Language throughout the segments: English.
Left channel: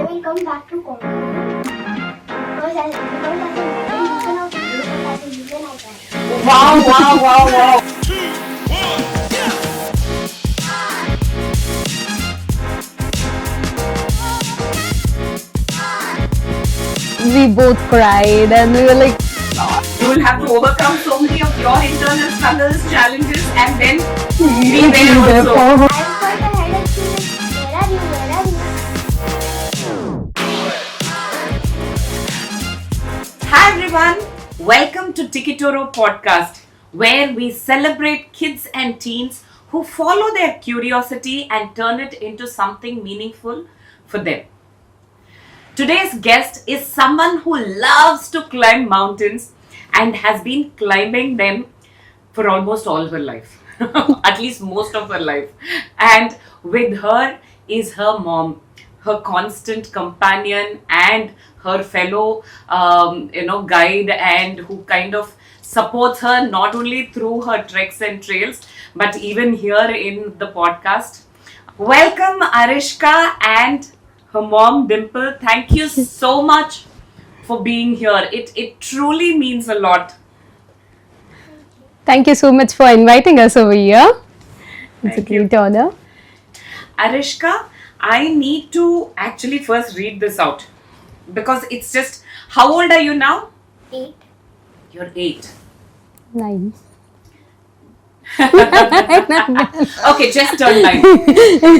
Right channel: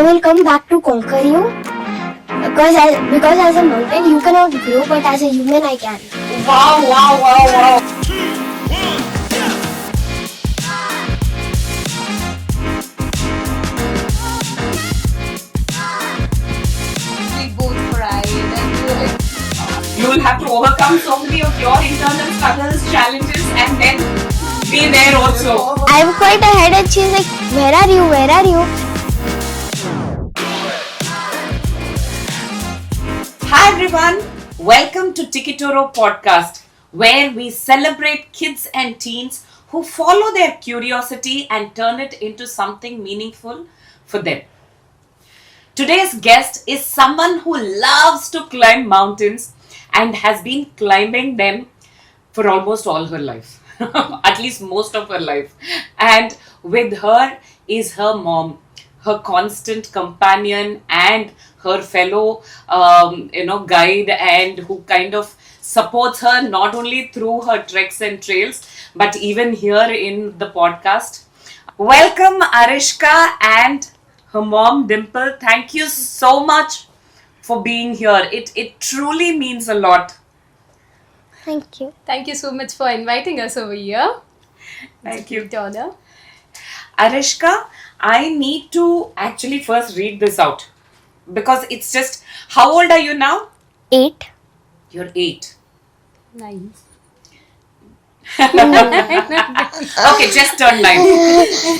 I will come back to conquer you. Because as a mountain you cannot grow, but as a human I can. Wow. We both cried and we were like, You will have to overcome so many of your internal struggles, challenges, and then be there also. I'm quite ahead and she's like, where are you? Hi everyone, welcome to Tikitoro podcast, where we celebrate kids and teens who follow their curiosity and turn it into something meaningful for them. Today's guest is someone who loves to climb mountains and has been climbing them for almost all her life, at least most of her life. And with her is her mom, her constant companion and her fellow, guide, and who kind of supports her not only through her treks and trails, but even here in the podcast. Welcome, Arishka and her mom, Dimple. Thank you so much for being here. It truly means a lot. Thank you. thank you so much for inviting us over here. It's a Thank you. great honor. Arishka, I need to actually first read this out because it's just. How old are you now? 8. You're 8. Nice. Okay, just turned 9.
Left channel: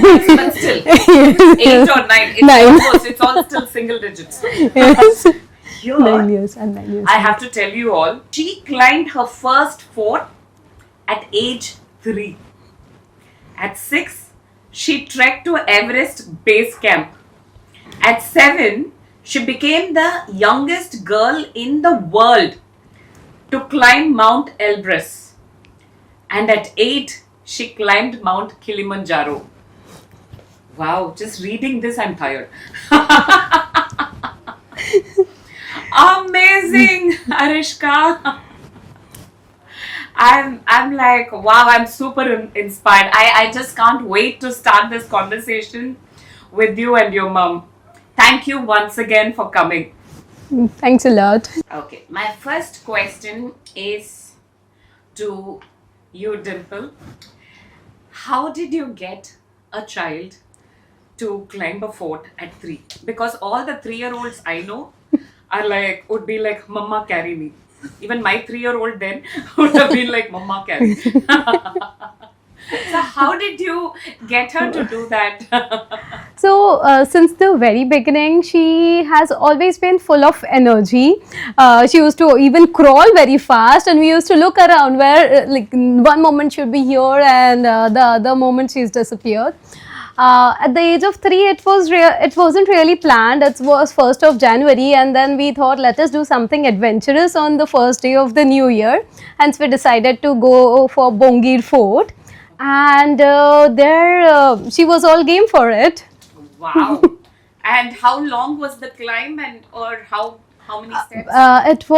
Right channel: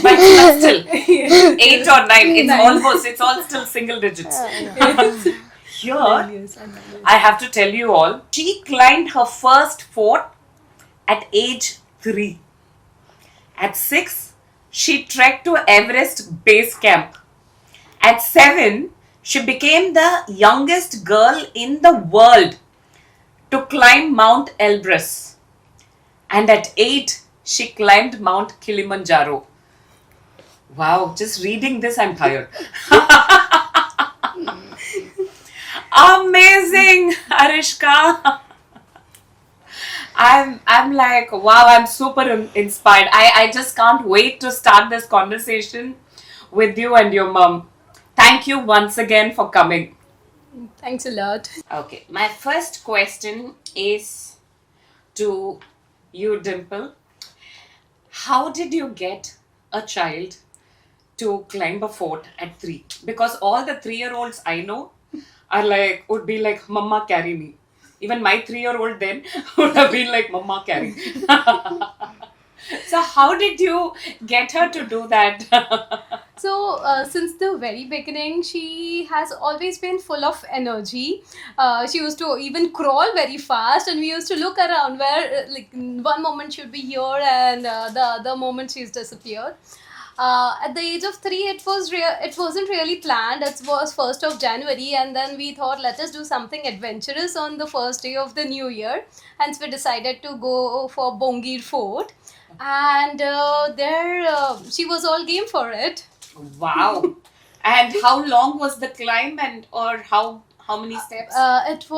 But still, 8 or 9. It's Nine. almost. It's all still single digits. Yes. Here, 9 years and 9 years. I have to tell you all. She climbed her first fort at age 3. At 6, she trekked to Everest Base Camp. At 7, she became the youngest girl in the world to climb Mount Elbrus. And at 8, she climbed Mount Kilimanjaro. Wow, just reading this, I'm tired. Amazing, Arishka. I'm like, wow, I'm super inspired. I just can't wait to start this conversation with you and your mom. Thank you once again for coming. Thanks a lot. Okay, my first question is to you, Dimple. How did you get a child to climb a fort at 3? Because all the 3-year-olds I know are like, would be like, Mama, carry me. Even my 3-year-old then would have been like, Mama, carry. So how did you get her to do that? So, since the very beginning, she has always been full of energy. She used to even crawl very fast, and we used to look around where, one moment she'd be here, and the other moment she's disappeared. At the age of 3, it wasn't really planned. It was 1st of January, and then we thought, let us do something adventurous on the first day of the new year. Hence, we decided to go for Bongir Fort, and there she was all game for it. Wow. And how long was the climb, and or how many steps? It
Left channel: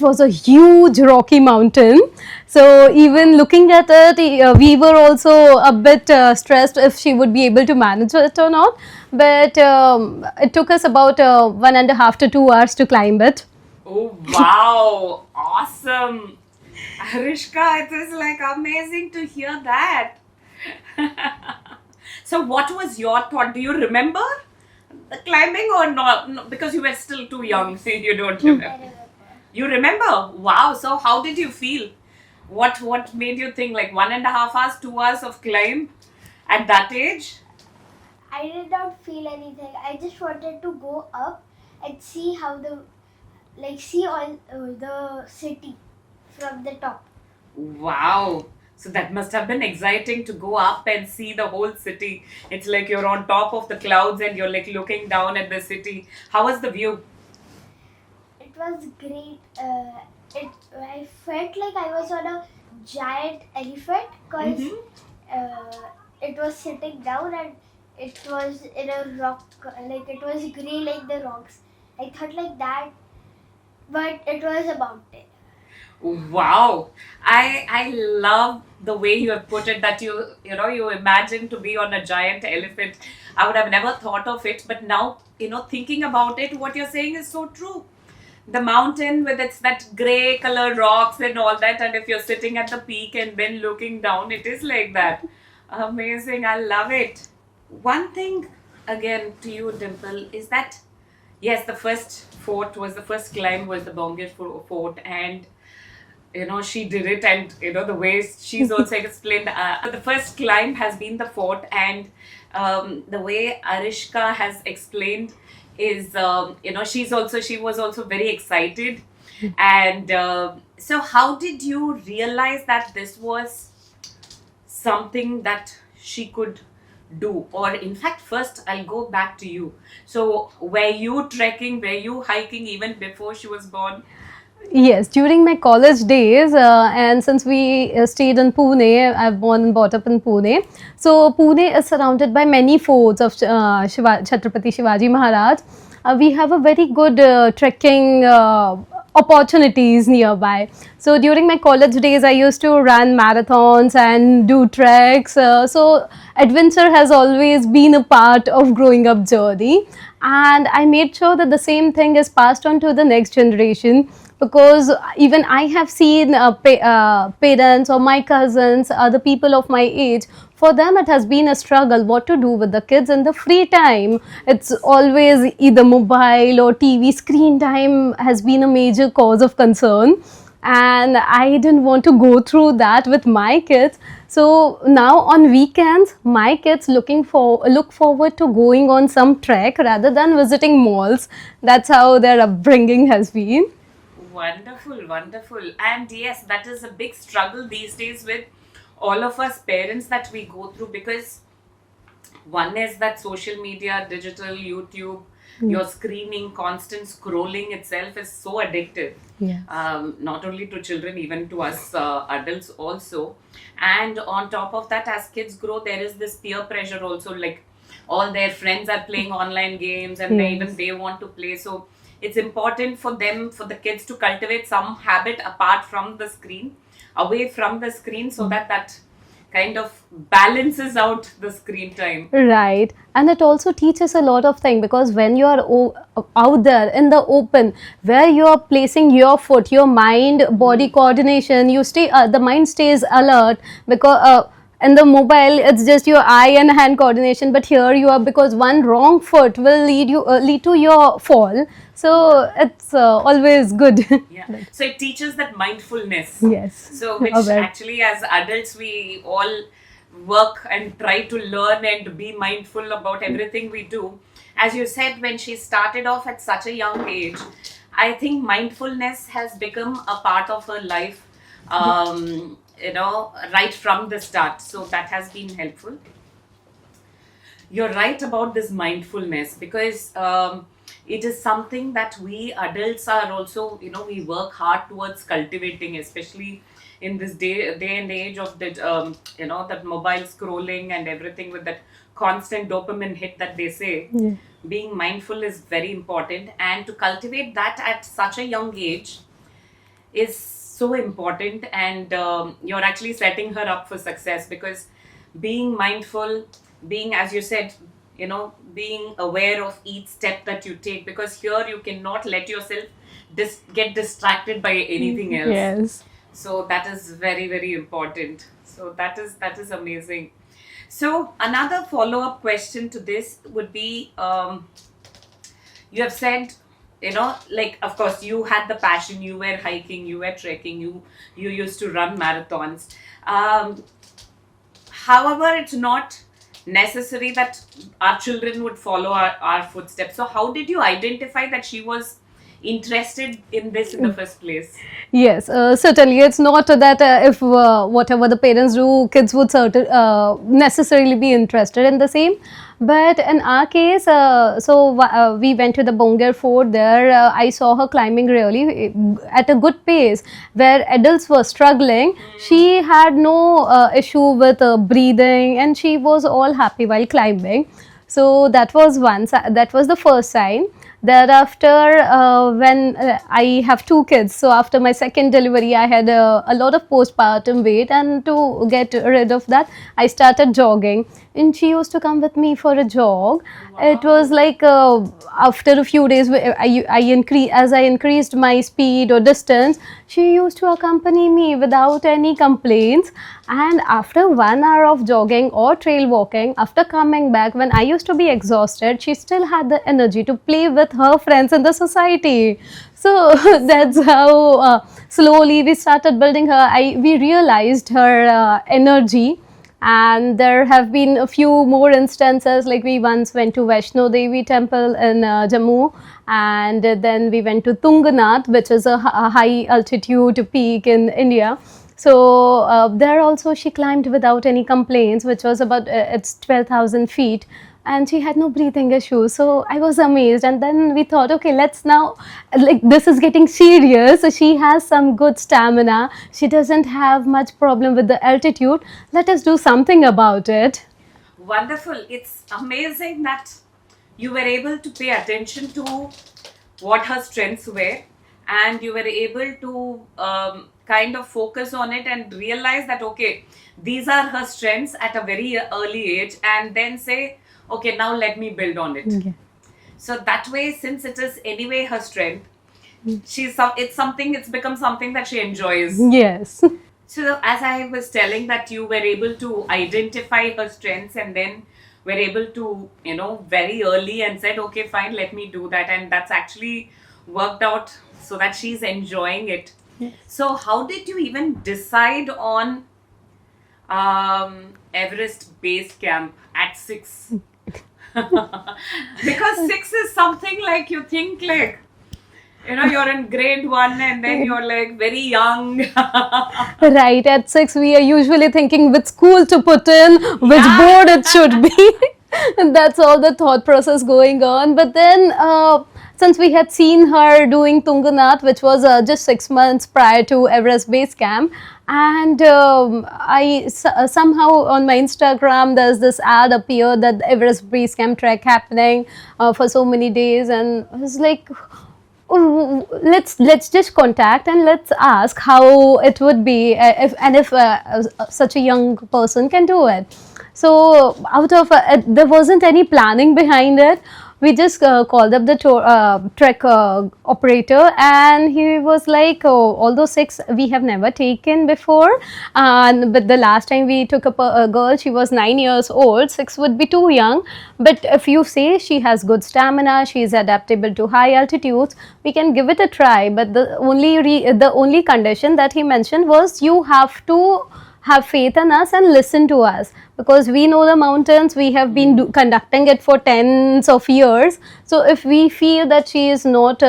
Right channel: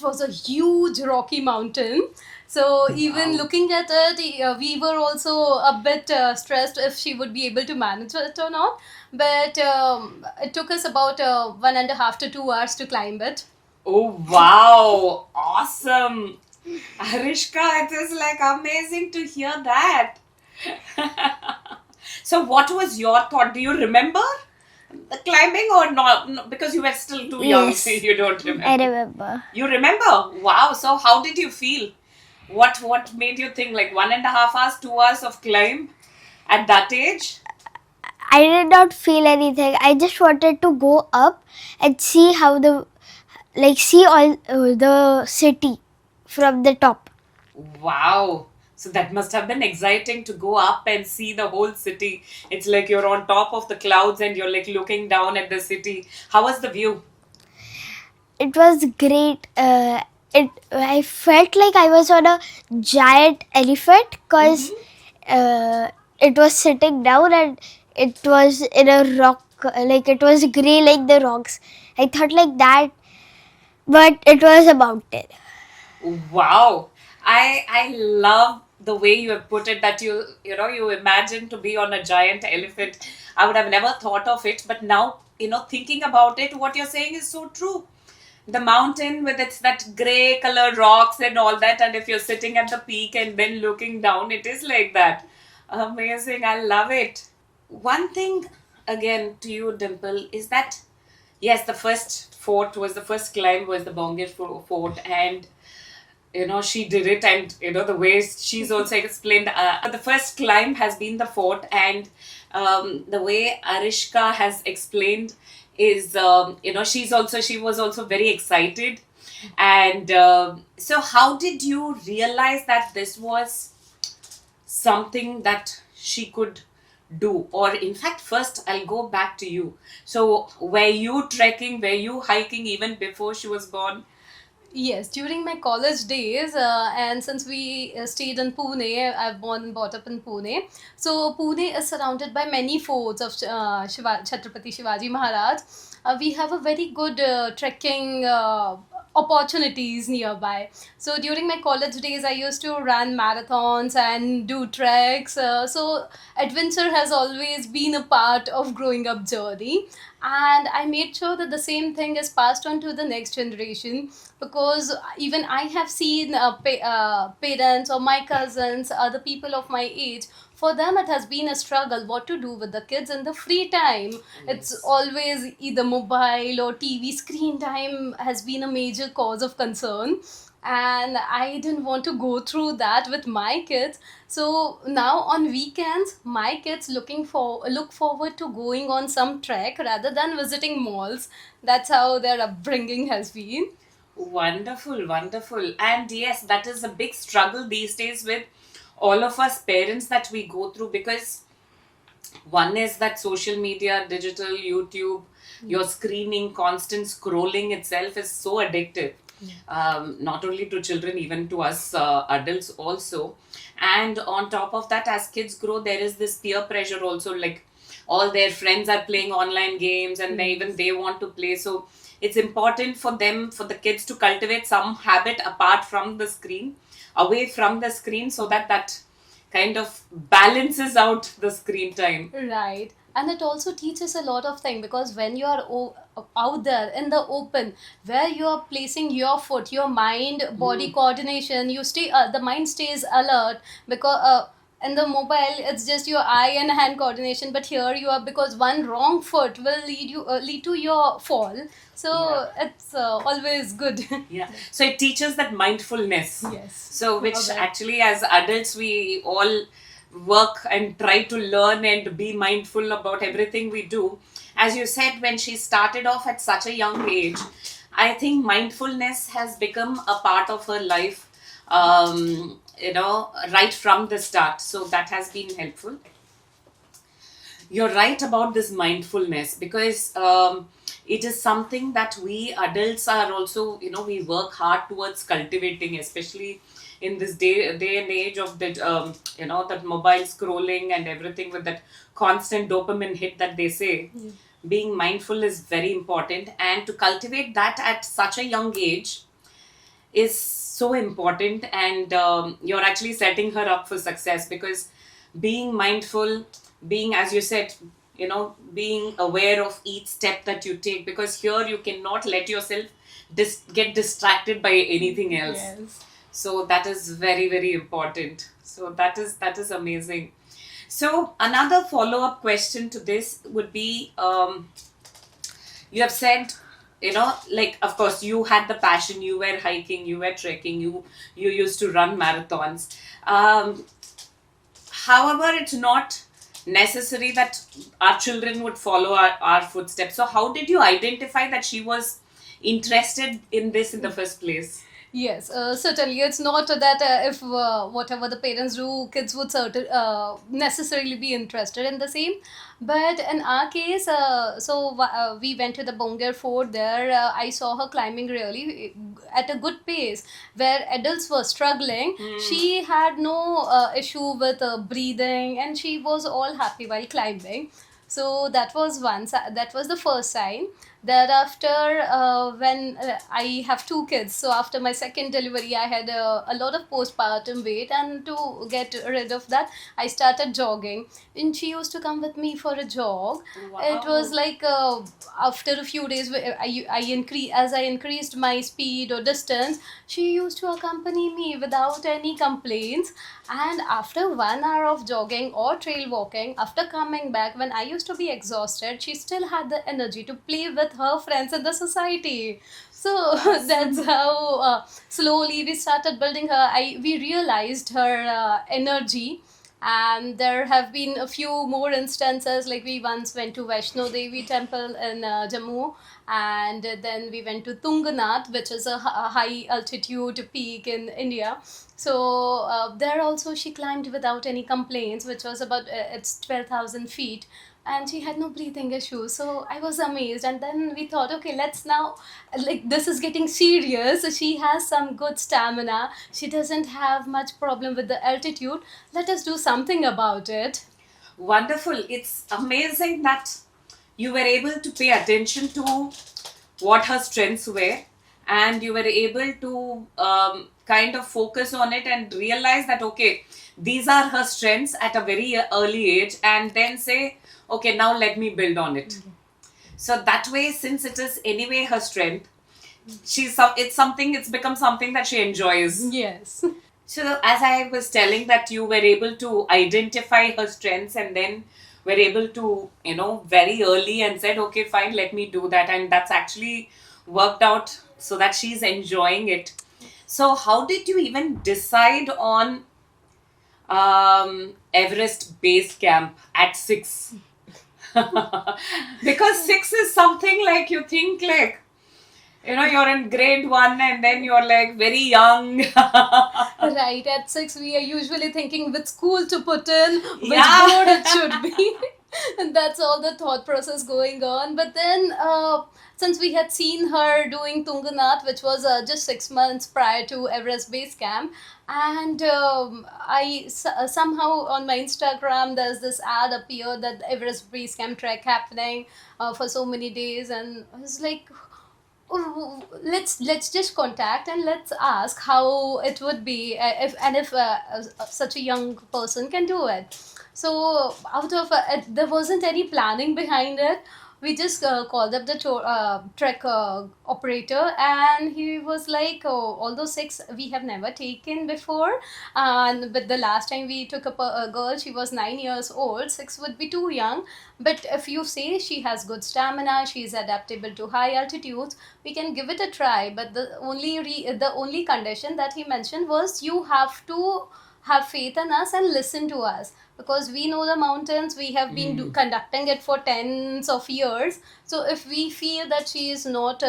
was a huge rocky mountain. So even looking at it, we were also a bit stressed if she would be able to manage it or not. But it took us about 1.5 to 2 hours to climb it. Oh wow, awesome. Arishka, it is like amazing to hear that. So what was your thought? Do you remember the climbing or not? No, because you were still too young, Yes. so you don't remember. I remember. You remember? Wow. So how did you feel? What made you think like 1.5 hours, 2 hours of climb at that age? I did not feel anything. I just wanted to go up and see how see all the city from the top. Wow. So that must have been exciting to go up and see the whole city. It's like you're on top of the clouds and you're like looking down at the city. How was the view? It was great. I felt like I was on a giant elephant because it was sitting down and it was in a rock, like it was grey like the rocks. I thought like that, but it was a mountain. Wow. I love the way you have put it, that you imagine to be on a giant elephant. I would have never thought of it, but now, thinking about it, what you're saying is so true. The mountain with its that gray color rocks and all that, and if you're sitting at the peak and then looking down, it is like that. Amazing, I love it. One thing again to you, Dimple, is that yes, the first climb was the Bongir Fort, and she did it, and the way she's also explained, the first climb has been the fort, and the way Arishka has explained is, she was also very excited. And so how did you realize that this was something that she could do? Or in fact, first I'll go back to you. So were you trekking, were you hiking even before she was born? Yes, during my college days, and since we stayed in Pune, I've born and brought up in Pune. So Pune is surrounded by many forts of Chhatrapati Shivaji Maharaj. We have a very good trekking opportunities nearby. So during my college days, I used to run marathons and do treks. So adventure has always been a part of growing up journey, and I made sure that the same thing is passed on to the next generation, because even I have seen parents or my cousins, other people of my age, for them it has been a struggle what to do with the kids in the free time. It's always either mobile or TV. Screen time has been a major cause of concern, and I didn't want to go through that with my kids. So now on weekends, my kids look forward to going on some trek rather than visiting malls. That's how their upbringing has been. Wonderful, wonderful. And yes, that is a big struggle these days with all of us parents that we go through, because one is that social media, digital, YouTube, your screening, constant scrolling itself is so addictive. Yeah. Not only to children, even to us adults also. And on top of that, as kids grow, there is this peer pressure also, like all their friends are playing online games, and even they want to play. So it's important for them, for the kids, to cultivate some habit apart from the screen, away from the screen, so that kind of balances out the screen time. Right. And it also teaches a lot of things, because when you are out there in the open, where you are placing your foot, your mind, body coordination, the mind stays alert, because in the mobile it's just your eye and hand coordination, but here you are, because one wrong foot will lead to your fall. So it's always good. Yeah. So it teaches that mindfulness. Yes. So which actually, as adults, we all work and try to learn and be mindful about everything we do. As you said, when she started off at such a young age, I think mindfulness has become a part of her life, right from the start. So that has been helpful. You're right about this mindfulness, because it is something that we adults are also, we work hard towards cultivating, especially in this day and age of that, that mobile scrolling and everything, with that constant dopamine hit that they say. Yeah. Being mindful is very important, and to cultivate that at such a young age is so important. And you're actually setting her up for success, because being mindful, being, as you said, being aware of each step that you take, because here you cannot let yourself get distracted by anything else. Yes. So that is very, very important. So that is amazing. So another follow-up question to this would be, you have said, like, of course you had the passion, you were hiking, you were trekking, you used to run marathons. However, it's not necessary that our children would follow our footsteps. So how did you identify that she was interested in this in the first place? Yes, certainly. It's not that if whatever the parents do, kids would necessarily be interested in the same. But in our case, we went to the Bongir Fort. There, I saw her climbing really at a good pace. Where adults were struggling, she had no issue with breathing, and she was all happy while climbing. So that was the first sign. Thereafter, when I have two kids, so after my second delivery, I had a lot of postpartum weight, and to get rid of that, I started jogging. And she used to come with me for a jog. It was like after a few days, as I increased my speed or distance, she used to accompany me without any complaints. And after 1 hour of jogging or trail walking, after coming back, when I used to be exhausted, she still had the energy to play with her friends in the society. So that's how slowly we started building her. We realized her energy, and there have been a few more instances, like we once went to Vaishno Devi temple in Jammu, and then we went to Tunganath, which is a high altitude peak in India. So there also she climbed without any complaints, which was about it's 12,000 feet, and she had no breathing issues. So I was amazed, and then we thought, okay, let's now, like, this is getting serious. She has some good stamina. She doesn't have much problem with the altitude. Let us do something about it. Wonderful. It's amazing that you were able to pay attention to what her strengths were, and you were able to kind of focus on it and realize that, okay, these are her strengths at a very early age, and then say, okay, now let me build on it. Yeah. So that way, since it is anyway her strength, it's become something that she enjoys. Yes. So, as I was telling, that you were able to identify her strengths, and then were able to, very early, and said, okay, fine, let me do that. And that's actually worked out so that she's enjoying it. So, how did you even decide on Everest Base Camp at 6? Because 6 is something like, you think like, you're in grade 1, and then you're like very young. Right, at 6 we are usually thinking which school to put in, which Yeah. board it should be. And that's all the thought process going on. But then since we had seen her doing Tunganath, which was just 6 months prior to Everest Base Camp, and somehow on my Instagram there's this ad appeared that the Everest Base Camp trek happening for so many days, and I was like, oh, let's just contact and let's ask how it would be, if such a young person can do it. So out of there wasn't any planning behind it. We just called up the trek operator, and he was like, oh, although 6 we have never taken before, but the last time we took up a girl, she was 9 years old. 6 would be too young, but if you say she has good stamina, she is adaptable to high altitudes, we can give it a try. But the only condition that he mentioned was, you have to have faith in us and listen to us, because we know the mountains. We have been conducting it for tens of years. So if we feel that she is not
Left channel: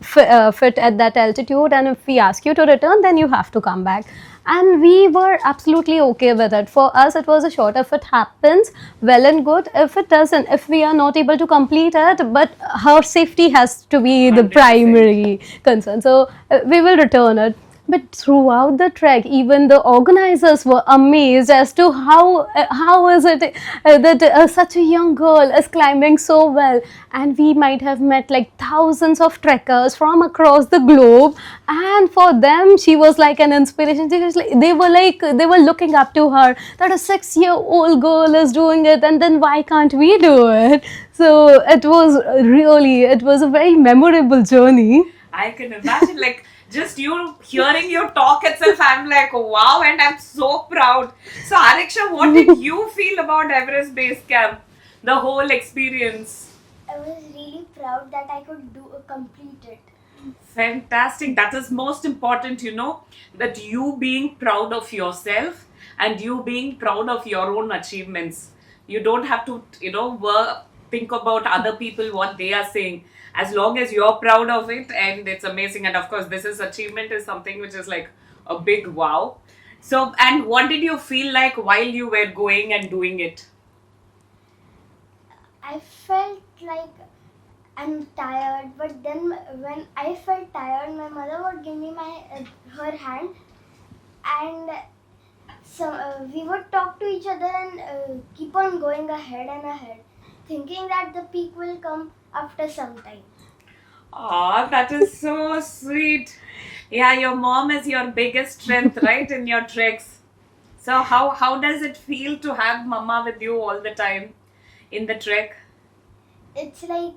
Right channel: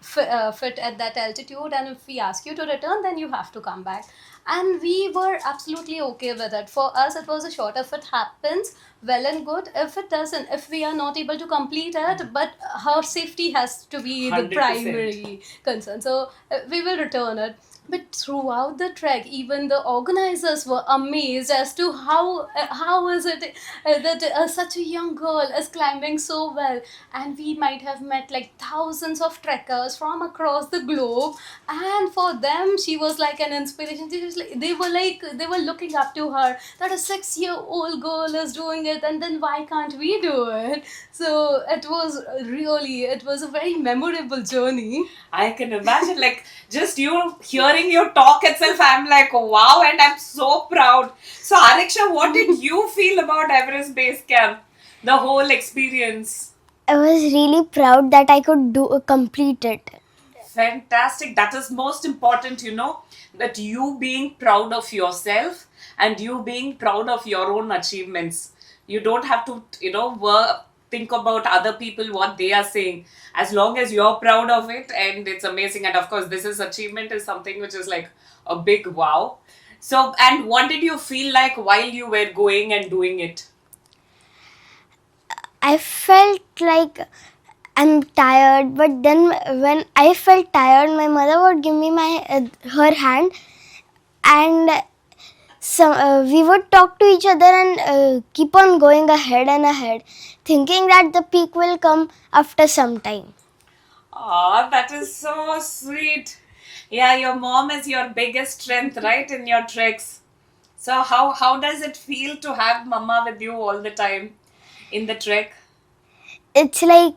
fit at that altitude, and if we ask you to return, then you have to come back. And we were absolutely okay with it. For us, it was a short. If it happens, well and good. If it doesn't, if we are not able to complete it, but her safety has to be the 100%. primary concern. So we will return it. But throughout the trek, even the organizers were amazed as to how is it that such a young girl is climbing so well. And we might have met like thousands of trekkers from across the globe, and for them she was like an inspiration. They were looking up to her, that a 6-year-old girl is doing it, and then why can't we do it? So it was a very memorable journey. I can imagine, like, just you hearing you talk itself, I'm like, wow, and I'm so proud. So, Ariksha, what did you feel about Everest Base Camp? The whole experience. I was really proud that I could complete it. Fantastic. That is most important, that you being proud of yourself and you being proud of your own achievements. You don't have to, think about other people, what they are saying. As long as you're proud of it, and it's amazing. And of course, achievement is something which is like a big wow. So, and what did you feel like while you were going and doing it? I felt like I'm tired, but then when I felt tired, my mother would give me her hand, and we would talk to each other and keep on going ahead and ahead. thinking that the peak will come after some time. Oh, that is so sweet. Yeah, your mom is your biggest strength, right, in your treks. So how does it feel to have mama with you all the time in the trek? It's like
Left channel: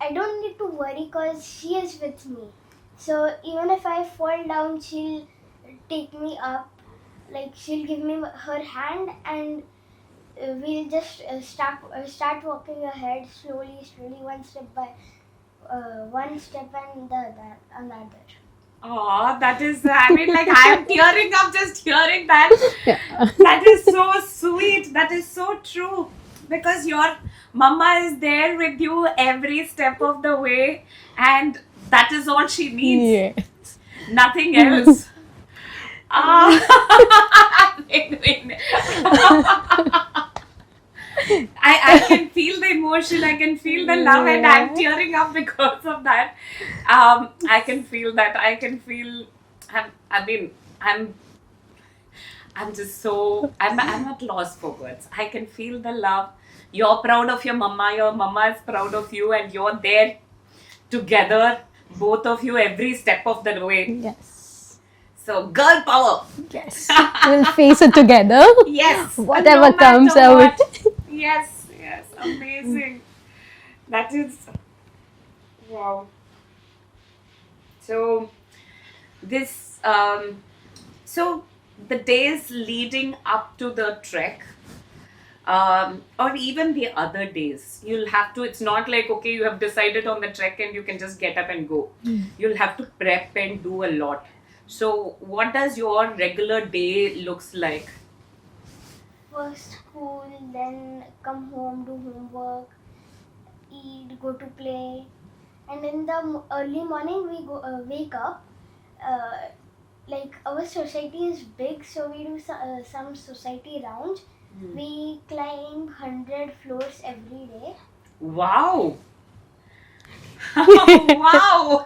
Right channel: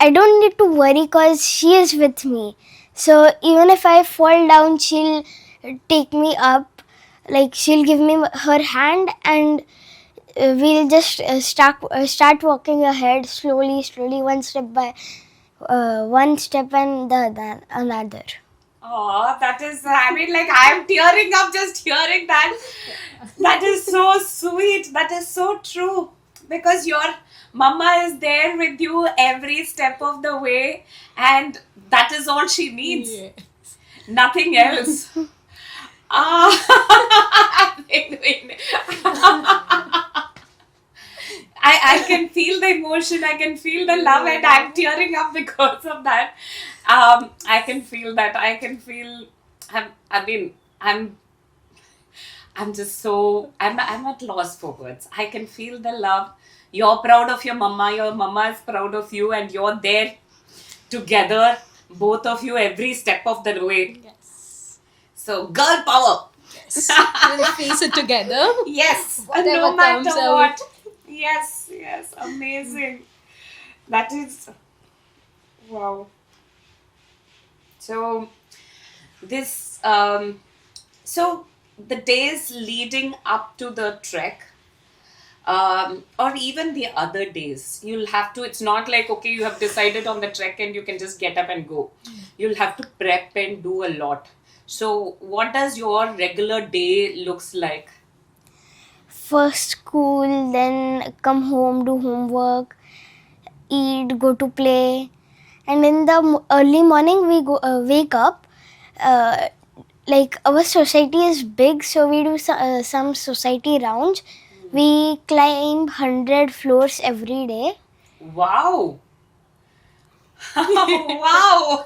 I don't need to worry because she is with me. So even if I fall down, she'll take me up. Like she'll give me her hand, and we'll just start walking ahead slowly, one step by one step and another. Oh, that is, I mean, like, I'm tearing up just hearing that. That is so sweet. That is so true. Because your mama is there with you every step of the way, and that is all she needs. Yeah. Nothing else. Ah, I can feel the emotion, I can feel the love, and I'm tearing up because of that. I can feel that. I can feel. I mean, I'm. I'm just so. I'm at loss for words. I can feel the love. You're proud of your mama. Your mama is proud of you, and you're there together, both of you, every step of the way. Yes. So, girl power. Yes. We'll face it together. Yes. Whatever no comes matter out. what. Yes, yes, amazing. That is wow. So this so the days leading up to the trek, or even the other days, you'll have to, it's not like okay, you have decided on the trek and you can just get up and go. You'll have to prep and do a lot. So what does your regular day looks like? First school, then come home, do homework, eat, go to play, and in the early morning we go wake up. Like our society is big, so we do some society rounds. We climb 100 floors every day. Wow. Wow.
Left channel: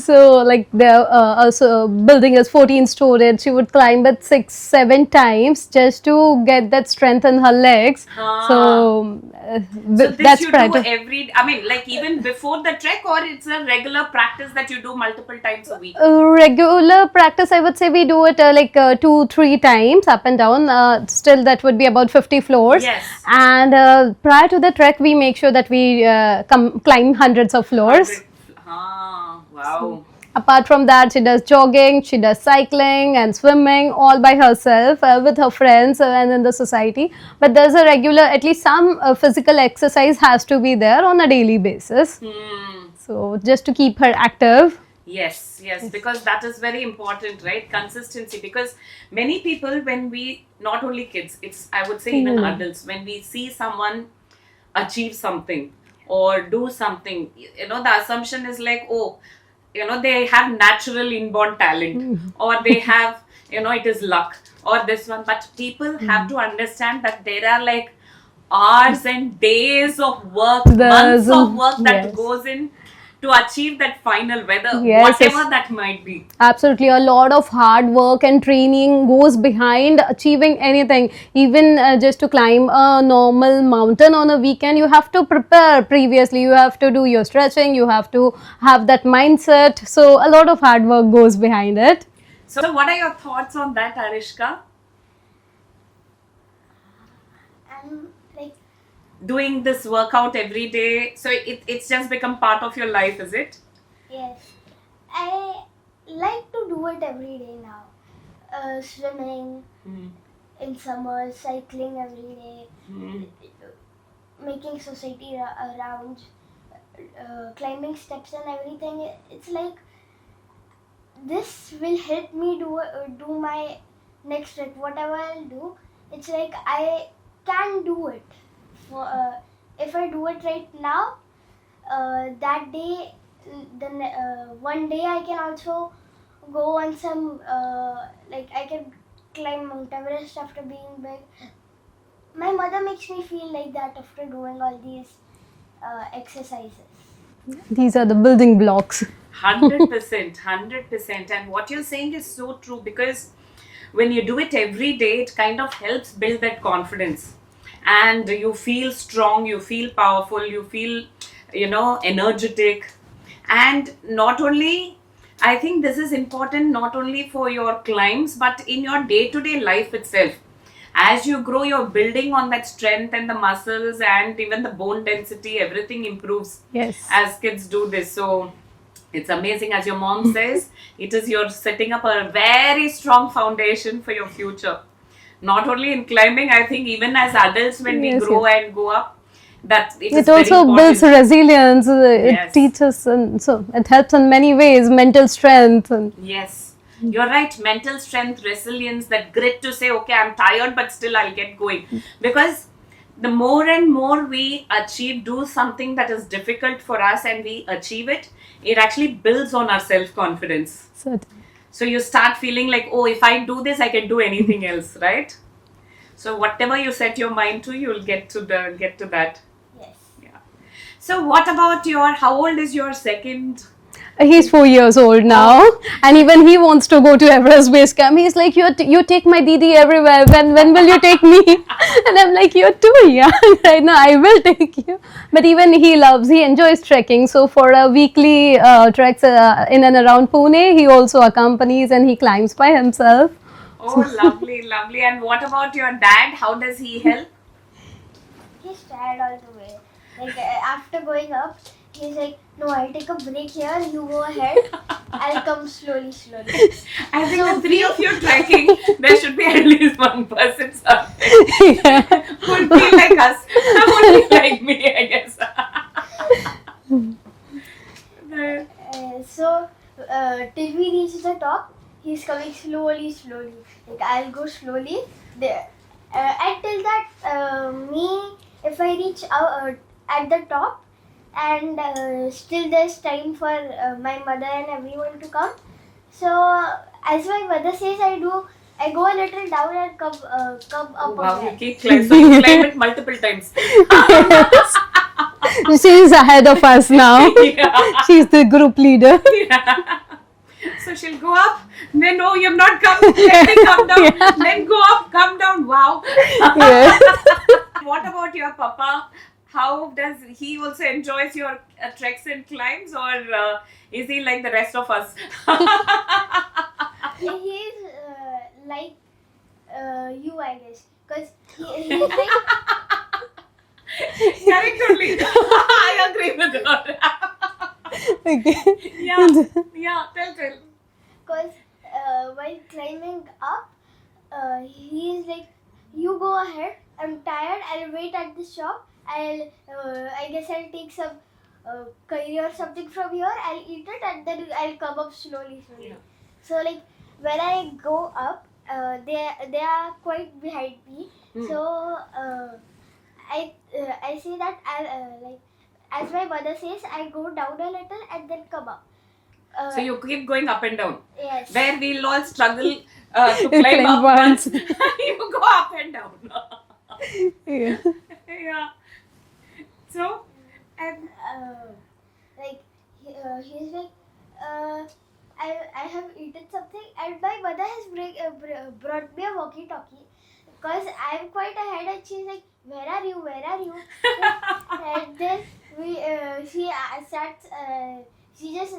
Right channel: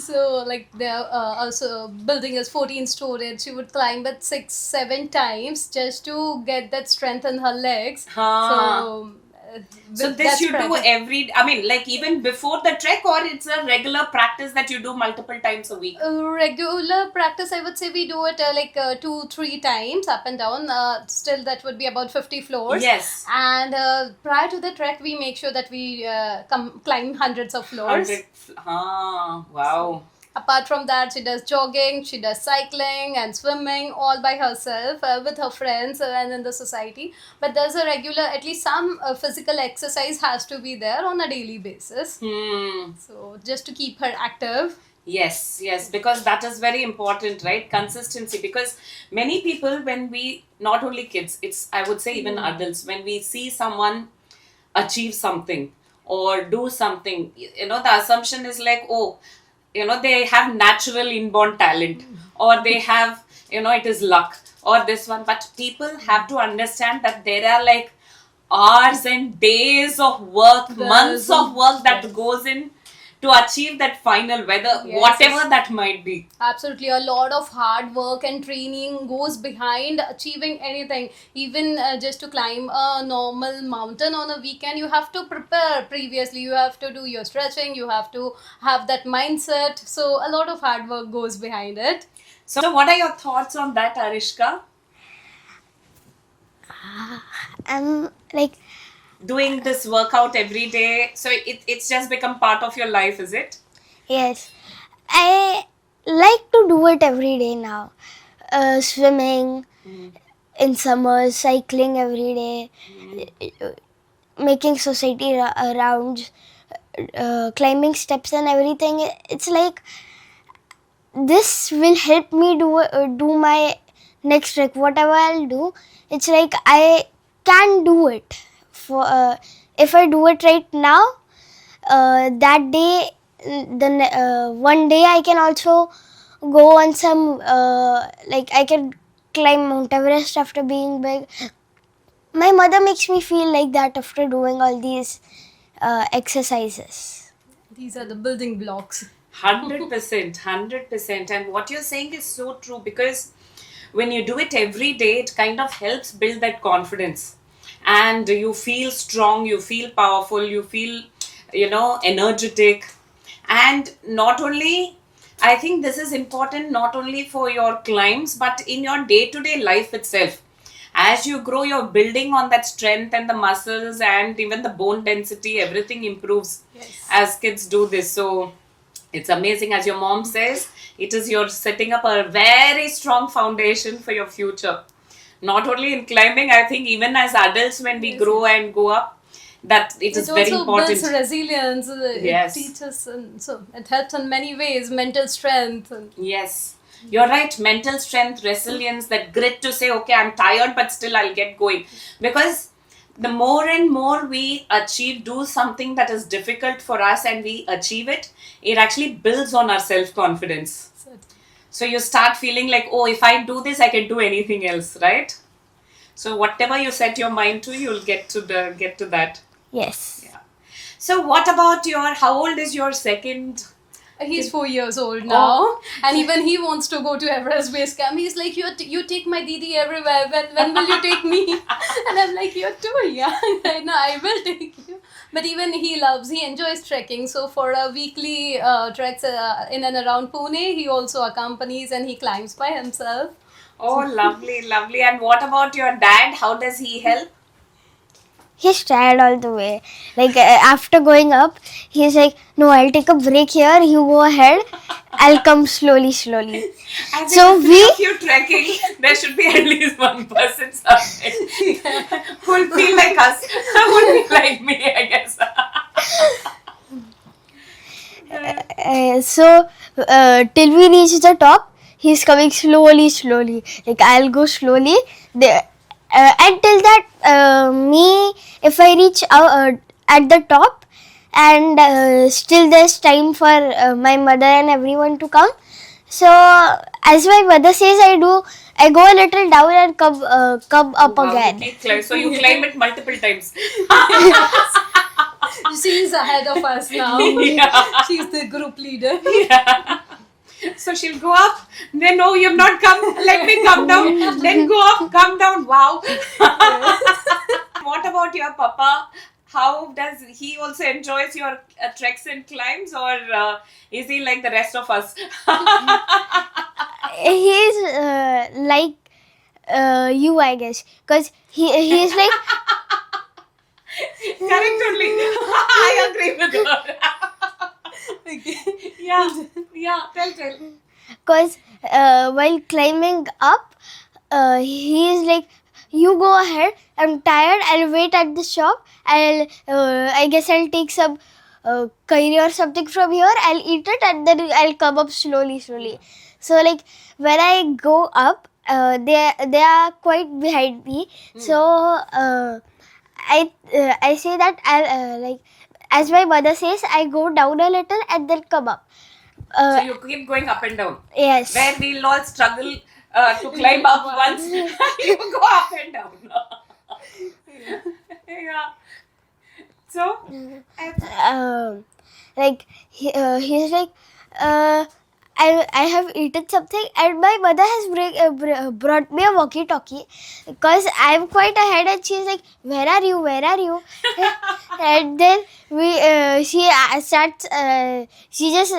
So, like, the also building is 14 storied. She would climb it 6, 7 times just to get that strength in her legs. Huh. So, So this that's you practice. do every, I mean, like even before the trek, or it's a regular practice that you do multiple times a week? Regular practice, I would say we do it 2, 3 times up and down. Still, that would be about 50 floors. Yes. And prior to the trek, we make sure that we climb hundreds of floors. Wow. Apart from that, she does jogging, she does cycling and swimming all by herself with her friends and in the society. But there's a regular, at least some physical exercise has to be there on a daily basis. So just to keep her active. Yes, because that is very important, right? Consistency. Because many people, when we, not only kids, it's, I would say even adults, when we see someone achieve something or do something, the assumption is like, oh, they have natural inborn talent, or they have, it is luck, or this one. But people have to understand that there are like hours and days of work, months of work that goes in to achieve that final, whatever that might be. Absolutely, a lot of hard work and training goes behind achieving anything. Even just to climb a normal mountain on a weekend, you have to prepare previously. You have to do your stretching, you have to have that mindset. So a lot of hard work goes behind it. So what are your thoughts on that, Arishka? Like Doing this workout every day, so it's just become part of your life, is it? yes, I like to do it every day now. Swimming in summer, cycling every day, making society rounds, climbing steps and everything. It's like this will help me do my next trek. Whatever I'll do, it's like I can do it. For if I do it right now, that day, then one day I can also go on some like I can climb Mount Everest after being big. My mother makes me feel like that after doing all these exercises. These are the building blocks. 100%. And what you're saying is so true, because when you do it every day, it kind of helps build that confidence. and you feel strong, you feel powerful, you feel, energetic. And not only, I think this is important not only for your climbs but in your day to day life itself. As you grow, you're building on that strength, and the muscles and even the bone density, everything improves Yes. as kids do this. So it's amazing, as your mom says, it is you're setting up a very strong foundation for your future. Not only in climbing, I think even as adults, when we Yes, grow yes. and go up, that it is It very also builds important. resilience. Yes. It teaches, and so it helps in many ways. Mental strength. And Yes, you're right. Mental strength, resilience, that grit to say, okay, I'm tired, but still I'll get going. Because the more and more we achieve, do something that is difficult for us and we achieve it, it actually builds on our self confidence. so So you start feeling like, oh, if I do this, I can do anything else, right? So whatever you set your mind to, you'll get to that. Yes. So what about how old is your second? he's 4 years old now, and even he wants to go to Everest Base Camp. He's like, you take my Didi everywhere. When will you take me? And I'm like, you're too young right now. I will take you. But even he enjoys trekking. So for a weekly treks in and around Pune, he also accompanies and he climbs by himself. Oh, lovely, lovely. And what about your dad? How does he help? He's tired all the way. Like after going up, he's like, "No, I'll take a break here. You go ahead. I'll come slowly, slowly." As So in the three of you trekking, there should be at least one person something who will feel like us, who will feel like me, I guess. Till we reach the top, he's coming slowly, slowly. Like I'll go slowly. Until that, if I reach at the top, and still there's time for my mother and everyone to come. So as my mother says, I go a little down and come up Wow, you again. keep climb. So you climb it multiple times. She's ahead of us now. Yeah. She's the group leader. So she'll go up, then no, you've not come, let me come down, then go up, come down. Wow. Yes. What about your papa? How does he also enjoys your treks and climbs, or is he like the rest of us? He's like you, I guess, because he's like Correct only. I agree with her. Okay. Yeah, tell. because while climbing up, he is like, "You go ahead. I'm tired. I'll wait at the shop. I guess I'll take some curry or something from here. I'll eat it and then I'll come up slowly, slowly." So like when I go up, they are quite behind me. So I say that I'll like, as my mother says, I go down a little and then come up. So you keep going up and down. Yes. Where we'll all struggle to climb Climb up once. once. You go up and down. Yeah. Yeah. So, Like he's like, I have eaten something, and my mother has brought me a walkie-talkie because I'm quite ahead, and she's like, "Where are you? Where are you?" And then she starts. She just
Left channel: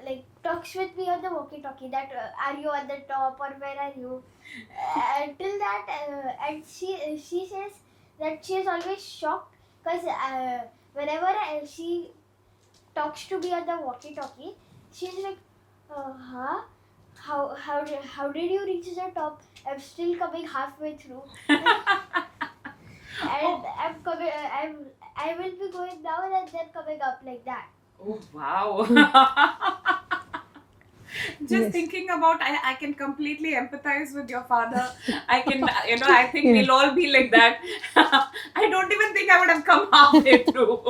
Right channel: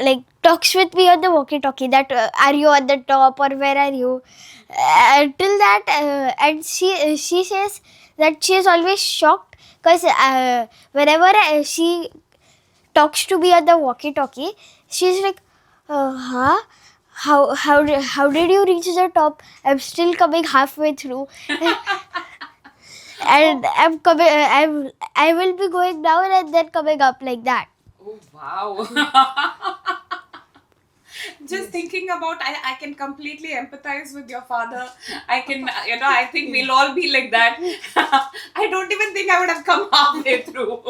like talks with me on the walkie-talkie that are you at the top or where are you? Till that, and she says that she is always shocked because whenever she talks to me on the walkie-talkie, she's like, "Huh? How did you reach the top? I'm still coming halfway through." And I will be going down and then coming up like that. oh wow. Just thinking about, I can completely empathize with your father. I can, I think we'll all be like that. I don't even think I would have come halfway through.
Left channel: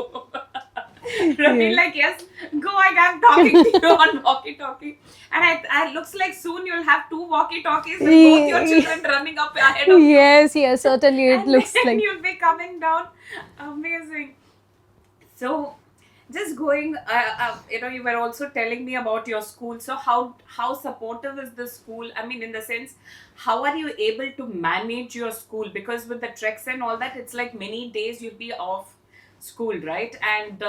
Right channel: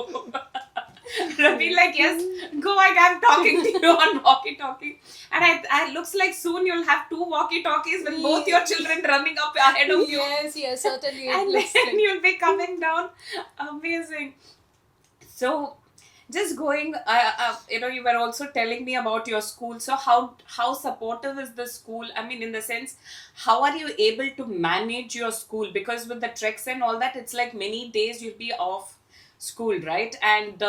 Be like, yes, go, I'm talking to you on walkie-talkie. And I looks like soon you'll have two walkie-talkies with both your children running up ahead of you. Yes, certainly it And looks then like. you'll be coming down. Amazing. So, Just going, you were also telling me about your school. So how supportive is the school? I mean, in the sense, how are you able to manage your school? Because with the treks and all that, it's like many days you'll be off school, right? And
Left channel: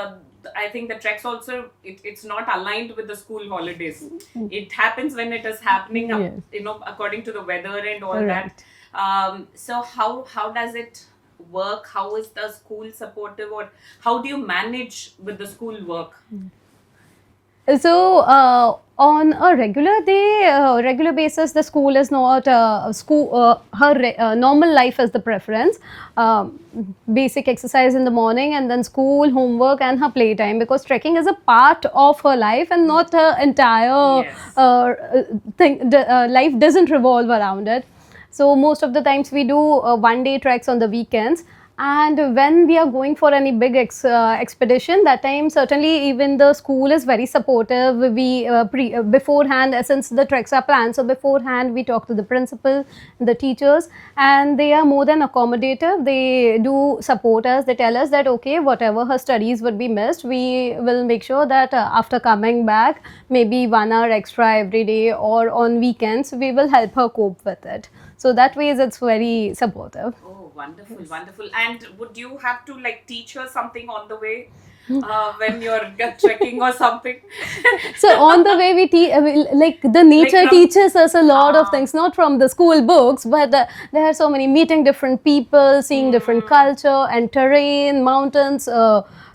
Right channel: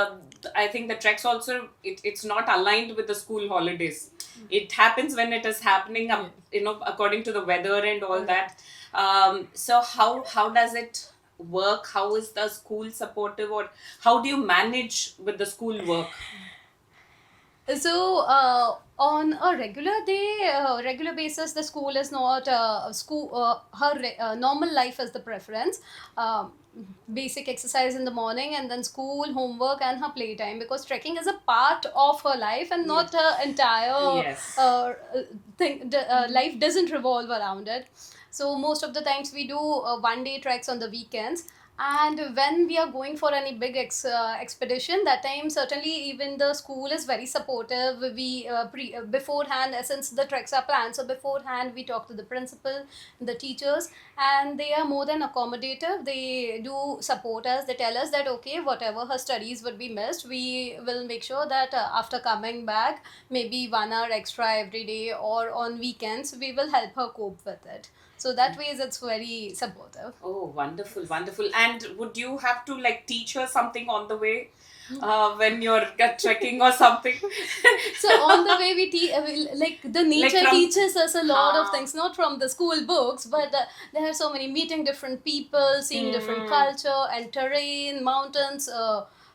I think the treks also, it's not aligned with the school holidays. It happens when it is happening, Yes. according to the weather and all Right. that. So how does it work? How is the school supportive, or how do you manage with the school work? So on a regular basis, the school is not school. Normal life is the preference. Basic exercise in the morning, and then school, homework, and her playtime. Because trekking is a part of her life, and not her entire Yes. thing. Life doesn't revolve around it. So most of the times we do one-day treks on the weekends. And when we are going for any big expedition, that time certainly even the school is very supportive. We beforehand, since the treks are planned, so beforehand we talk to the principal, the teachers, and they are more than accommodative. They do support us. They tell us that okay, whatever her studies would be missed, we will make sure that after coming back, maybe 1 hour extra every day or on weekends, we will help her cope with it. So that way it's very supportive. Oh, wonderful, wonderful. And would you have to like teach her something on the way when you're trekking or something? So on the way like the nature Like from- teaches us a lot of Ah. things, not from the school books, but there are so many meeting different people, seeing different culture and terrain, mountains,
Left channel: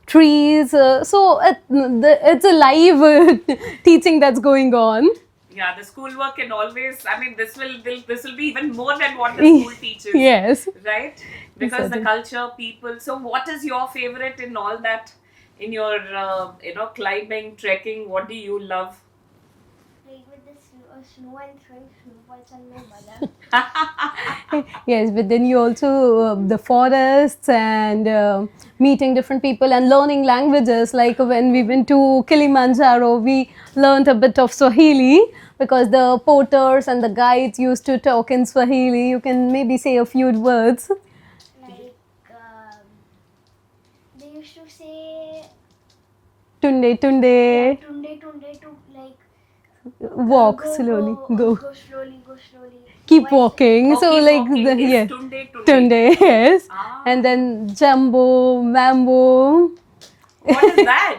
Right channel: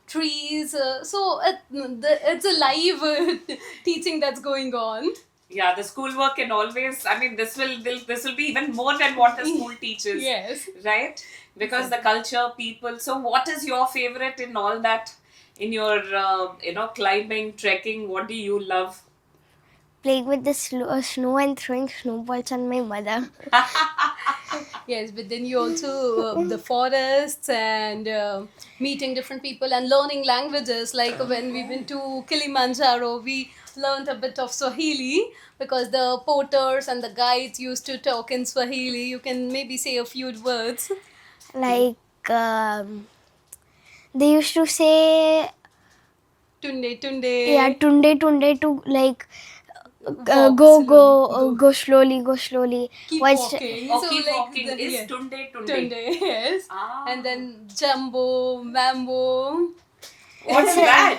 trees. It's a live teaching that's going on. Yeah, the schoolwork can always. I mean, this will be even more than what the school teaches. Yes. Right? Because the culture, people. So, what is your favorite in all that? In your climbing, trekking, what do you love? Playing with the snow and throwing snowballs on my mother. Yes, but then you also the forests and meeting different people and learning languages. Like when we went to Kilimanjaro, we learned a bit of Swahili because the porters and the guides used to talk in Swahili. You can maybe say a few words. Like they used to say Tunde, tunde. yeah, tunde to like Walk go slowly, go slowly, go slowly. Keep Watch- walking. Oh, So keep like walking is yeah. tunde, tunde. Tunde, yes. Ah. And then jumbo, mambo. What's that?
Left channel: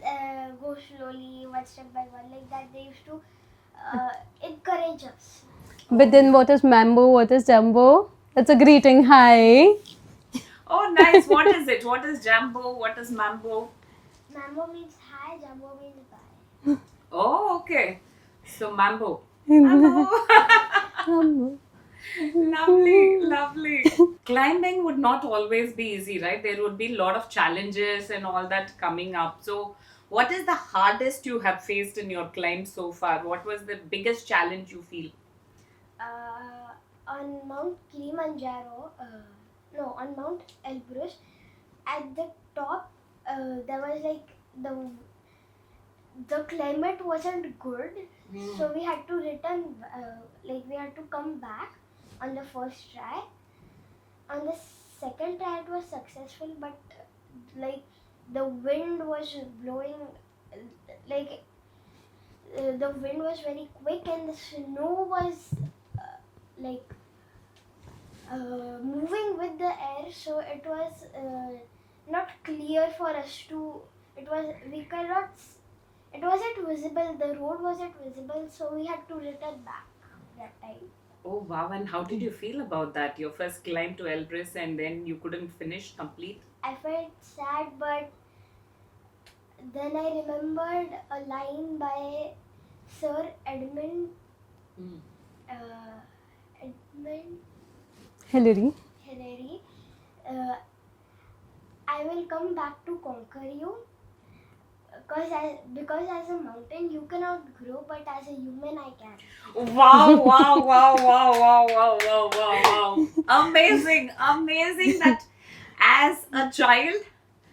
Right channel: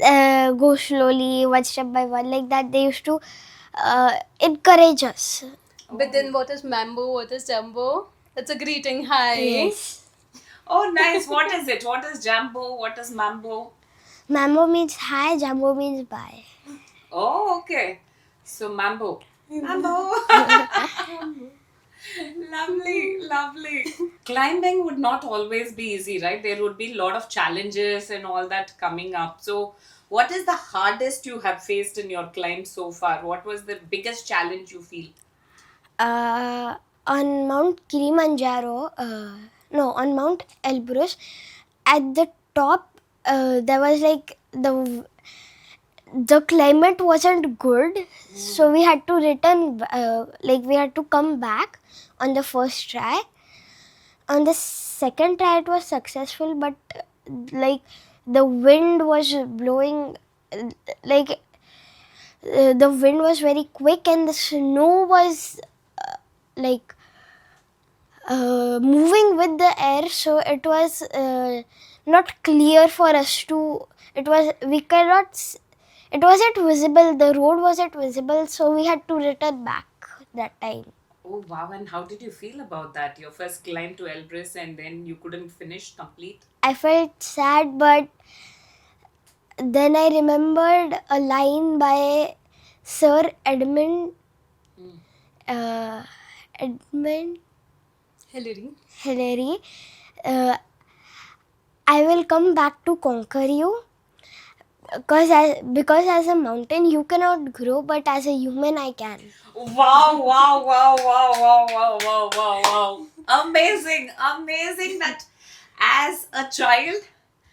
go slowly, one step by one, like that. They used to encourage us. But then what is mambo? What is jumbo? It's a greeting. Hi. Oh, nice. What is it? What is jambo? What is mambo? Mambo means hi, Jambo means bye. Oh, okay. So mambo. Mambo. Lovely, lovely. Climbing would not always be easy, right? There would be a lot of challenges and all that coming up. So, what is the hardest you have faced in your climb so far? What was the biggest challenge you feel? On Mount Kilimanjaro, on Mount Elbrus, at the top, there was like the climate wasn't good, so we had to return. We had to come back on the first try. On the second try, it was successful, but like the wind was blowing, like the wind was very quick, and the snow was like moving with the air, so it was not clear for us to. It wasn't visible. The road wasn't visible, so we had to return back that time. Oh, wow. And how did you feel about that? Your first climb to Elbrus and then you couldn't finish complete? I felt sad, but then I remembered a line by Sir Edmund Hillary. Hillary. I will come back to conquer you. Because as a mountain you cannot grow, but as a human I can. Wow, wow, wow, wow, wow, wow, wow, wow, wow. Amazing, amazing that as a child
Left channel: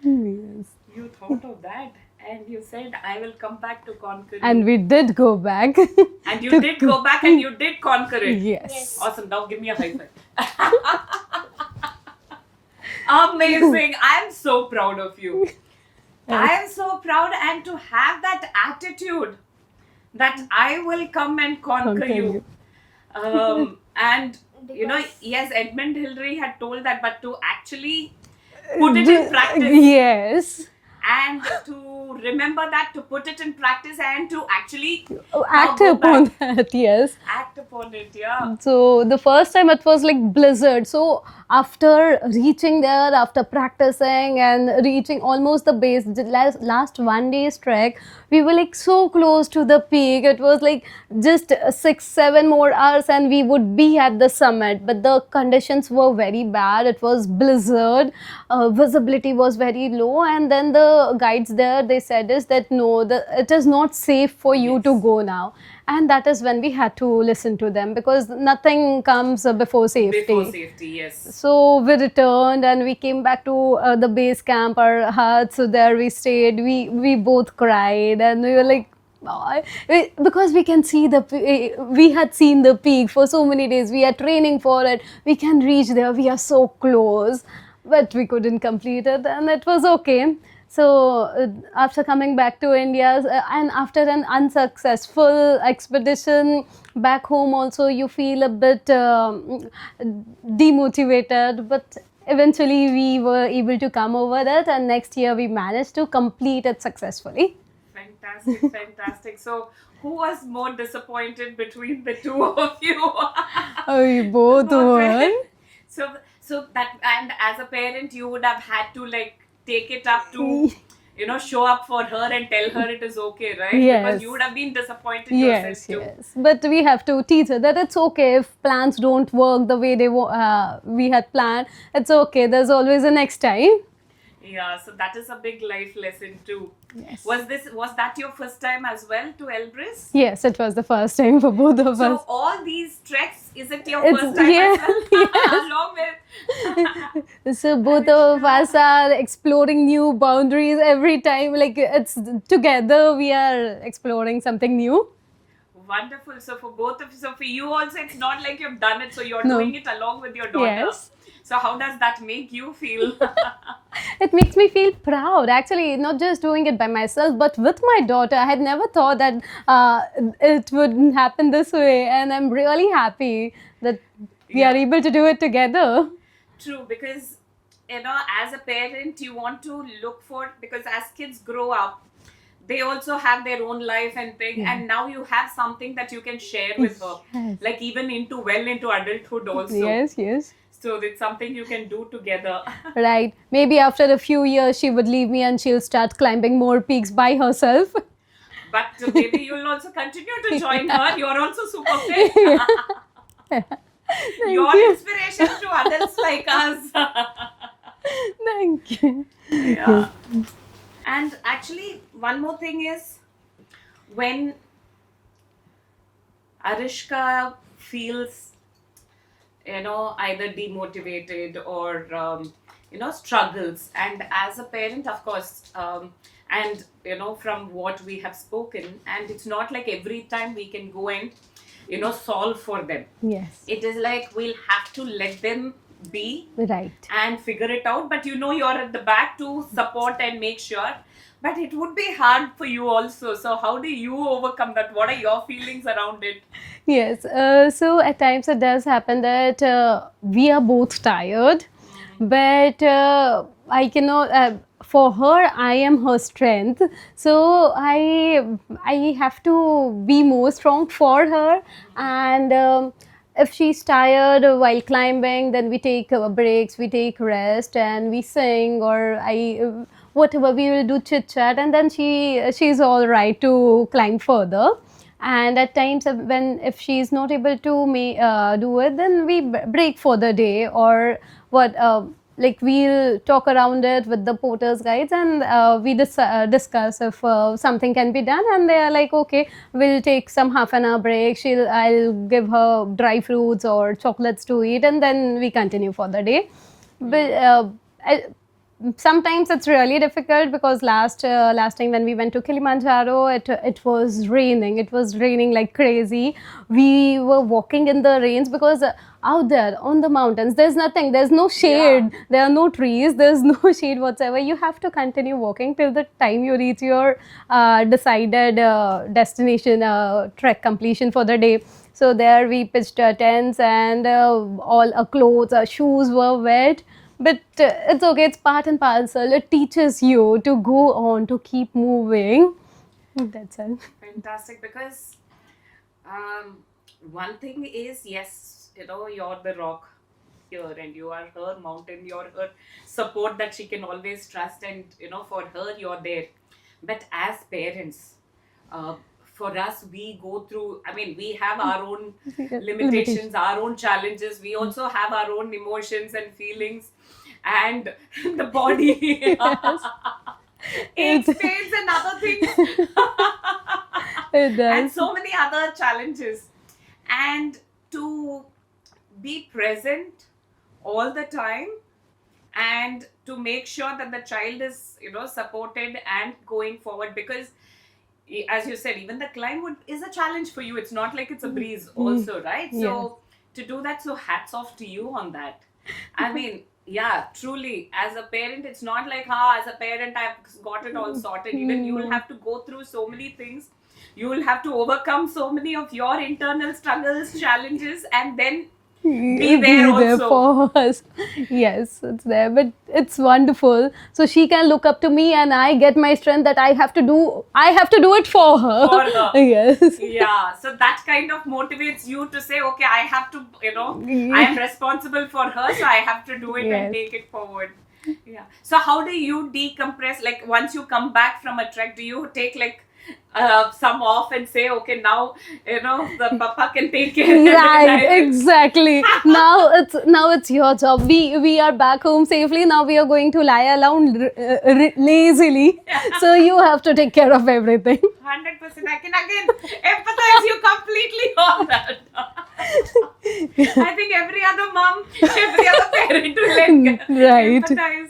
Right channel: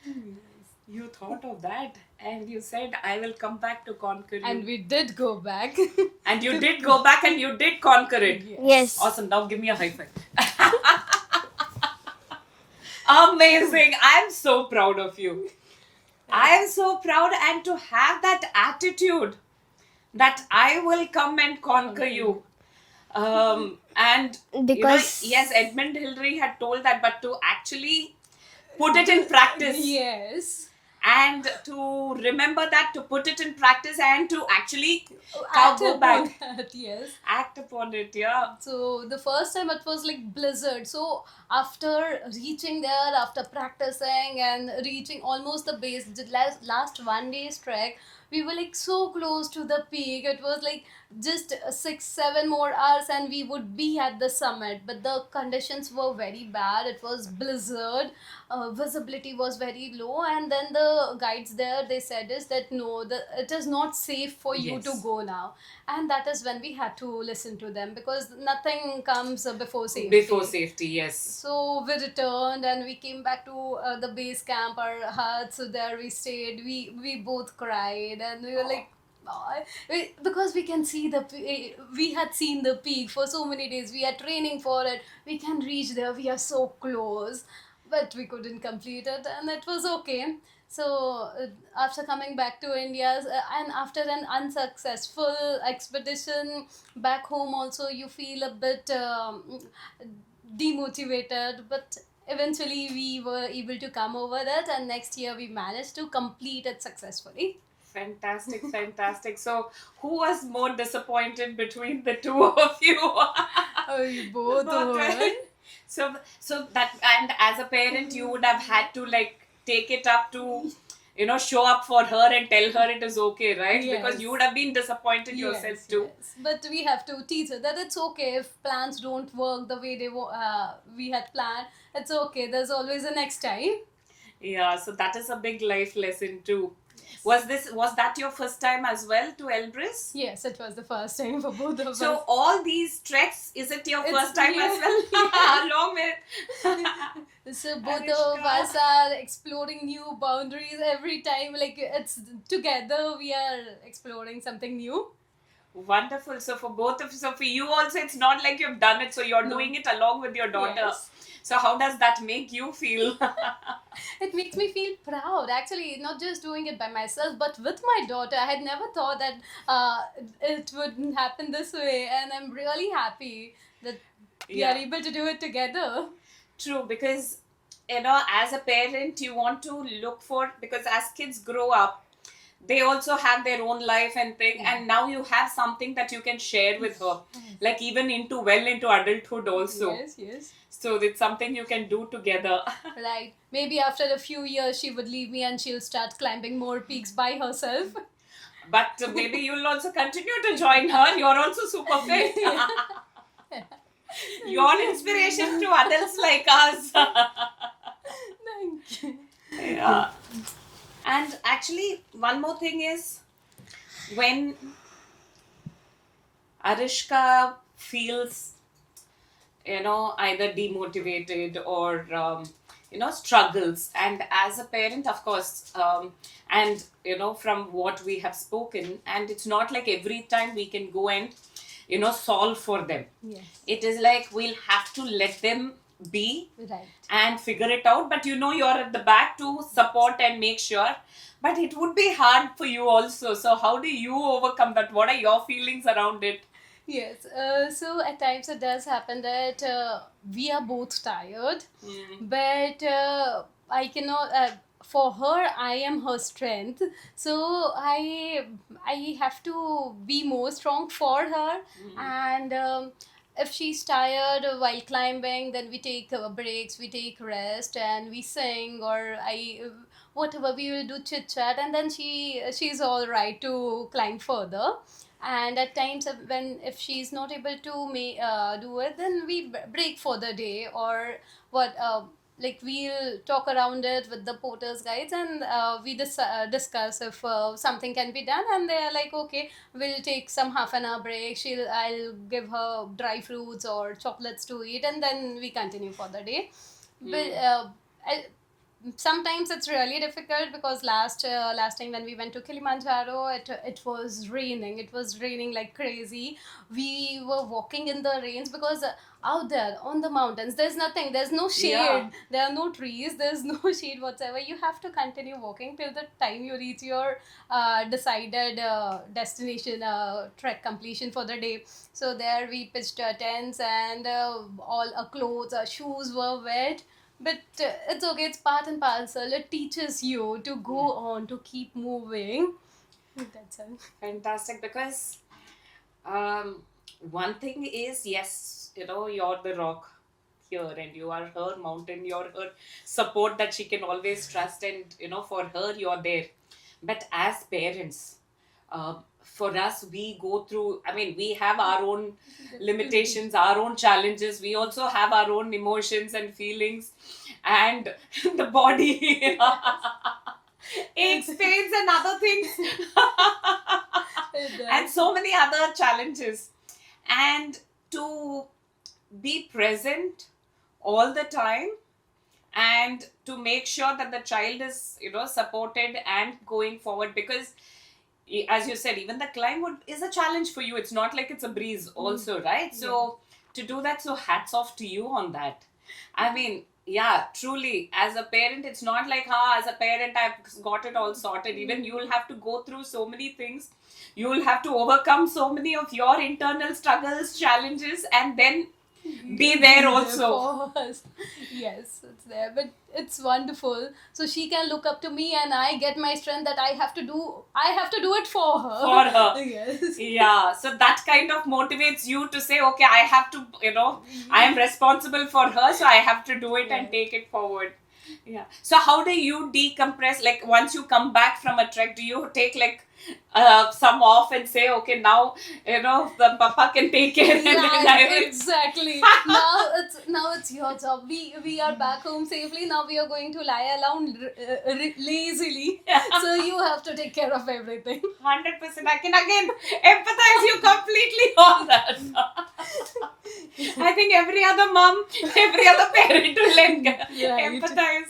you thought of that and you said, I will come back to conquer you. And we did go back. And you did go back and you did conquer it. Yes. Yes. Awesome. Now give me a high five. Amazing. I'm so proud of you. I am so proud, and to have that attitude that I will come and conquer you. And Because yes, Edmund Hillary had told that, but to actually put it in practice, Yes. and to remember that, to put it in practice, and to actually Act go upon back, that, yes. act upon it. Yeah. So the first time it was like blizzard. So after reaching there, after practicing and reaching almost the base, the last 1 day's trek, we were like so close to the peak. It was like just 6, 7 more hours and we would be at the summit. But the conditions were very bad. It was blizzard. Visibility was very low, and then the guides there, they said is that no, it is not safe for you to Yes. go now. And that is when we had to listen to them, because nothing comes before safety. Before safety, yes. So we returned and we came back to the base camp, our hut. So there we stayed. We both cried and we were like, "Oh," because we can see we had seen the peak for so many days. We are training for it. We can reach there. We are so close, but we couldn't complete it, and it was okay. So after coming back to India, and after an unsuccessful expedition back home, also you feel a bit demotivated. But eventually we were able to come over it, and next year we managed to complete it successfully. Fantastic, fantastic. So, who was more disappointed between the two of you? We both were. So that, and as a parent, you would have had to like take it up to, show up for her and tell her it is okay, right? Yes. Because you would have been disappointed yourself Yes, too. yes. But we have to teach her that it's okay if plans don't work the way we had planned. It's okay. There's always a next time. Yeah, so that is a big life lesson too. Yes. Was that your first time as well to Elbrus? Yes, it was the first time for both of So us. all these treks, is it your It's- first time yeah, as well? Along with So both of us are exploring new boundaries every time. Like it's together we are exploring something new. Wonderful. So for both of so for you also, it's not like you've done it, so you're No. doing it along with your daughter. Yes. So how does that make you feel? It makes me feel proud, actually, not just doing it by myself, but with my daughter. I had never thought that it would happen this way, and I'm really happy that we are Yeah. able to do it together. True, because as a parent, you want to look for, because as kids grow up, they also have their own life and thing, and now you have something that you can share with her, Yes. like even into adulthood also. Yes, yes. So it's something you can do together. Right. Maybe after a few years, she would leave me and she'll start climbing more peaks by herself. But maybe you'll also continue to join her. You're also super fit. You're inspiration to adults like us. Thank you. Yeah. And actually, one more thing is, when Arishka feels, either demotivated or, struggles, and as a parent, of course, and, from what we have spoken, and it's not like every time we can go and, solve for them. Yes. It is like we'll have to let them be Right. and figure it out, but you're at the back to support and make sure, but it would be hard for you also. So how do you overcome that? What are your feelings around it? Yes. So at times it does happen that we are both tired, but I cannot. For her, I am her strength. So I have to be more strong for her, and if she's tired while climbing, then we take breaks, we take rest, and we sing, or whatever we will do, chit chat, and then she's all right to climb further. And at times if she's not able to do it, then we break for the day, or what like we'll talk around it with the porters guides, and we discuss if something can be done, and they are like, okay, we'll take some half an hour break. I'll give her dry fruits or chocolates to eat, and then we continue for the day. But sometimes it's really difficult because last time when we went to Kilimanjaro, it was raining. It was raining like crazy. We were walking in the rains because out there on the mountains, there's nothing. There's no shade. Yeah. There are no trees. There's no shade whatsoever. You have to continue walking till the time you reach your decided destination, trek completion for the day. So there we pitched our tents and all our clothes, our shoes were wet. But it's okay, it's part and parcel. It teaches you to go on, to keep moving. That's it. Fantastic, because one thing is, yes, you're the rock here and you are her mountain, you're her support that she can always trust, and for her you're there. But as parents, for us, we go through, I mean, we have our own limitations, our own challenges. We also have our own emotions and feelings, and the body aches, pains, and other things. It And does. so many other challenges, and to be present all the time, and to make sure that the child is supported and going forward, because as you said, even the climb is a challenge for you. It's not like it's a breeze also, right? So to do that, so hats off to you on that. I mean, yeah, truly, as a parent, it's not like, as a parent, I've got it all sorted. Even you will have to go through so many things. You will have to overcome so many of your internal struggles, challenges, and then be there also. for us. Yes, it's there, but it's wonderful. So she can look up to me, and I get my strength that I have to do. I have to do it for her. For her. Yes. Yeah, so that kind of motivates you to say, okay, I have to, I am responsible for her, so I have to do it and Yes. take it forward. Yeah. So how do you decompress? Like, once you come back from a trek, do you take like some off and say, okay, now the papa can take care? Right, exactly. Now it's your job. We are back home safely. Now we are going to lie around lazily. So you have to take care of everything. 100%. I can again empathize you completely on that. I think every other mom, every other parent will Right. empathize.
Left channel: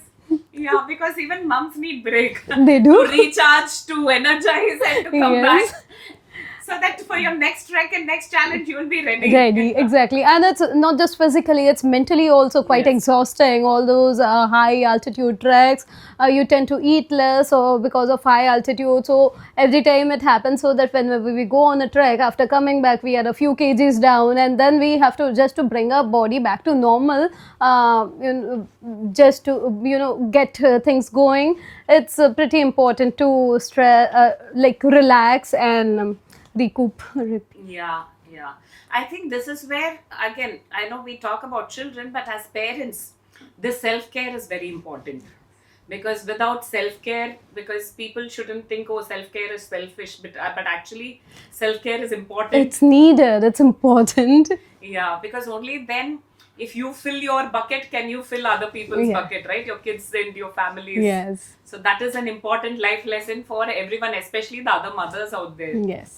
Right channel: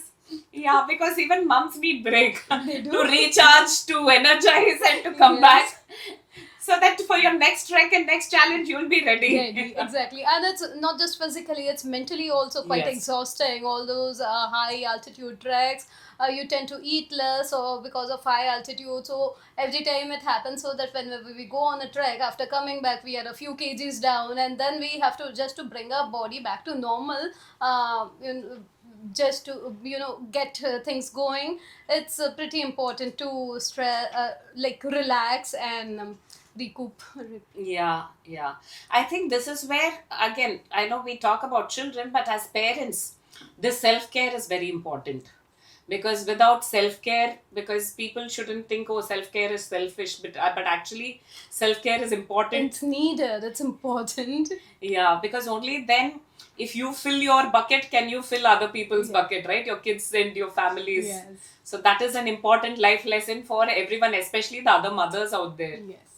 Yeah, because even moms need break. They do. To recharge, to energize, and to come Yes. back. So that for your next trek and next challenge, you will be ready. Ready, exactly. And it's not just physically, it's mentally also quite Yes. exhausting. All those high altitude treks, you tend to eat less or because of high altitude. So every time it happens, so that whenever we go on a trek, after coming back, we are a few kgs down, and then we have to just to bring our body back to normal, just to get things going. It's pretty important to like relax and recoup. Yeah, yeah. I think this is where, again, I know we talk about children, but as parents, this self-care is very important. Because without self-care, because people shouldn't think, oh, self-care is selfish, but actually, self-care is important. It's needed. It's important. Yeah, because only then, if you fill your bucket, can you fill other people's Yeah. bucket, right? Your kids and your families. Yes. So that is an important life lesson for everyone, especially the other mothers out there. Yes.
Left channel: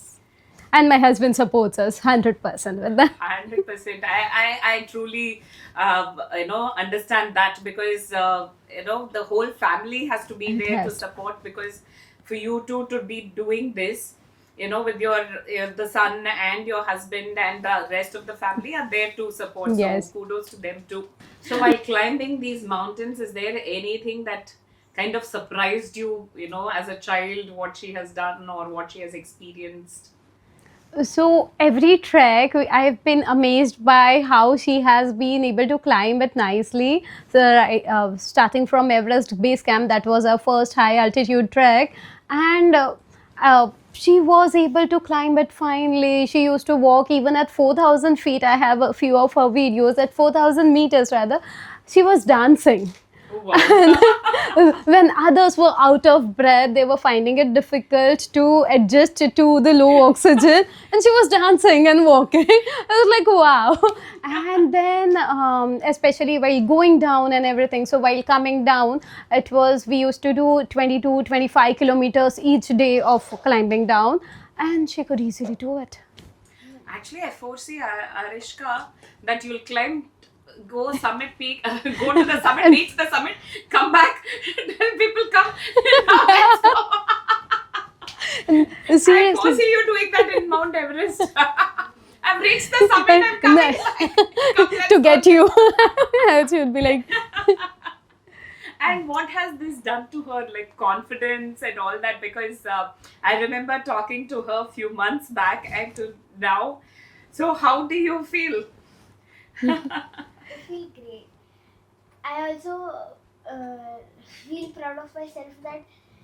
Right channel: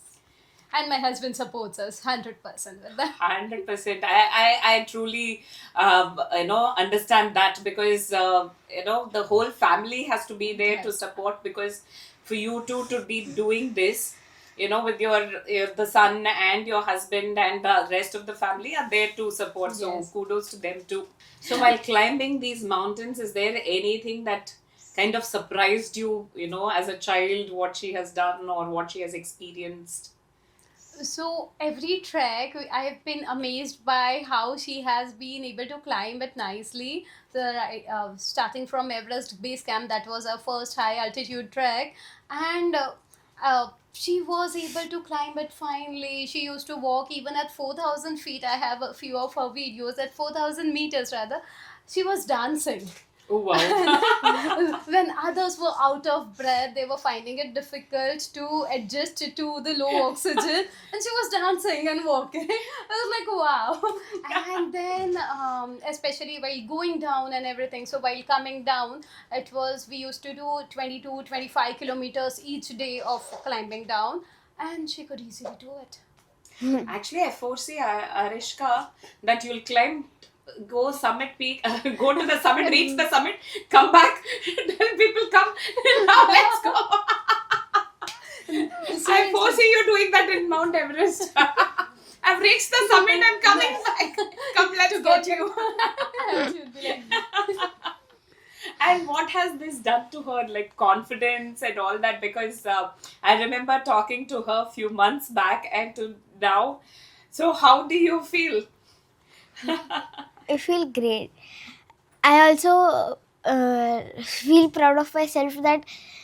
And my husband supports us 100% with that. 100%. I truly, understand that, because, the whole family has to be there to Yes. support, because for you two to be doing this, with the son and your husband and the rest of the family are there to support. Yes. So kudos to them too. So while climbing these mountains, is there anything that kind of surprised you, as a child, what she has done or what she has experienced? So every trek, I've been amazed by how she has been able to climb it nicely. So starting from Everest Base Camp, that was our first high altitude trek, and she was able to climb it finely. She used to walk even at 4,000 feet. I have a few of her videos at 4,000 meters rather. She was dancing. Oh, wow. When others were out of breath, they were finding it difficult to adjust to the low oxygen, and she was dancing and walking. I was like, wow. And then especially while going down and everything, so while coming down, we used to do 22 25 kilometers each day of climbing down, and she could easily do it. Actually, I foresee, Arishka, that you'll climb go summit peak, go to the summit, reach the summit, come back, tell people come. Now let's go. I Seriously. foresee you doing that in Mount Everest. I've reached the summit and coming. Come, let's To go. get you. Else you'd be like, And what has this done to her, like confidence and all that? Because I remember talking to her a few months back and to now. So how do you feel? I feel great. I also feel proud of myself that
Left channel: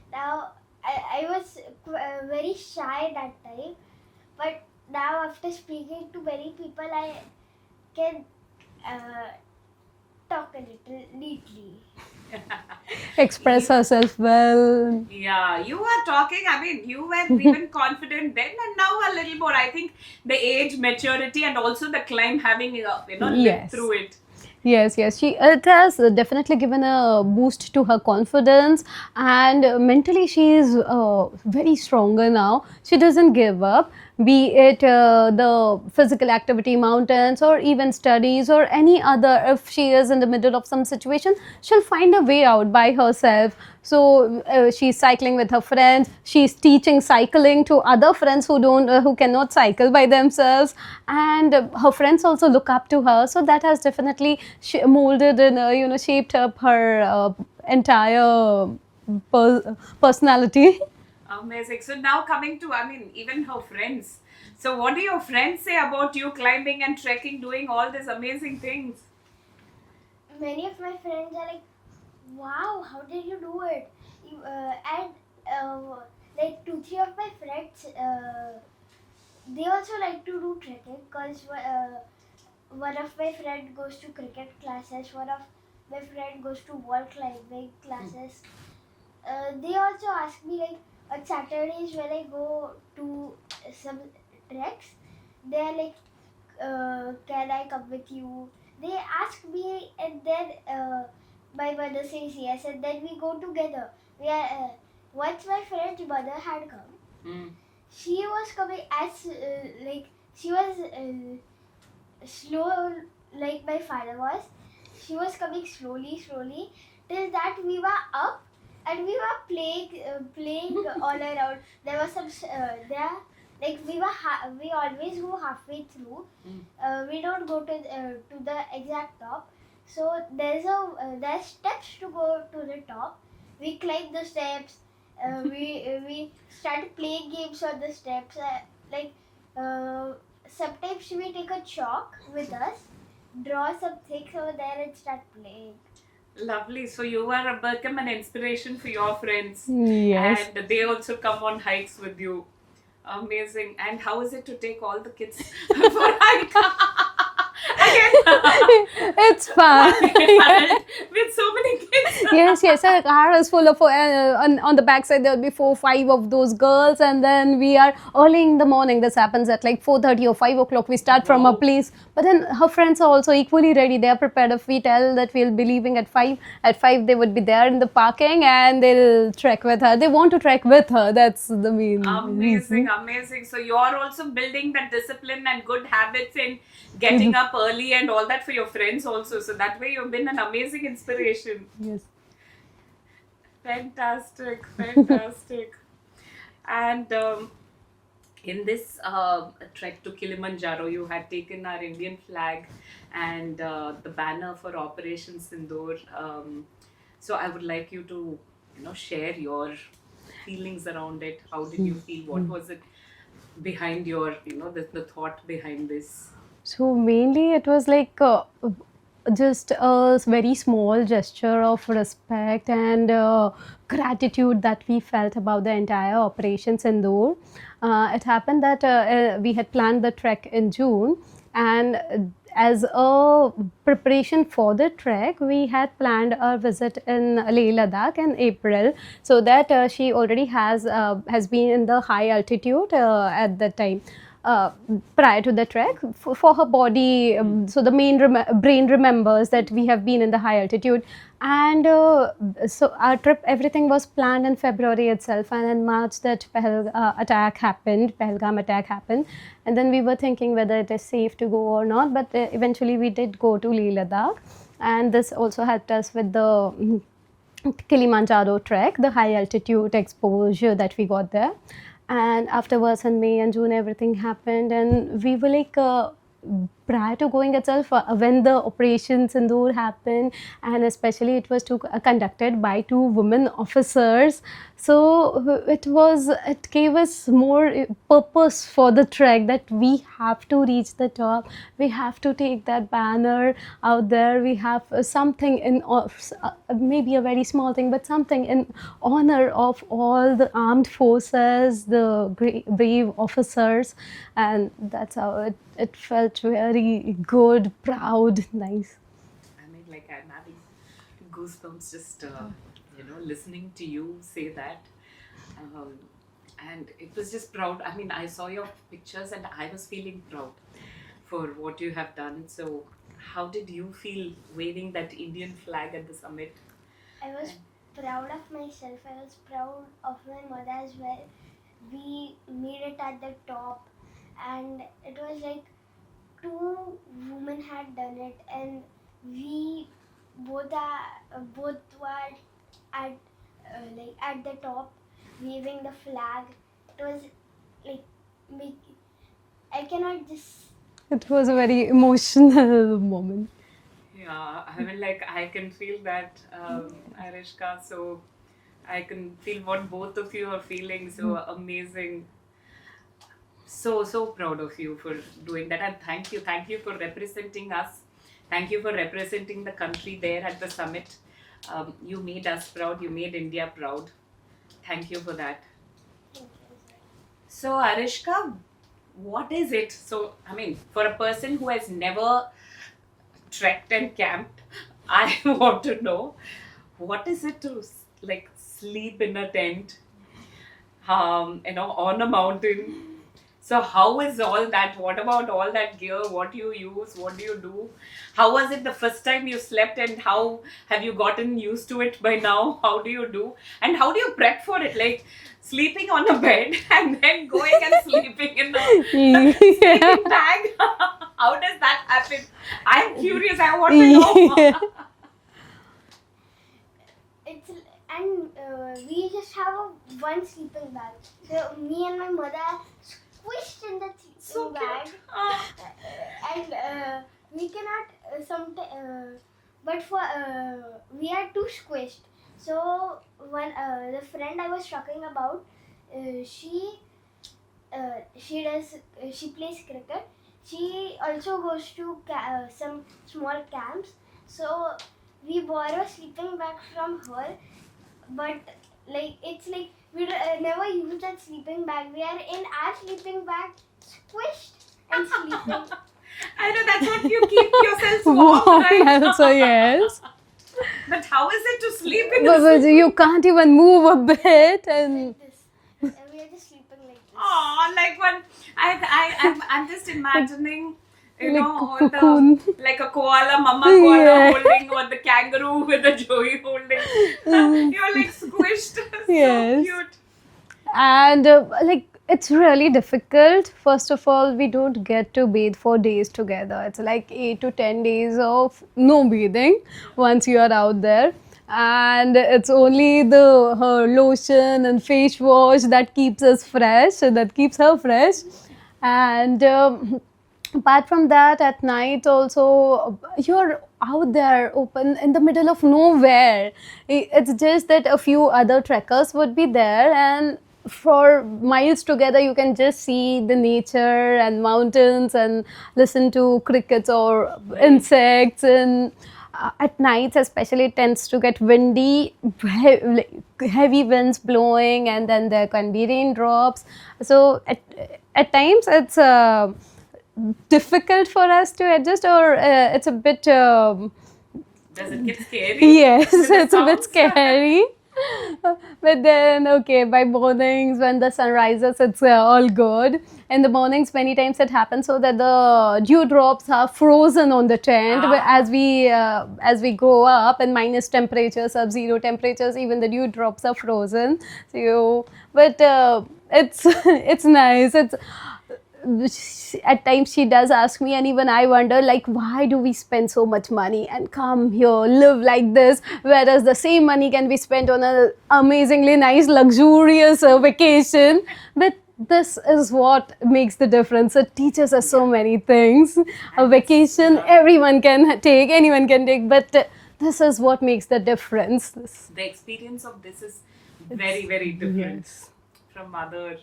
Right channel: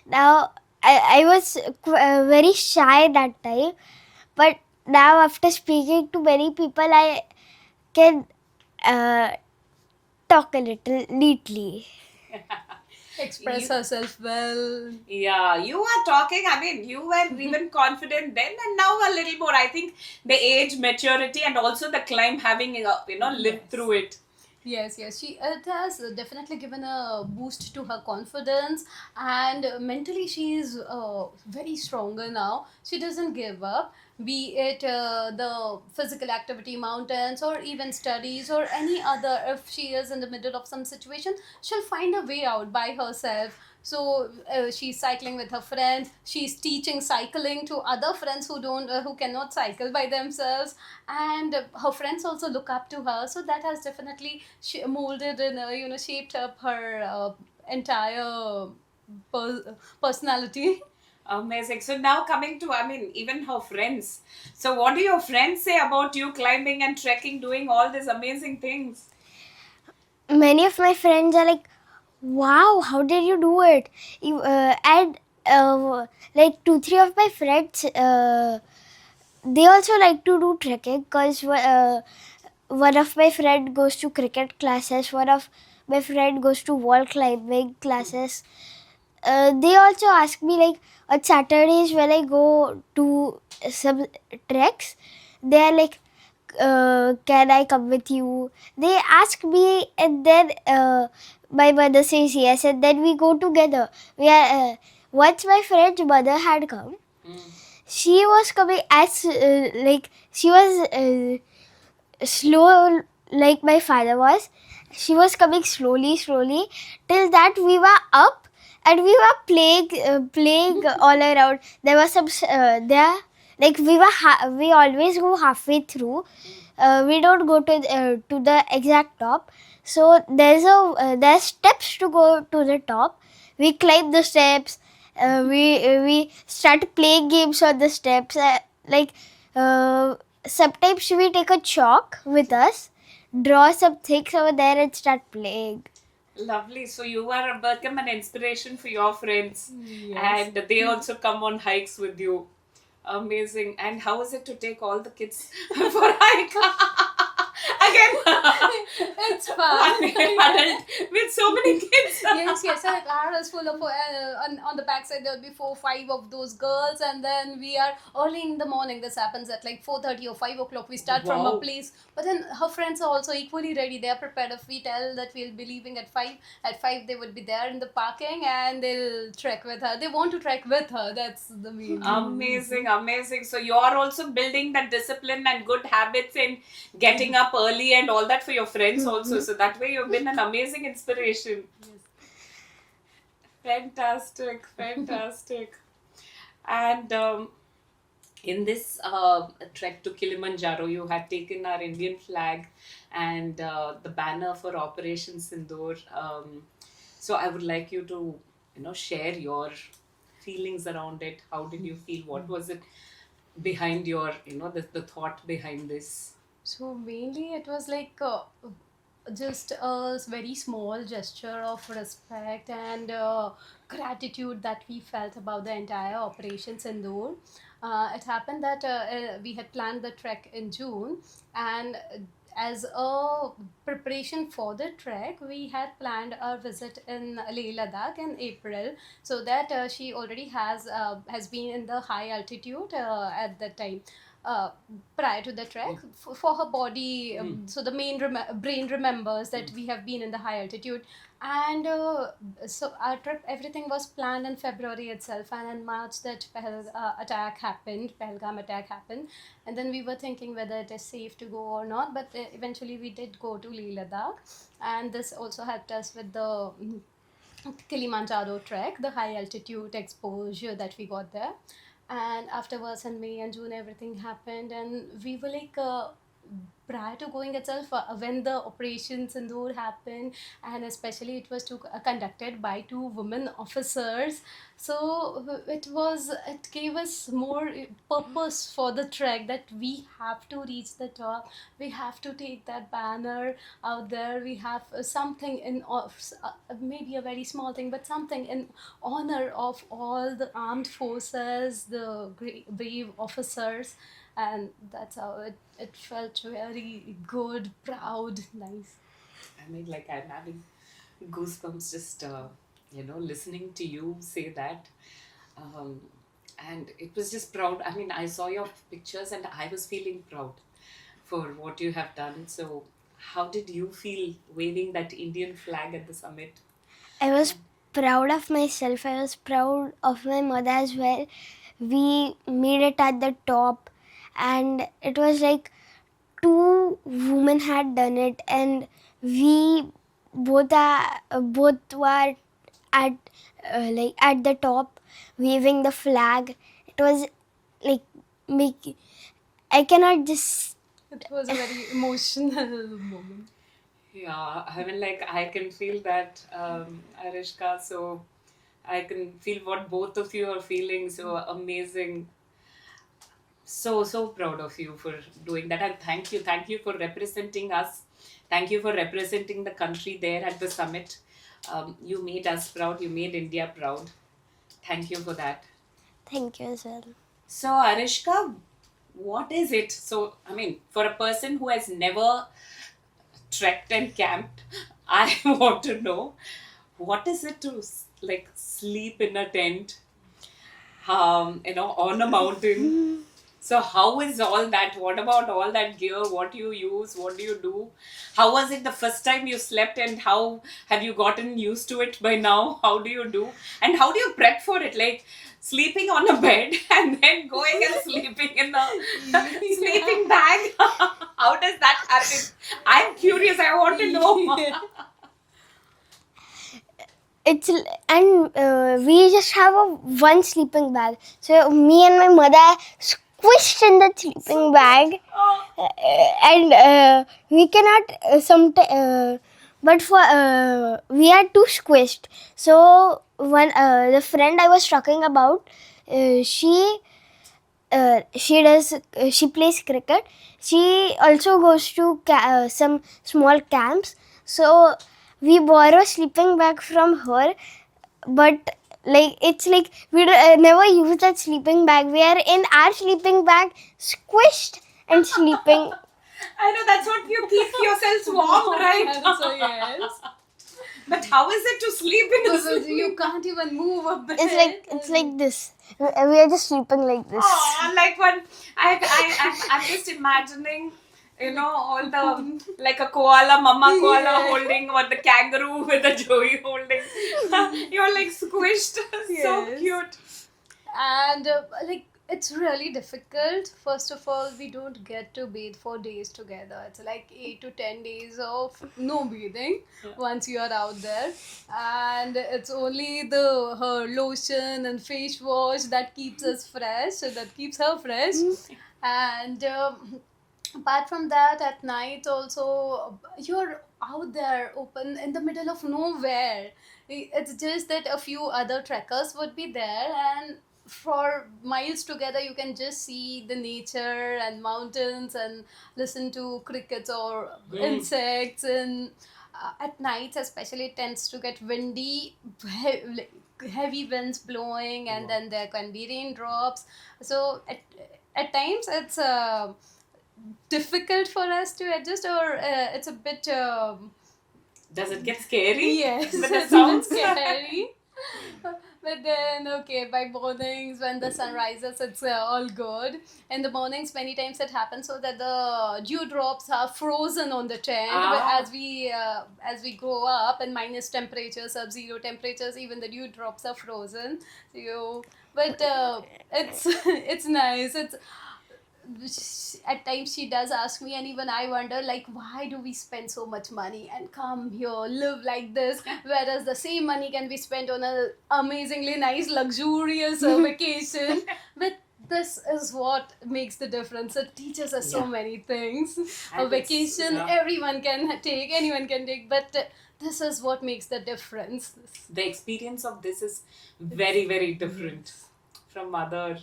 now I was very shy that time, but now after speaking to many people, I can uh, talk a little neatly. express herself well. Yeah, you are talking. I mean, you were even confident then, and now a little more. I think the age, maturity, and also the climb, having lived Yes. through it. Yes, yes. It has definitely given a boost to her confidence, and mentally she is very stronger now. She doesn't give up, be it the physical activity, mountains, or even studies, or any other. If she is in the middle of some situation, she'll find a way out by herself. So she's cycling with her friends. She's teaching cycling to other friends who cannot cycle by themselves, and her friends also look up to her. So that has definitely molded and shaped up her entire personality. Amazing. So now coming to, I mean, even her friends. So what do your friends say about you climbing and trekking, doing all these amazing things? Many of my friends are like, "Wow, how did you do it?" And like 2-3 of my friends, they also like to do trekking because one of my friend goes to cricket classes, one of my friend goes to wall climbing classes. They also ask me like on Saturdays when I go to some treks, they are like, can I come with you? They ask me, and then my mother says yes, and then we go together. We are once my friend's mother had come. She was coming as like she was slow like my father was. She was coming slowly, slowly till that we were up and we were playing all around. There was some there like we always go halfway through. We don't go to the exact top. So there's steps to go to the top. We climb the steps. We start playing games on the steps. Uh, sometimes we take a chalk with us, draw some things over there, and start playing. Lovely. So you are become an inspiration for your friends. Yes. And they also come on hikes with you. Amazing. And how is it to take all the kids for a hike? Again, It's fun. with so many kids. Yes, yes. Our car is full of, on the backside there will be 4, 5 of those girls, and then we are early in the morning. This happens at like 4:30 or 5 o'clock. We start from a Wow. place, but then her friends are also equally ready. They are prepared. If we tell that we'll be leaving at 5 they would be there in the parking and they'll trek with her. They want to trek with her. That's the main Amazing, amazing. So you're also building that discipline and good habits in getting up early and all that for your friends also. So that way you've been an amazing inspiration. Yes. Fantastic, fantastic. And in this trek to Kilimanjaro, you had taken our Indian flag and the banner for Operation Sindoor. So I would like you to, share your feelings around it. How did you feel? What was it behind your, the thought behind this? So mainly it was like just a very small gesture of respect and gratitude that we felt about the entire Operation Sindoor. It happened that we had planned the trek in June, and as a preparation for the trek, we had planned a visit in Leh Ladakh in April, so that she already has been in the high altitude at that time. prior to the trek for her body. So the brain remembers that we have been in the high altitude. And so our trip, everything was planned in February itself, and in March that Pahalgam attack happened, and then we were thinking whether it is safe to go or not. But eventually we did go to Leh Ladakh, and this also helped us with the Kilimanjaro trek, the high altitude exposure that we got there. And afterwards in May and June, everything happened, and we were like, prior to going itself, when the Operation Sindoor happened, and especially it was conducted by two women officers, so it gave us more purpose for the trek, that we have to reach the top, we have to take that banner out there, we have something maybe a very small thing, but something in honor of all the armed forces, the brave officers, and that's how it felt very good, proud, nice. I mean, like, I'm having goosebumps just, listening to you say that. Um, and it was just proud. I mean, I saw your pictures and I was feeling proud for what you have done. So, how did you feel waving that Indian flag at the summit? I was proud of myself. I was proud of my mother as well. We made it at the top, and it was like two women had done it, and we both were at at the top, waving the flag. It was like I cannot just. It was a very emotional moment. Yeah, I mean, like, I can feel that, Arishka. So, I can feel what both of you are feeling. So amazing. So proud of you for doing that, and thank you for representing us, thank you for representing the country there at the summit. You made us proud, you made India proud. Thank you for that. Thank you as well. So, Arishka, what is it? So, I mean, for a person who has never trekked and camped, I want to know, what is it to like sleep in a tent, on a mountain? So how is all that? What about all that gear? What do you use? What do you do? How was it the first time you slept, and how have you gotten used to it by now? How do you do? And how do you prep for it? Like sleeping on a bed and then going and sleeping in a sleeping bag? How does that happen? I'm curious. I want to know. It's and we just have one sleeping bag. So me and my mother squished in the sleeping bag, and we cannot but for we are too squished. So when the friend I was talking about, she plays cricket. She also goes to some small camps. So we borrow sleeping bag from her, but like it's like we never use that sleeping bag. We are in our sleeping bag, squished and sleeping. I know that's what you keep yourselves warm, right? So yes. But how is it to sleep in a Because you can't even move a bit. It's like this. We are just sleeping like this. Oh, like one. I'm just imagining, all cocoon. the like a koala, mama koala Yeah. holding, or the kangaroo with a joey holding. You're like squished. So Yes. cute. And it's really difficult. First of all, we don't get to bathe for days together. It's like 8 to 10 days of no bathing once you are out there, and it's only the her lotion and face wash that keeps us fresh, that keeps her fresh. And apart from that, at night also you're out there open in the middle of nowhere. It's just that a few other trekkers would be there, and for miles together you can just see the nature and mountains and listen to crickets or insects. And at nights especially it tends to get windy, heavy winds blowing, and then there can be raindrops. So at times it's difficult for us to adjust, or it's a bit Does it get scary? yes, With the it's a bit sounds? scary. But then, okay, by mornings when the sun rises, it's all good. In the mornings, many times it happens so that the dewdrops are frozen on the tent. But as we go up in minus temperatures, sub-zero temperatures, even the dewdrops are frozen. So, but it's it's nice. It's at times she does ask me, and even I wonder, like, why do we spend so much money and come here live like this, whereas the same money can be spent on a amazingly nice luxurious vacation. But this is what makes the difference. It teaches us so many things. A vacation everyone can take, anyone can take, but this is what makes the difference. The experience of this is very, very different Yes. from other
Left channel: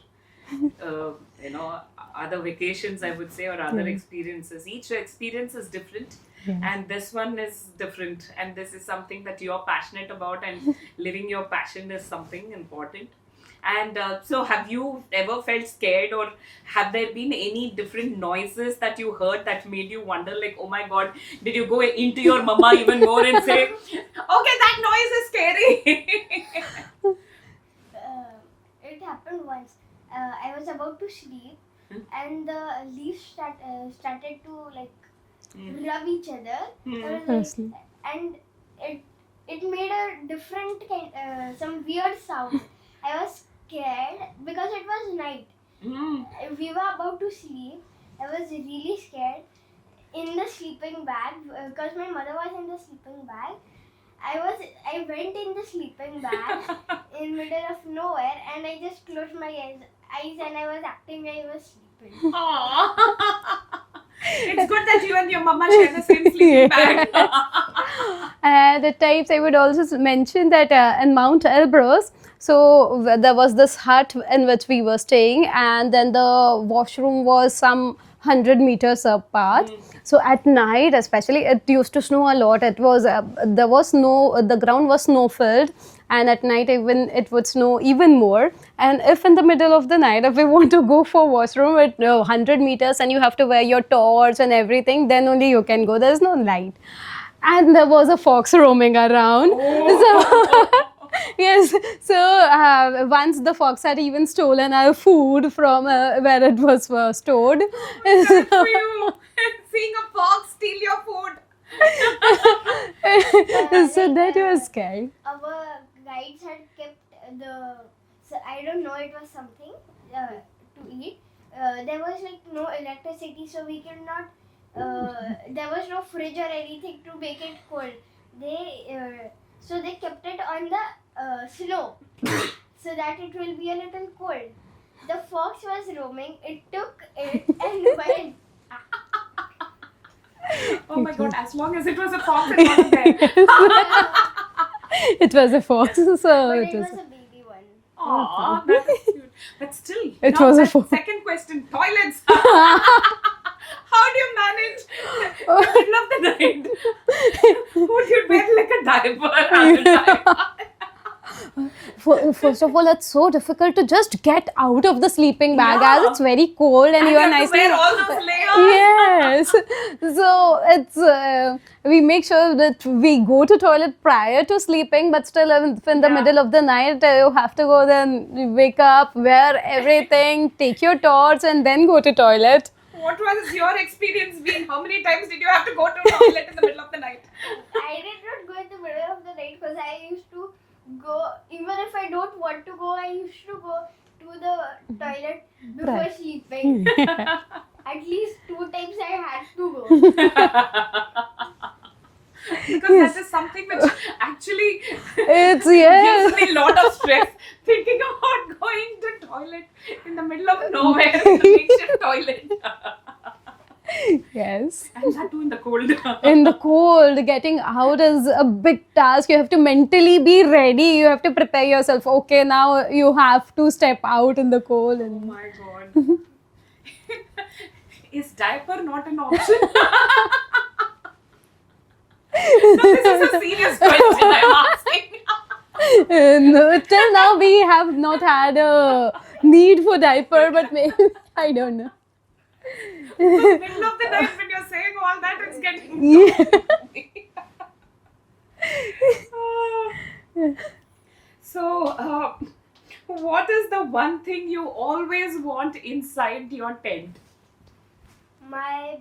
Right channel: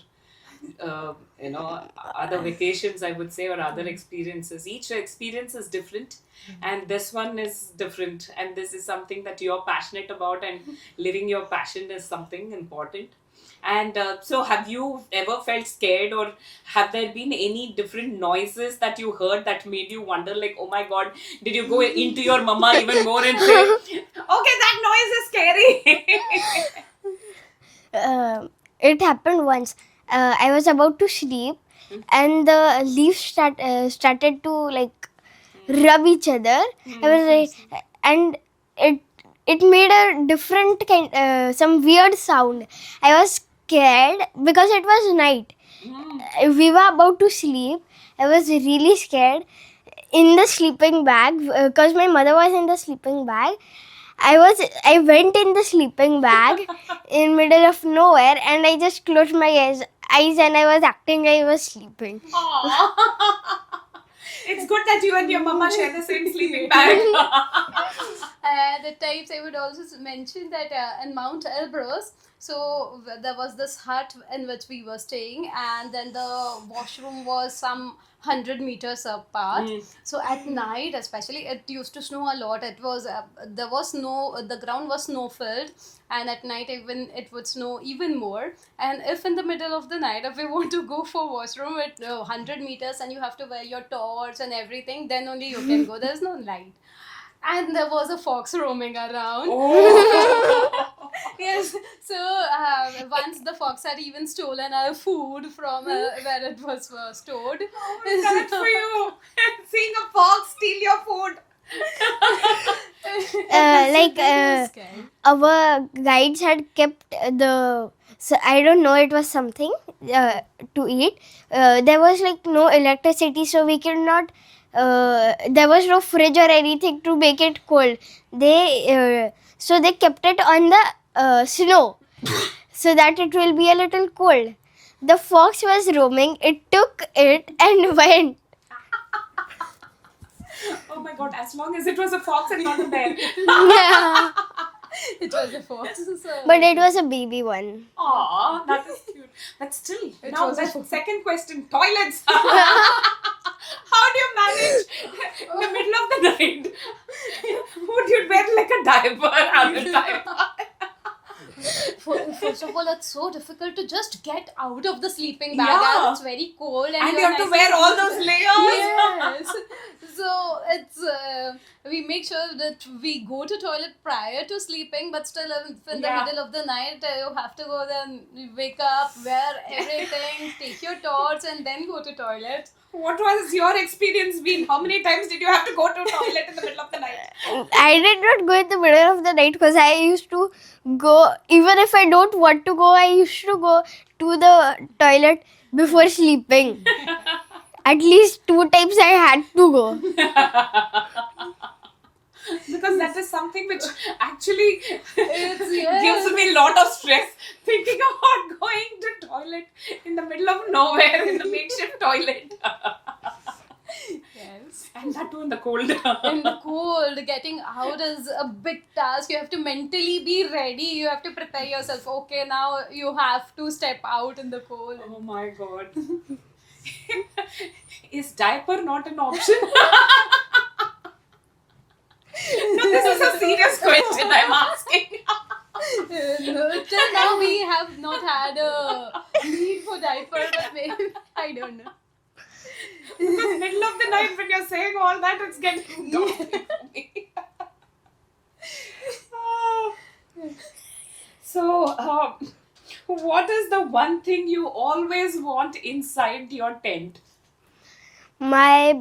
other vacations, I would say, or other experiences. Each experience is different, and this one is different, and this is something that you're passionate about, and living your passion is something important. And so, have you ever felt scared, or have there been any different noises that you heard that made you wonder, like, oh my god, did you go into your mama even more and say, okay, that noise is scary? It happened once. I was about to sleep, and the leaves started to like rub each other. I was like, and it made a different kind, some weird sound. I was scared because it was night. We were about to sleep. I was really scared in the sleeping bag because my mother was in the sleeping bag. I went in the sleeping bag in middle of nowhere, and I just closed my eyes and I was acting I was sleeping. It's good that you and your mama share the same sleeping bag. And at times I would also mention that in Mount Elbrus, so there was this hut in which we were staying, and then the washroom was some 100 meters apart. So at night, especially, it used to snow a lot. It was there was no, the ground was snow filled, and at night even it would snow even more. And if in the middle of the night, if we want to go for washroom at 100 meters and you have to wear your torch and everything, then only you can go. There's no light. And there was a fox roaming around. Yes, so once the fox had even stolen our food from where it was stored. That's for you. Seeing a fox steal your food. So that was scary. Our guides had kept the, so I don't know, it was something to eat. There was like no electricity, so we could not, there was no fridge or anything to make it cold. So they kept it on the snow so that it will be a little cold. The fox was roaming, it took it and went. Oh my god, as long as it was a fox and not a bear. Yeah. It was a fox. So But it was a baby one. Aww, that is cute. But still, It now was a that fox. second question, toilets. How do you manage in the middle of the night? Would you wear like a diaper? First of all, it's so difficult to just get out of the sleeping bag Yeah. as it's very cold and And you you are have to nicely. wear all those layers. Yes. So it's we make sure that we go to toilet prior to sleeping, but still if in the Yeah. middle of the night you have to go, then wake up, wear everything, take your torch, and then go to toilet. What was your experience been? How many times did you have to go to toilet in the middle of the night? I did not go in the middle of the night because I used to go, even if I don't want to go, I used to go to the toilet before sleeping. At least 2 times I had to go. Because that is something which actually It's yes. gives me a lot of stress. Thinking about going to toilet in the middle of nowhere in the makeshift toilet. Yes. And that too in the cold. In the cold, getting out is a big task. You have to mentally be ready. You have to prepare yourself. Okay, now you have to step out in the cold. Oh my god. Is diaper not an option? No, this is a serious question I'm asking. No, till now we have not had a need for diaper, but maybe I don't know. In the middle of the night when you're saying all that, it's getting dark. So, what is the one thing you always want inside your tent? My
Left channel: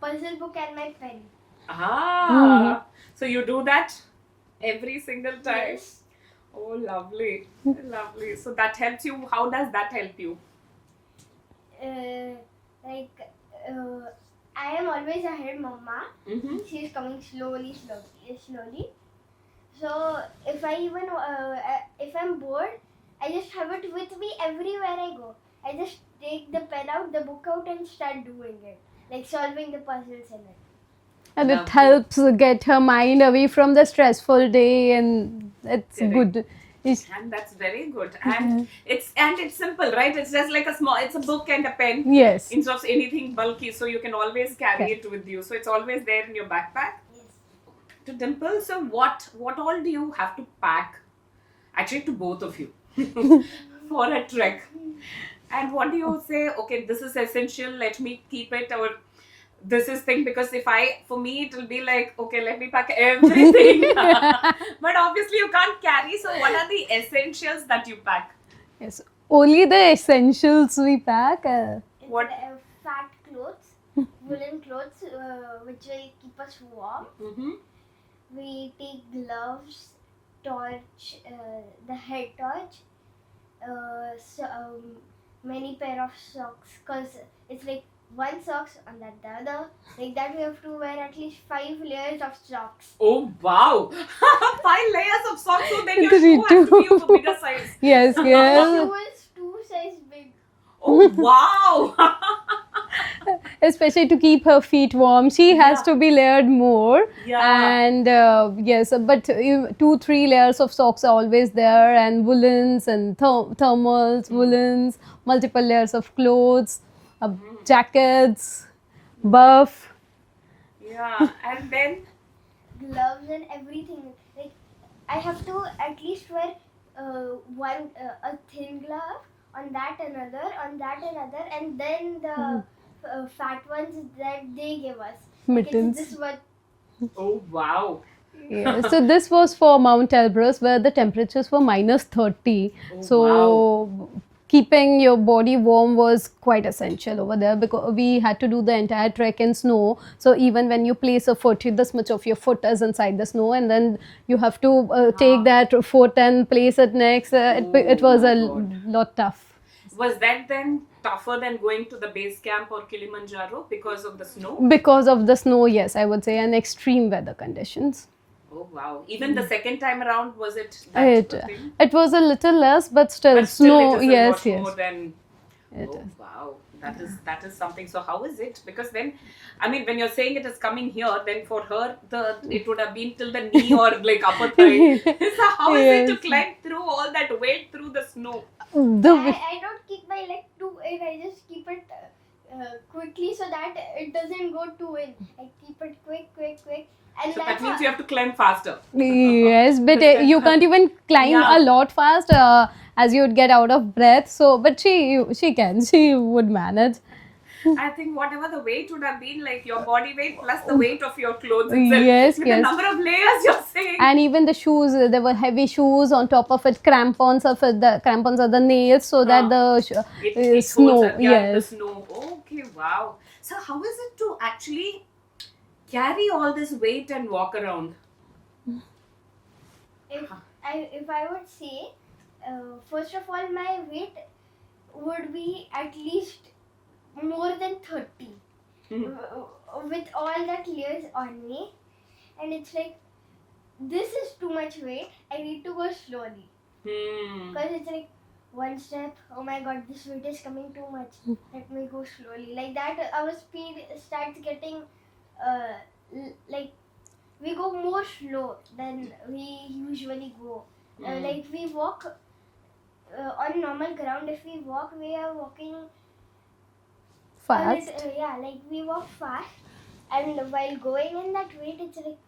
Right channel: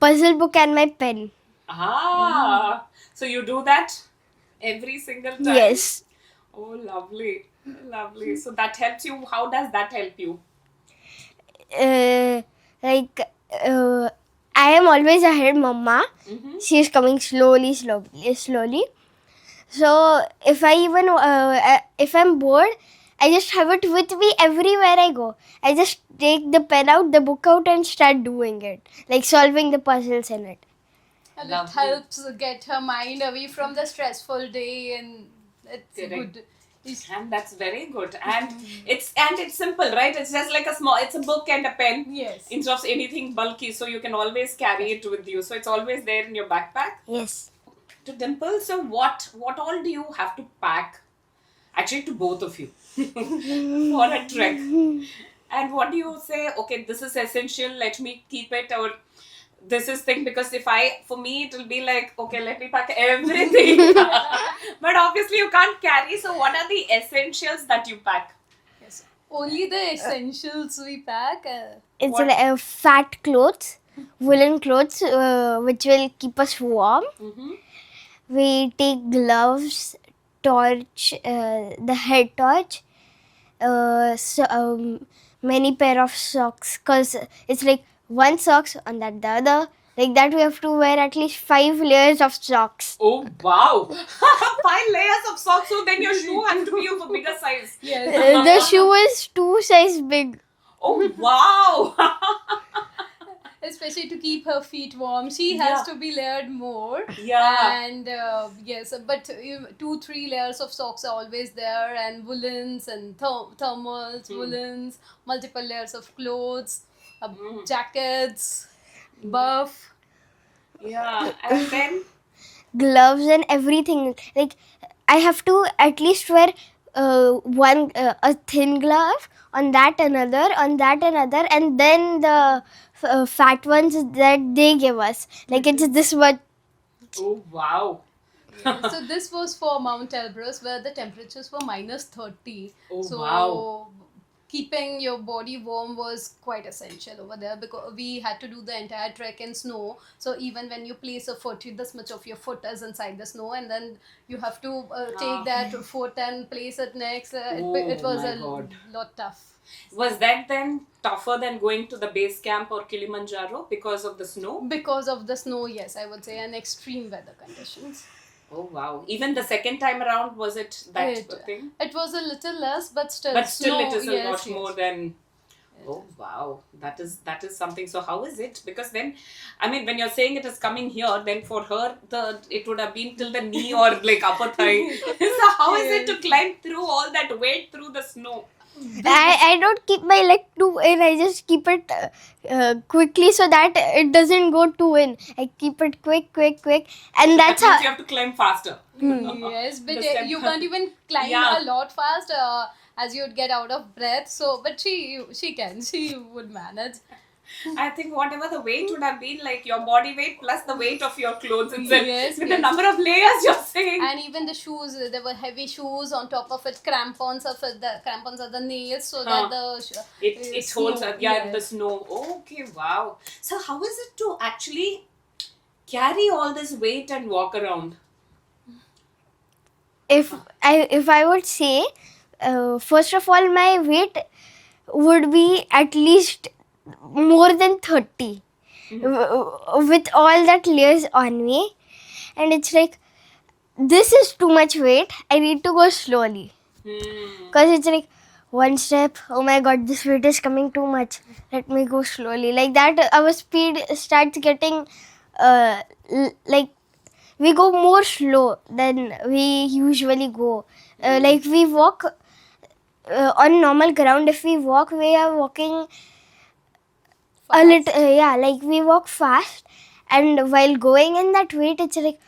puzzle book and my pen. Ah, so you do that every single time? Yes. Oh, lovely, lovely. So that helps you. How does that help you? Like I am always ahead, Mama. Mm-hmm. She is coming slowly. So if I'm bored, I just have it with me everywhere I go. I just take the pen out, the book out, and start doing it, like solving the puzzles in it. And it Lovely. helps get her mind away from the stressful day, and it's Correct. good. And that's very good. And it's simple, right? It's just like it's a book and a pen. Yes. Instead of anything bulky, so you can always carry it with you. So it's always there in your backpack. Yes. To Dimple, so what all do you have to pack? Actually, to both of you for a trek. And what do you say? Okay, this is essential. Let me keep it, or this is thing, because for me it will be like, okay, let me pack everything. But obviously you can't carry. So what are the essentials that you pack? Yes. Only the essentials we pack. It's What? fat clothes, woolen clothes, which will keep us warm. Mm-hmm. We take gloves, torch, the head torch, many pair of socks, because it's like one socks on that the other. Like that, we have to wear at least 5 layers of socks. Oh wow! 5 layers of socks. So then your shoe has to be of a bigger size. Yes. The shoe is 2 size big. Oh wow! Especially to keep her feet warm, she has Yeah. to be layered more. Yeah. And yes, but 2-3 layers of socks are always there, and woolens and thermals, woolens, multiple layers of clothes, jackets, buff. Yeah. And then Gloves and everything. Like I have to at least wear a thin glove, on that another, and then the fat ones that they give us. Like it's Mittens. this one. oh wow! Yeah. So this was for Mount Elbrus, where the temperatures were -30. Oh, So wow. keeping your body warm was quite essential over there, because we had to do the entire trek in snow. So even when you place a foot, this much of your foot is inside the snow, and then you have to take that foot and place it next. It Oh was my a God. lot tough. Was that then tougher than going to the base camp or Kilimanjaro because of the snow? Because of the snow, yes, I would say, and extreme weather conditions. Oh wow! Even the second time around, was it that It, thing? it was a little less, but still, But still, snow, it is a yes, lot yes. more than. Oh wow, that is something. So how is it? Because then, I mean, when you're saying it is coming here, then for her it would have been till the knee or like upper thigh. So how is it to Yes. climb through all that weight through the snow? I don't keep my leg too in. I just keep it quickly so that it doesn't go too in. I keep it quick, and So that's that means how. you have to climb faster. Yes, but Understand. you can't even climb Yeah. a lot fast, as you'd get out of breath. So, but she would manage. I think whatever the weight would have been, like your body weight plus the weight of your clothes itself, Yes, with the yes. number of layers you're saying. And even the shoes, there were heavy shoes on top of it. Crampons of it, the crampons are the nails, so that the It snow. holds up, yeah, the Yes. snow. Okay, wow. So how is it to actually carry all this weight and walk around? If I would say, first of all, my weight would be at least more than 30 with all that layers on me, and it's like, this is too much weight. I need to go slowly, because it's like one step, oh my god, this weight is coming too much, let me go slowly. Like that, our speed starts getting like we go more slow than we usually go. Like we walk on normal ground. If we walk, we are walking Fast. a little, yeah, like we walk fast, and while going in that weight, it's like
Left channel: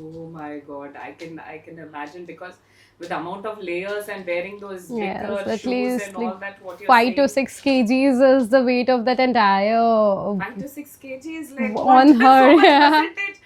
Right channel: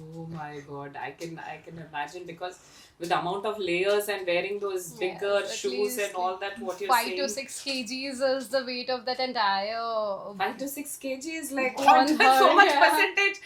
Oh my God, I can imagine, because with the amount of layers and wearing those Yes, bigger at shoes least and like all that, what you're 5 to 6 saying, kgs is the weight of that entire 5 to 6 kg is like what? on So her. much Yeah. percentage.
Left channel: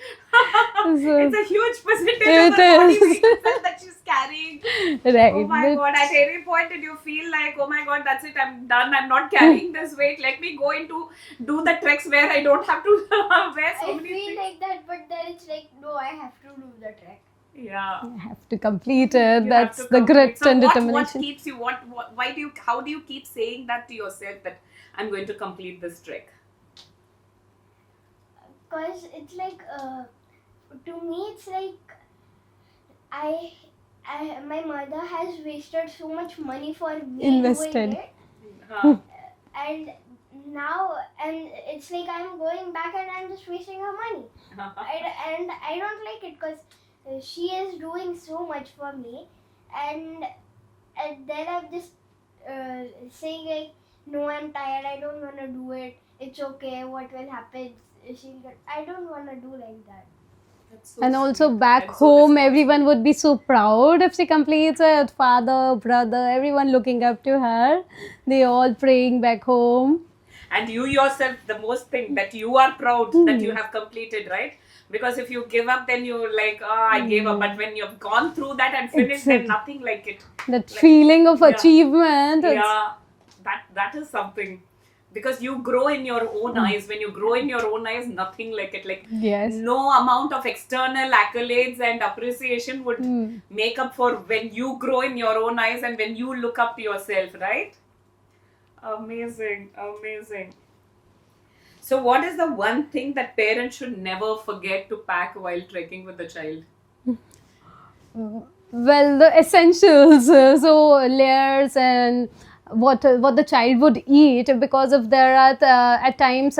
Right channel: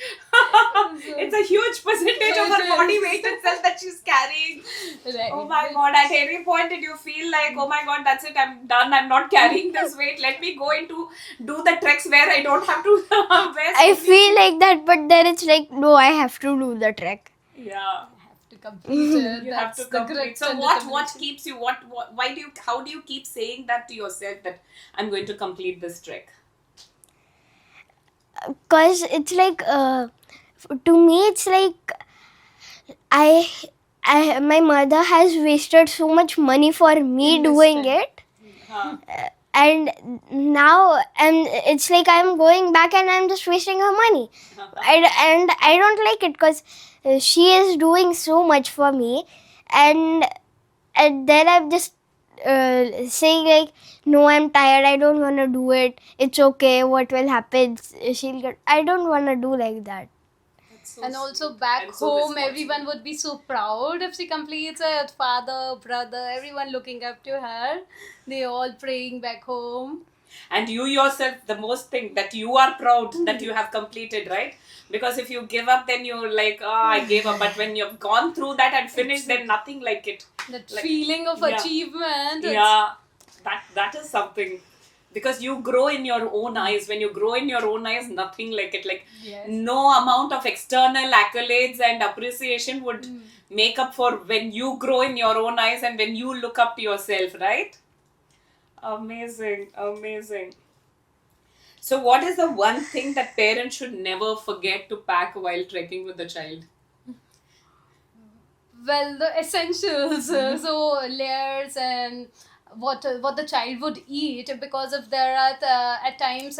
It's So a huge percentage of it her body is. weight itself that she's carrying. Oh Right, my but God, at any point did you feel like, oh my God, that's it, I'm done, I'm not carrying this weight, let me go into do the treks where I don't have to wear so I many feel things. like that, but then it's like, no, I have to do the trek. Yeah. I have to complete it. You have to That's the complete. grit So and what determination. keeps you, what why do you, how do you keep saying that to yourself, that I'm going to complete this trek? Because it's like, to me, it's like, I, my mother has wasted so much money for me doing Invested. it. Huh. And now it's like I'm going back and I'm just wasting her money. And I don't like it, because she is doing so much for me, and then I'm just saying like, no, I'm tired, I don't want to do it, it's okay, what will happen, she'll get, I don't want to do like that. That's so And also sweet back and so home, responsible. everyone would be so proud if she completes it. Father, brother, everyone looking up to her. They all praying back home. And you yourself, the most thing that you are proud that you have completed, right? Because if you give up, then you're like, oh, I gave up. But when you've gone through that and finished, then Exactly. nothing like it. That Like, feeling of yeah. achievement. Yeah, that is something, because you grow in your own eyes. When you grow in your own eyes, nothing like it, like Yes. no amount of external accolades and appreciation would make up for when you grow in your own eyes and when you look up to yourself, right? Amazing, amazing. So what is the one thing that parents should never forget to pack while trekking with the child? Well, the essentials, so layers and what the child would eat, because if there are at times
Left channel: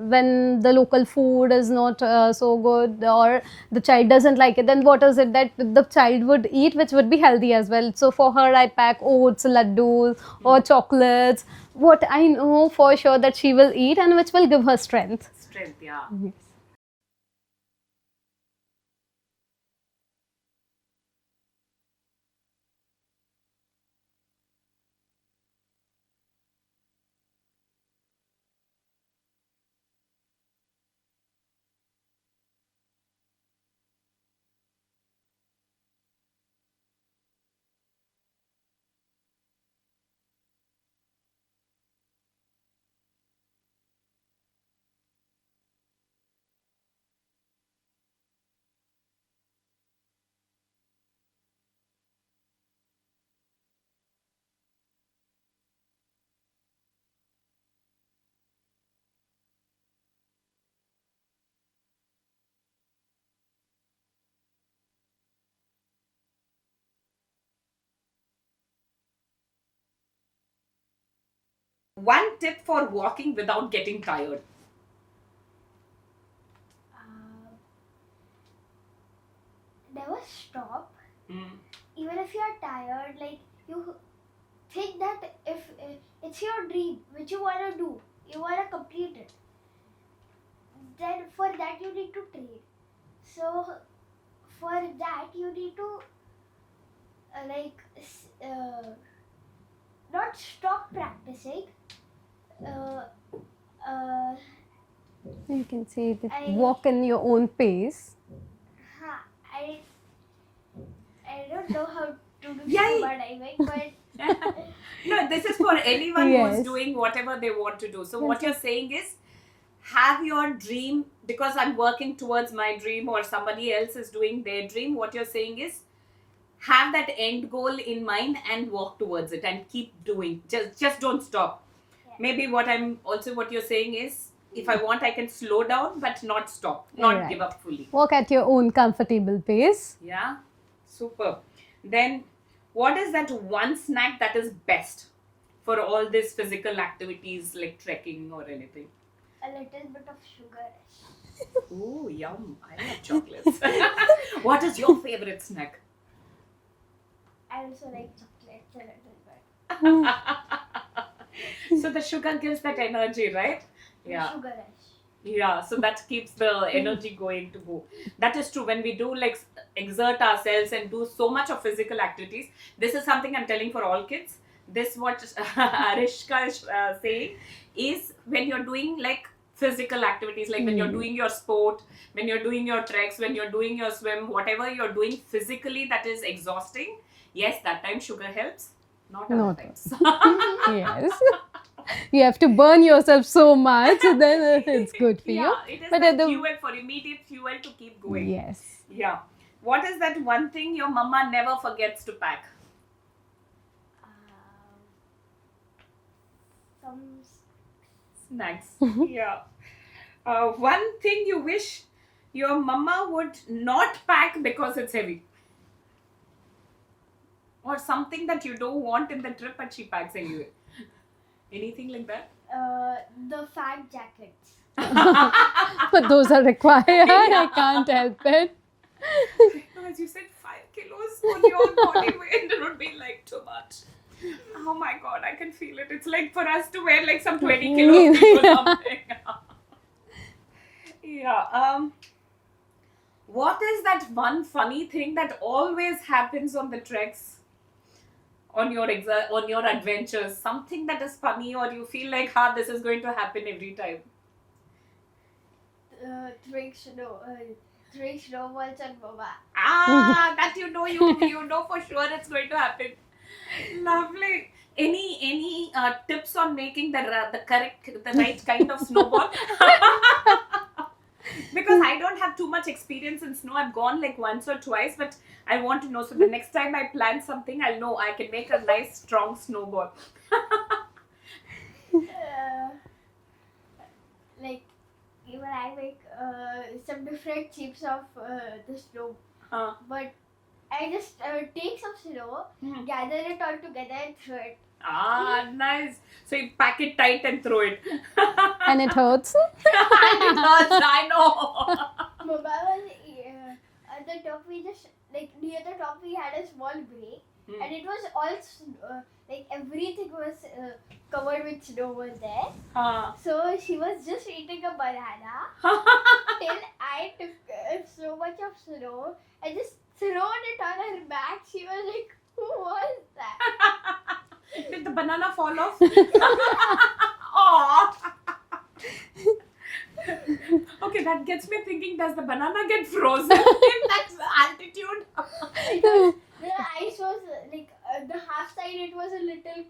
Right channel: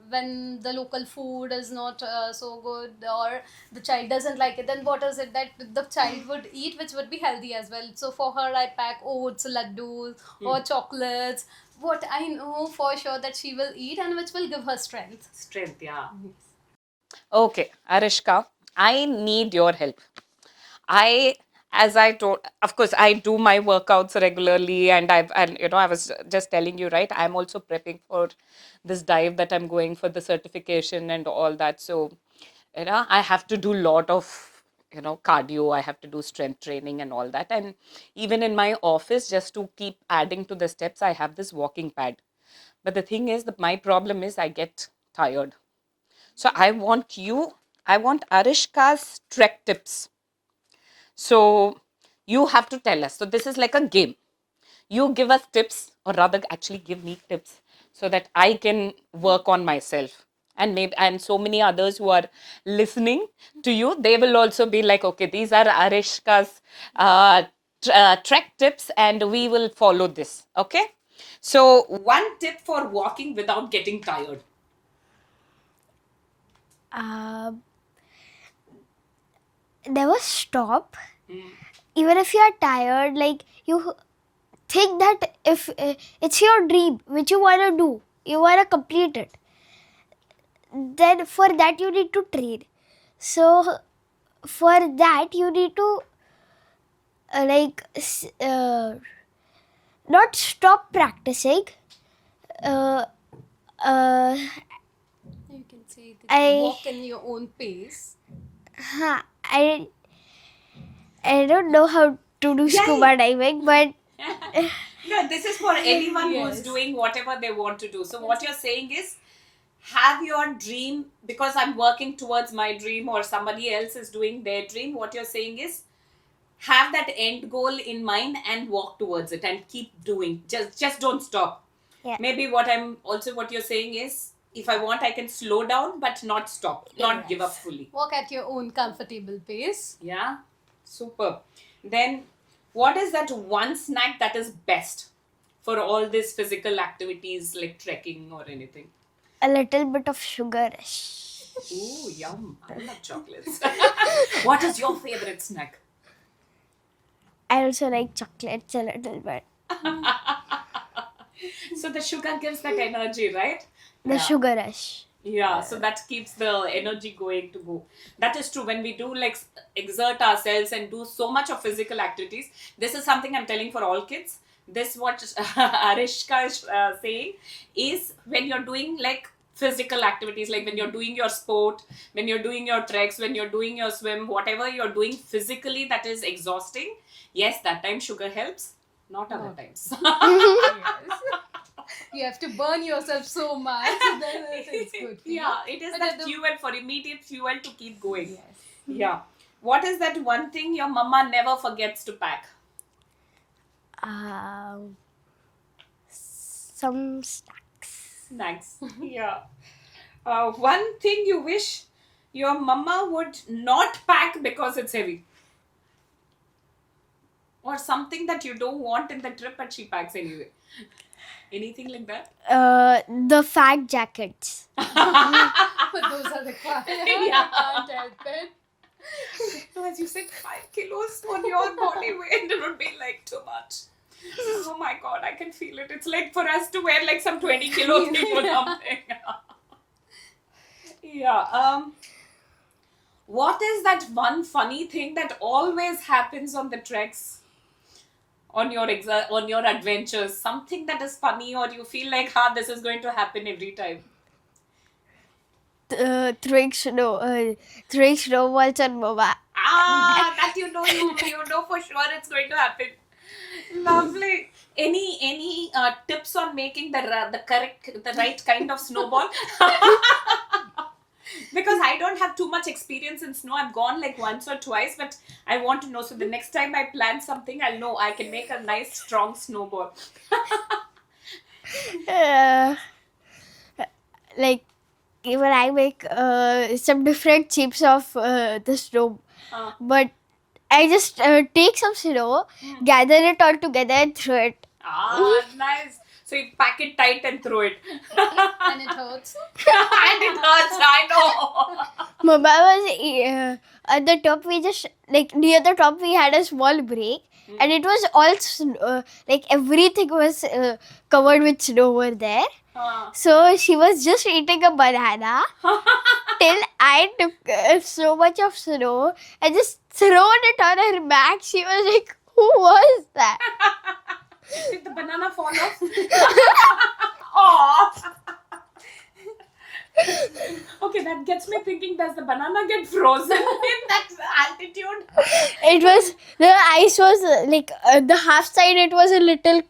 when the local food is not so good, or the child doesn't like it, then what is it that the child would eat which would be healthy as well. So for her, I pack oats, laddus, or chocolates, what I know for sure that she will eat and which will give her strength. Strength, yeah. Okay, Arishka, I need your help. As I told, of course, I do my workouts regularly, and I was just telling you, right? I'm also prepping for this dive that I'm going for the certification and all that. So, I have to do a lot of, cardio. I have to do strength training and all that. And even in my office, just to keep adding to the steps, I have this walking pad. But the thing is that my problem is I get tired. So I want Arishka's trek tips. So you have to tell us. So this is like a game. You give us tips, or rather, actually, give me tips so that I can work on myself. And maybe, and so many others who are listening to you, they will also be like, okay, these are Arishka's trek tips, and we will follow this. Okay. So one tip for walking without getting tired. Never stop. Even if you are tired, like, you think that if it's your dream which you want to do, you want to complete it, then for that you need to train. So for that you need to not stop practicing. uh, uh, You can say that I- walk in your own pace. I don't know how to do scuba diving, but No, this is for anyone who's Yes. doing whatever they want to do. So what you're saying is, have your dream, because I'm working towards my dream or somebody else is doing their dream. What you're saying is, have that end goal in mind and walk towards it and keep doing. Just don't stop. Yeah. Maybe what you're saying is, if I want, I can slow down but not stop, not give up fully. Walk at your own comfortable pace. Yeah, super. Then, what is that one snack that is best for all these physical activities like trekking or anything? a little bit of sugar. Ooh, yum. I love chocolates. What is your favorite snack? I also like chocolates a little bit. So the sugar gives that energy, right? The sugar rush. Yeah, so that keeps the energy going to go. That is true. When we do like exert ourselves and do so much of physical activities, this is something I'm telling for all kids. This what Arishka is saying is when you're doing like physical activities, like when you're doing your sport, when you're doing your treks, when you're doing your swim, whatever you're doing physically that is exhausting. Yes, that time sugar helps. Not other Not times. Yes. You have to burn yourself so much, then it's good for you. Yeah, it is But the at the- fuel for immediate fuel to keep going. Yes. Yeah. What is that one thing your mama never forgets to pack? Some snacks. Snacks. Yeah. One thing you wish your mama would not pack because it's heavy. Or something that you don't want in the trip but she packs anyway. Anything like that? The fat jackets. But those are required. I can't help it. So as you said, 5 kilos on your body weight, it would be like too much. Oh my god, I can feel it. It's like for us to wear like some 20 kilos or something. Yeah. What is that one funny thing that always happens on the treks? On your on your adventures, something that is funny, or you feel like, this is going to happen every time. Throwing snowballs on Mama. That you know for sure it's going to happen. Lovely. Any tips on making the right kind of snowball? Because I don't have too much experience in snow. I've gone like once or twice, but I want to know. So the next time I plan something, I'll know I can make a nice strong snowball. Like even I make some different shapes of the snow, but I just take some snow, gather it all together and throw it. Nice. So you pack it tight and throw it. And it hurts. And it hurts, I know. Mama was at the top. We just like near the top we had a small break, and it was all like everything was covered with snow over there. So she was just eating a banana till I took so much of snow and just thrown it on her back. She was like, "Who was that?" Did the banana fall off? Aww. Okay, that gets me thinking, does the banana get frozen in that altitude? It was the ice was like the half side. It was a little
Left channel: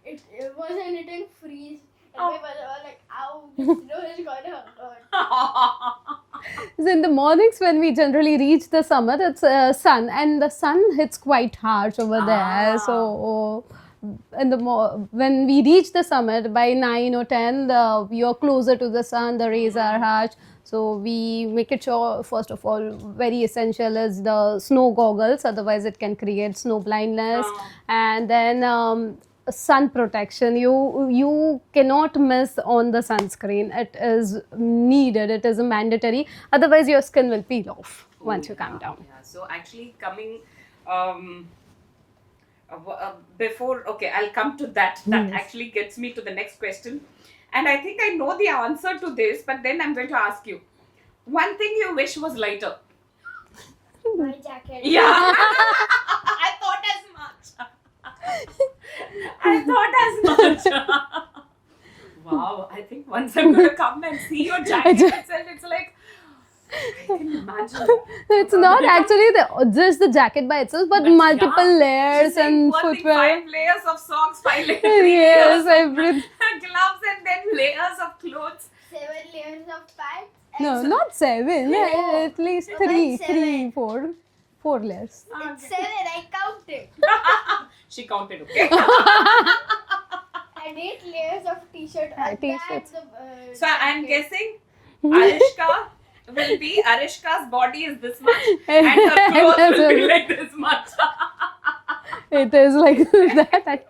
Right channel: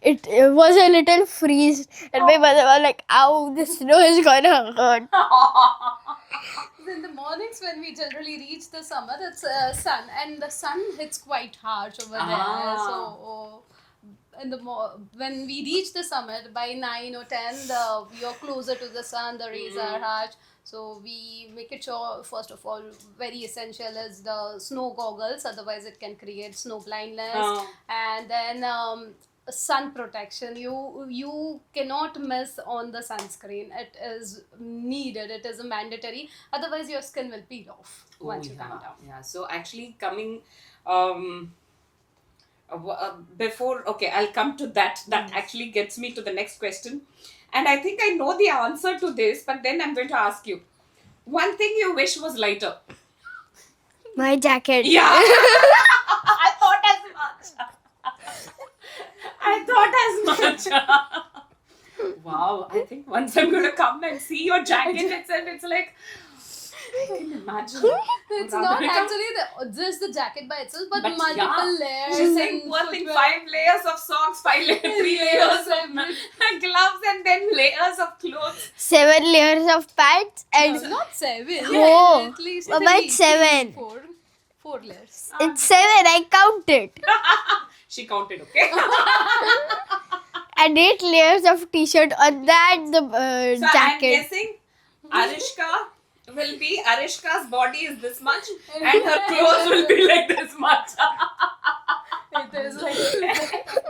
it was a little freeze, and my mother was like, "Ow, the snow is gonna hurt." So in the mornings when we generally reach the summit, it's sun, and the sun hits quite harsh over there. So in the when we reach the summit by 9 or 10, you're closer to the sun, the rays are harsh. So we make it sure, first of all, very essential is the snow goggles, otherwise it can create snow blindness. And then sun protection. You cannot miss on the sunscreen. It is needed. It is mandatory. Otherwise, your skin will peel off once you come down. Yeah. So actually coming before, okay, I'll come to that. That actually gets me to the next question. And I think I know the answer to this, but then I'm going to ask you. One thing you wish was lighter. My jacket. Yeah. I thought as much. Wow, I think once I'm going to come and see your jacket itself, it's like, I can imagine. It's not actually just the jacket by itself, but multiple layers. She's and like, footwear. 5 layers of socks, 5 layers, 3 Yes, layers of gloves, and then layers of clothes. 7 layers of pants and No, not 7. Oh, At least about 3, 7. 4 layers. it's 7. I counted. She counted, okay? And 8 layers of t-shirt on that the So I'm jacket. guessing Arishka will be, Arishka's body is this much and her clothes will be like this much. It is like that.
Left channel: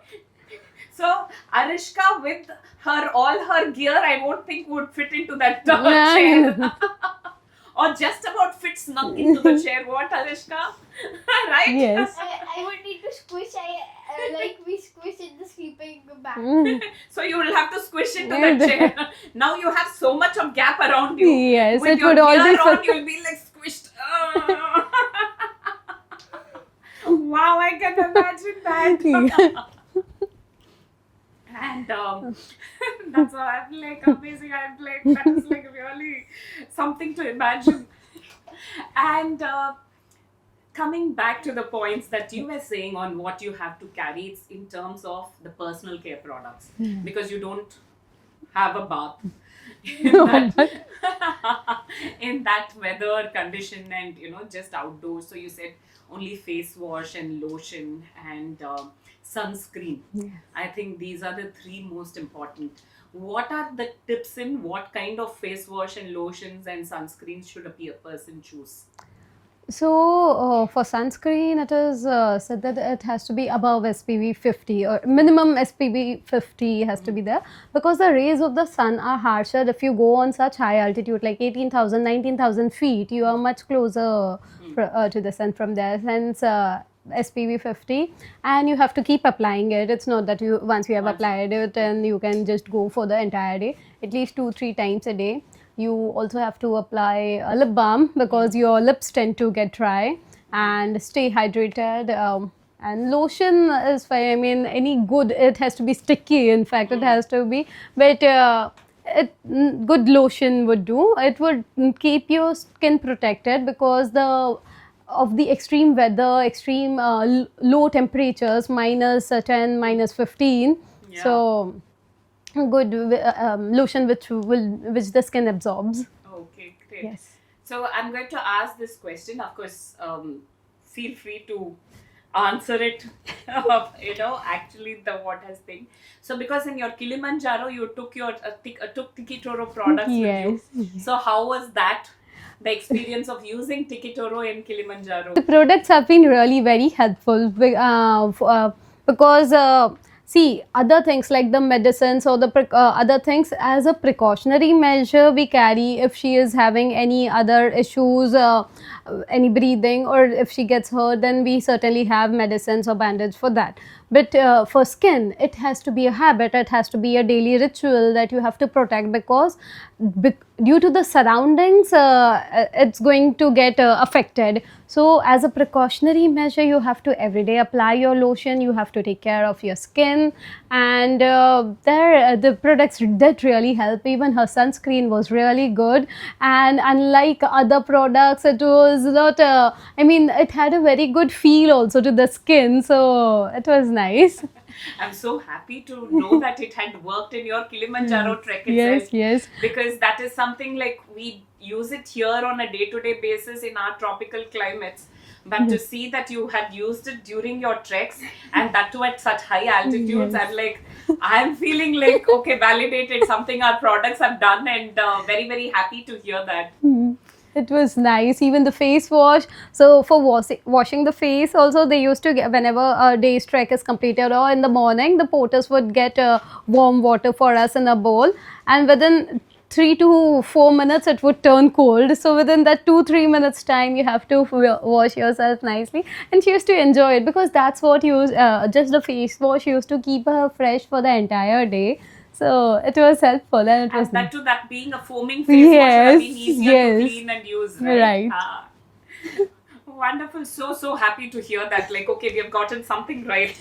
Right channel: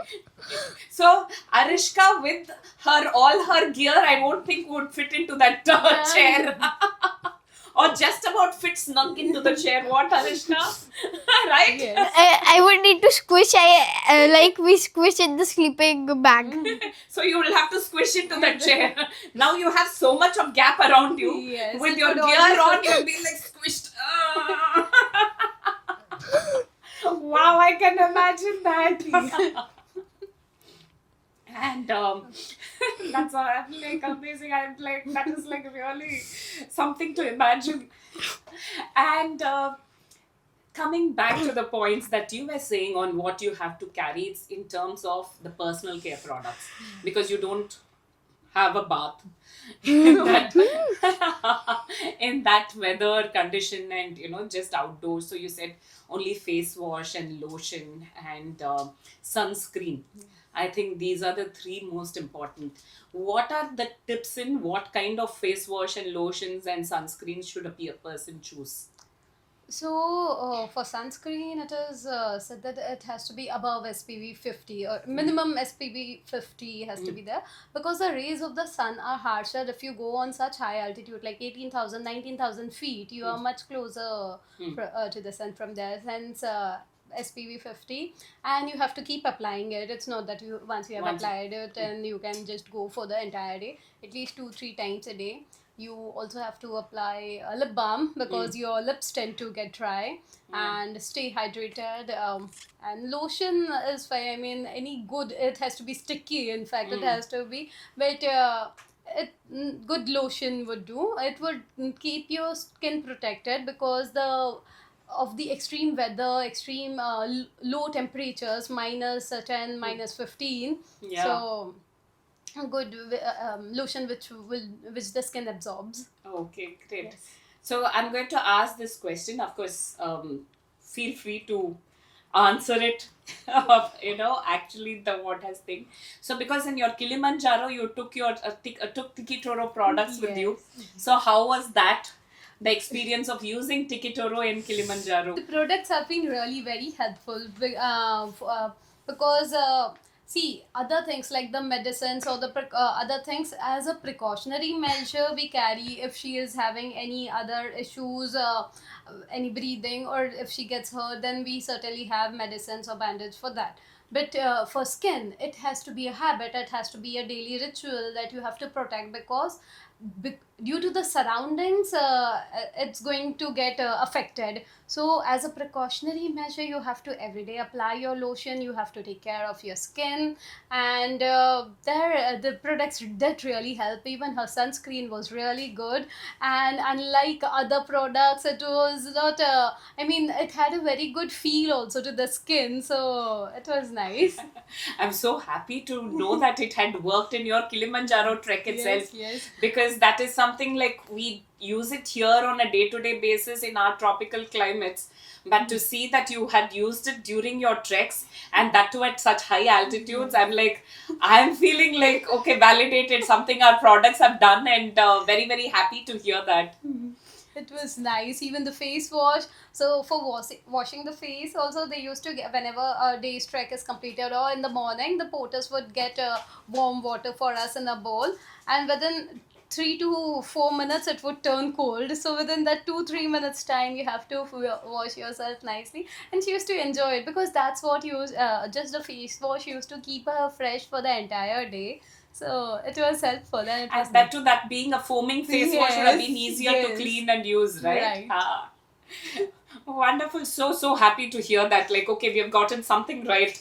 So Arishka with all her gear, I won't think would fit into that chair. or just about fit snug into the chair. What, Arishna? Right? Yes. I would need to squish. Like we squish in the sleeping bag. So you will have to squish into the Yeah. chair. Now you have so much of gap around you. Yes, With it your would all gear be on, fit. you'll be like squished. Wow, I can imagine that. And that's all. I'm like amazing. I'm like, that is like really something to imagine. And coming back to the points that you were saying on what you have to carry, it's in terms of the personal care products, because you don't have a bath in that, in that weather condition, and just outdoors. So you said only face wash and lotion and sunscreen. I think these are the three most important. What are the tips in what kind of face wash and lotions and sunscreens should a person choose? So, for sunscreen, it is said that it has to be above SPV 50, or minimum SPV 50 has to be there, because the rays of the sun are harsher. If you go on such high altitude, like 18,000, 19,000 feet, you are much closer to the sun from there. Hence, SPV 50, and you have to keep applying it. It's not that you once you have applied it and you can just go for the entire day. At least 2-3 times a day. You also have to apply a lip balm, because your lips tend to get dry, and stay hydrated. And lotion is fine. I mean, any good, it has to be sticky. In fact, it has to be, but good lotion would do. It would keep your skin protected because of the extreme weather, extreme low temperatures, minus 10, minus 15. Yeah. So good lotion which the skin absorbs. Okay, great. Yes. So I'm going to ask this question. Of course, feel free to answer it. Actually, the what has thing. So because in your Kilimanjaro, you took your took Tikitoro products with you. So how was that? The experience of using Tikitoro in Kilimanjaro. The products have been really very helpful because see, other things like the medicines or the other things, as a precautionary measure we carry if she is having any other issues, any breathing, or if she gets hurt, then we certainly have medicines or bandage for that. But for skin, it has to be a habit, it has to be a daily ritual that you have to protect, because due to the surroundings, it's going to get affected. So as a precautionary measure, you have to every day apply your lotion, you have to take care of your skin, and the products that really help. Even her sunscreen was really good, and unlike other products, it was not it had a very good feel also to the skin, so it was nice. I'm so happy to know that it had worked in your Kilimanjaro trek itself. Yes. Because that is something like we use it here on a day-to-day basis in our tropical climates. But to see that you had used it during your treks, and that too at such high altitudes, I'm feeling like, okay, validated, something our products have done, and very, very happy to hear that. It was nice. Even the face wash. So for washing the face, also they used to get, whenever a day's trek is completed or in the morning, the porters would get warm water for us in a bowl, and within 3 to 4 minutes it would turn cold. So within that 2-3 minutes time, you have to wash yourself nicely. And she used to enjoy it, because that's what just the face wash used to keep her fresh for the entire day. So it was helpful, and it was And that too, that being a foaming face wash would have been easier to clean and use, right? Right. Wonderful. So happy to hear that. Like, okay, we have gotten something right.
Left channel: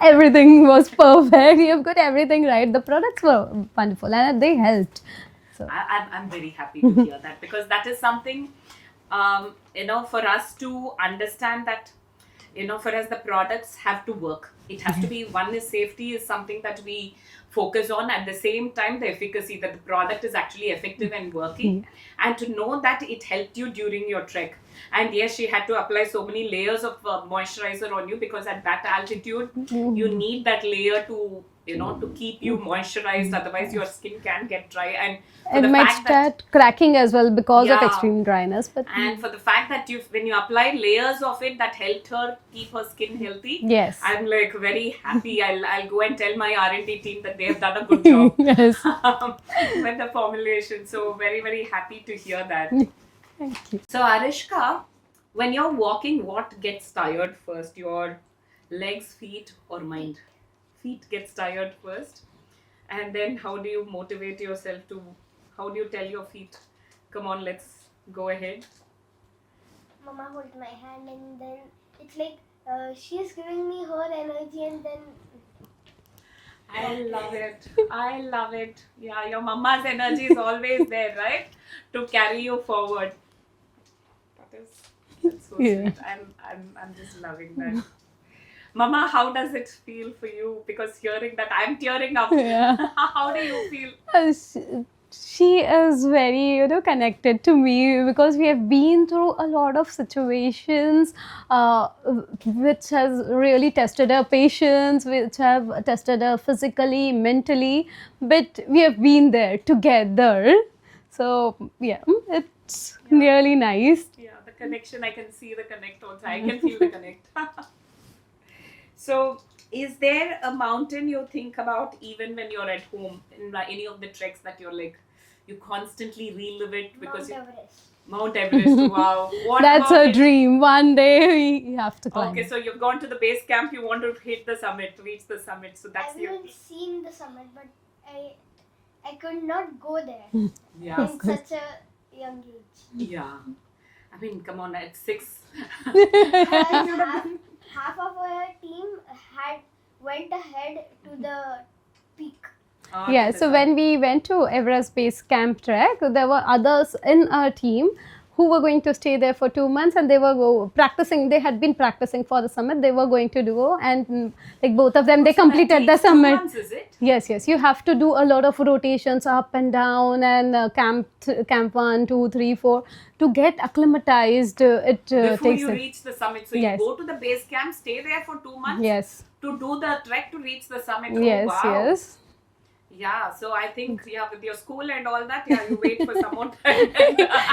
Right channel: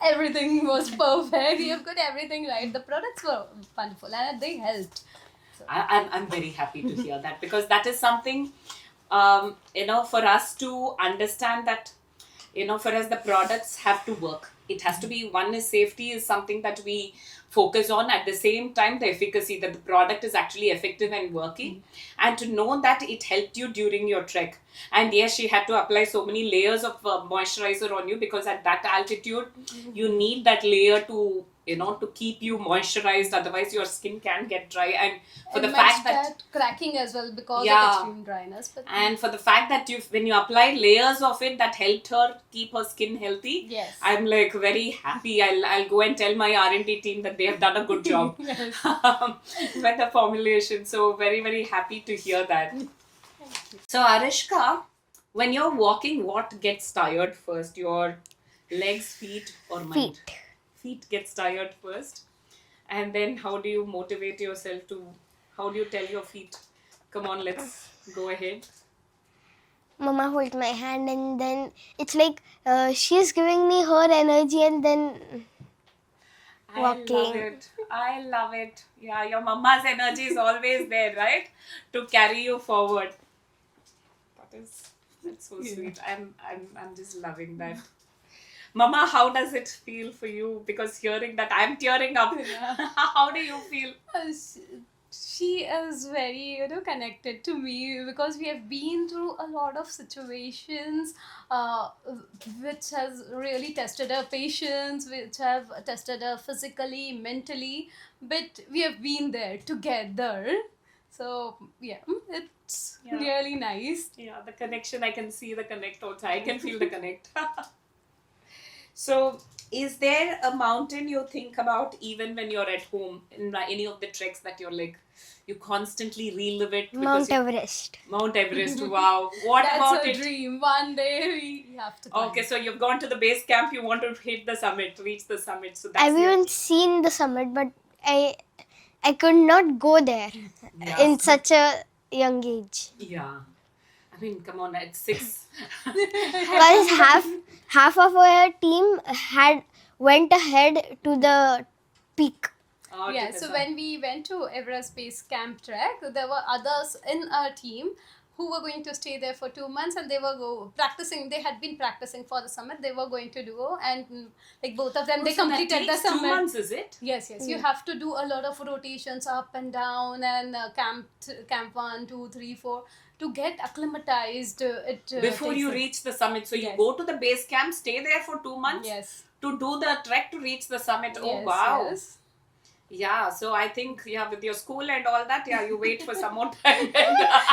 Everything was perfect. You've got everything right. The products were wonderful, and they helped. So I'm very happy to hear that, because that is something, for us to understand that, for us, the products have to work. It has to be, one is safety is something that we focus on. At the same time, the efficacy, that the product is actually effective and working, and to know that it helped you during your trek. And yes, she had to apply so many layers of moisturizer on you, because at that altitude, you need that layer to to keep you moisturized. Otherwise, your skin can get dry. And for it the might fact that, start cracking as well because of Yeah. extreme dryness. But and for the fact that when you applied layers of it, that helped her keep her skin healthy. Yes. I'm like very happy. I'll go and tell my R&D team that they have done a good job Yes. with the formulation. So very, very happy to hear that. So Arishka, when you're walking, what gets tired first? Your legs, feet, or mind? Feet. Feet gets tired first. And then how do you motivate yourself to, how do you tell your feet, come on, let's go ahead? Mama hold my hand, and then it's like she's giving me her energy, and then I love walking. it. I love it. Yeah, your mama's energy is always there, right? To carry you forward. That's so Yeah. sweet. I'm just loving that. Mama, how does it feel for you? Because hearing that, I'm tearing up. Yeah. How do you feel? She is very, connected to me because we have been through a lot of situations which has really tested our patience, which have tested her physically, mentally, but we have been there together. So yeah, it's really nice. Yeah, the connection, I can see the connect also. I can feel the connect. So, is there a mountain you think about even when you're at home in any of the treks that you're like, you constantly relive it? Mount you- Everest. Mount Everest, wow. What That's about a it? dream. One day we have to climb. Okay, so you've gone to the base camp, you want to hit the summit, reach the summit. So that's I've your- even seen the summit, but I could not go there Yeah. in such a young age. Yeah. I mean, come on, at 6. Because half of our team went ahead to the peak. Yeah, so when we went to Everest Base Camp Trek, there were others in our team who were going to stay there for 2 months, and they were practicing. They had been practicing for the summit. They were going to do, and like both of them, they completed the summit. 2 months, is it? Yes, yes. You have to do a lot of rotations up and down, and camp 1, 2, 3, 4 to get acclimatized. Before takes you it. reach the summit. So Yes. you go to the base camp, stay there for 2 months Yes, to do the trek to reach the summit. yes, Oh, wow. yes. Yeah, so I think, yeah, with your school and all that, yeah, you wait for some more time.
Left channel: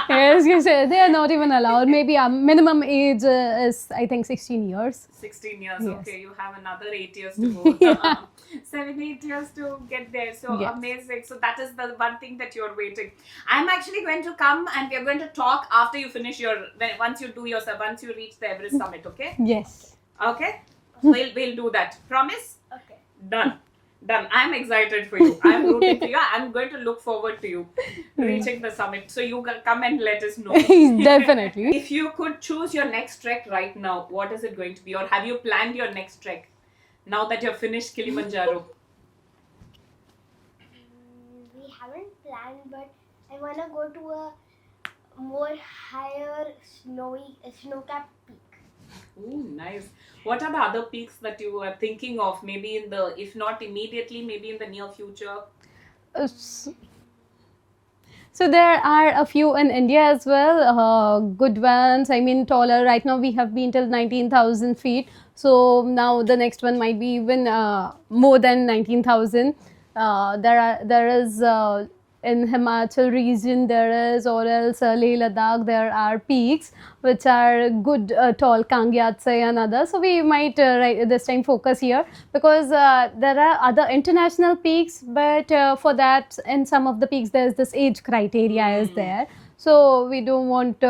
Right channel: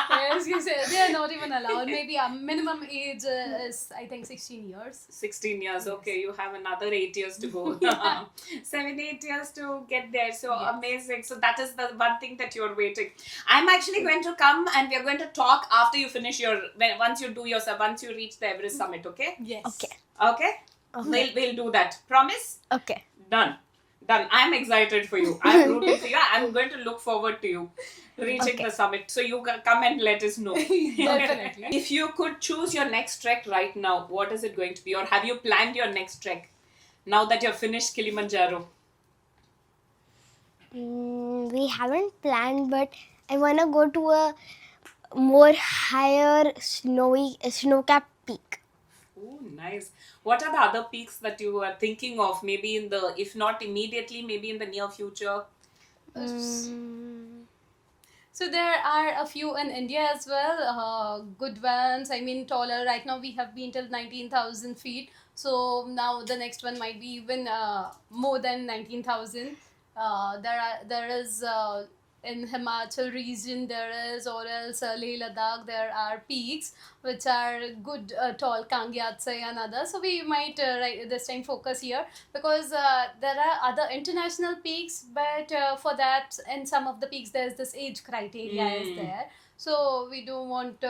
Yes, yes, they are not even allowed. Maybe a minimum age is, I think, 16 years. 16 years, Yes. okay, you have another 8 years to go. 7, 8 years to get there. So Yes. amazing. So that is the one thing that you're waiting. I'm actually going to come and we're going to talk after you finish once you reach the Everest summit, okay? Yes. Okay. Okay? We'll do that. Promise? Okay. Done. I'm excited for you. I'm rooting for you. I'm going to look forward to you reaching the summit. So you come and let us know. Definitely. If you could choose your next trek right now, what is it going to be? Or have you planned your next trek now that you've finished Kilimanjaro? We haven't planned, but I wanna go to a more higher snow-capped peak. Oh, nice. What are the other peaks that you are thinking of? Maybe if not immediately, maybe in the near future? So there are a few in India as well, good ones. I mean, taller. Right now we have been till 19,000 feet. So now the next one might be even more than 19,000. There is in Himachal region there is, or else Leh Ladakh there are peaks which are good tall, Kangyatse and others. So we might this time focus here because there are other international peaks, but for that in some of the peaks there is this age criteria is there. So we don't want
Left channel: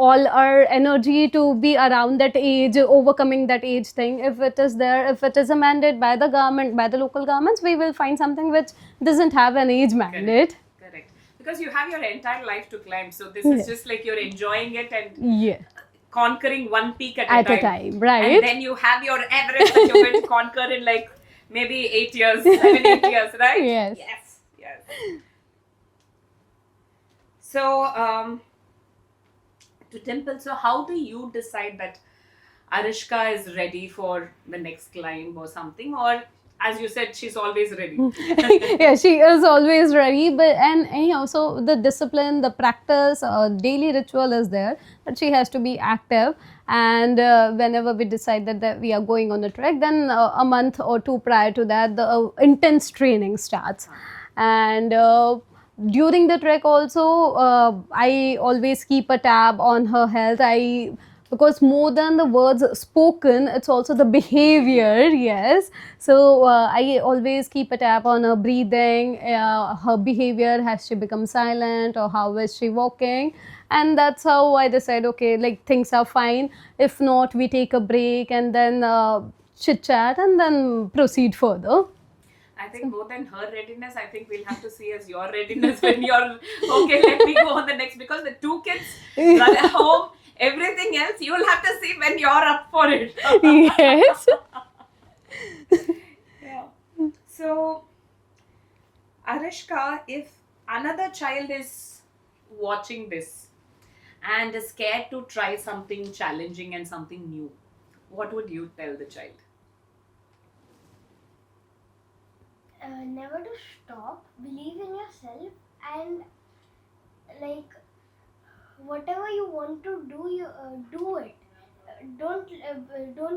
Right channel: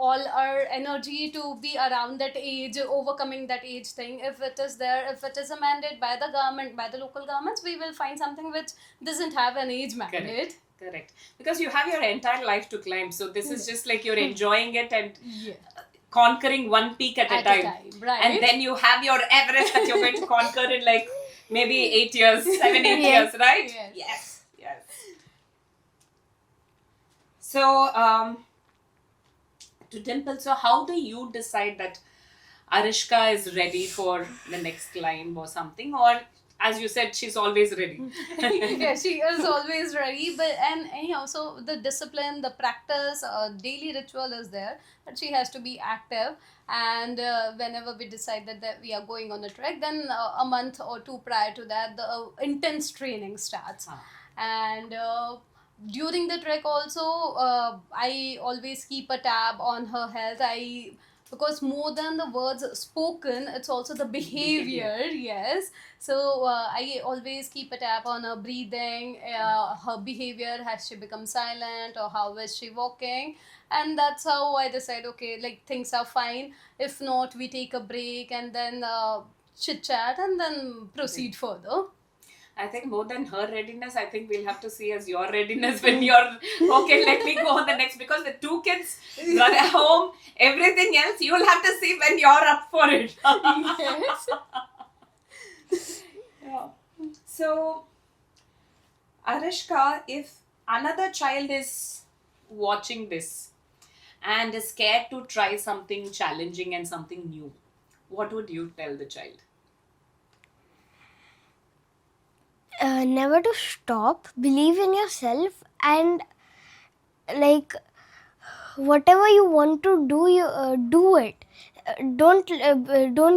all our energy to be around that age, overcoming that age thing. If it is there, if it is a mandate by the government, by the local governments, we will find something which doesn't have an age mandate. Correct. Because you have your entire life to climb. So this is just like you're enjoying it and Yeah, conquering one peak at at a a time. time, right? And then you have your Everest that you're going to conquer in like maybe 8 years, 7, 8 years, right? Yes. Yes. So, to Dimple, so how do you decide that Arishka is ready for the next climb or something? Or as you said, she's always ready. Yeah, she is always ready. But and anyhow, so the discipline, the practice, daily ritual is there. But she has to be active. And whenever we decide that we are going on a trek, then a month or two prior to that, the intense training starts. And during the trek also, I always keep a tab on her health. I because more than the words spoken, it's also the behavior. Yes. So I always keep a tab on her breathing, her behavior, has she become silent, or how is she walking. And that's how I decide, okay, like things are fine. If not, we take a break and then chit chat and then proceed further. I think more than her readiness, I think we'll have to see as your readiness when you're okay. Let me go on the next, because with two kids, you're at home. Everything else you will have to see when you're up for it. Yes. Yeah. So, Arishka, if another child is watching this and is scared to try something challenging and something new, what would you tell the child? Never to stop, believe in yourself, and like whatever you want to do, you do it. Don't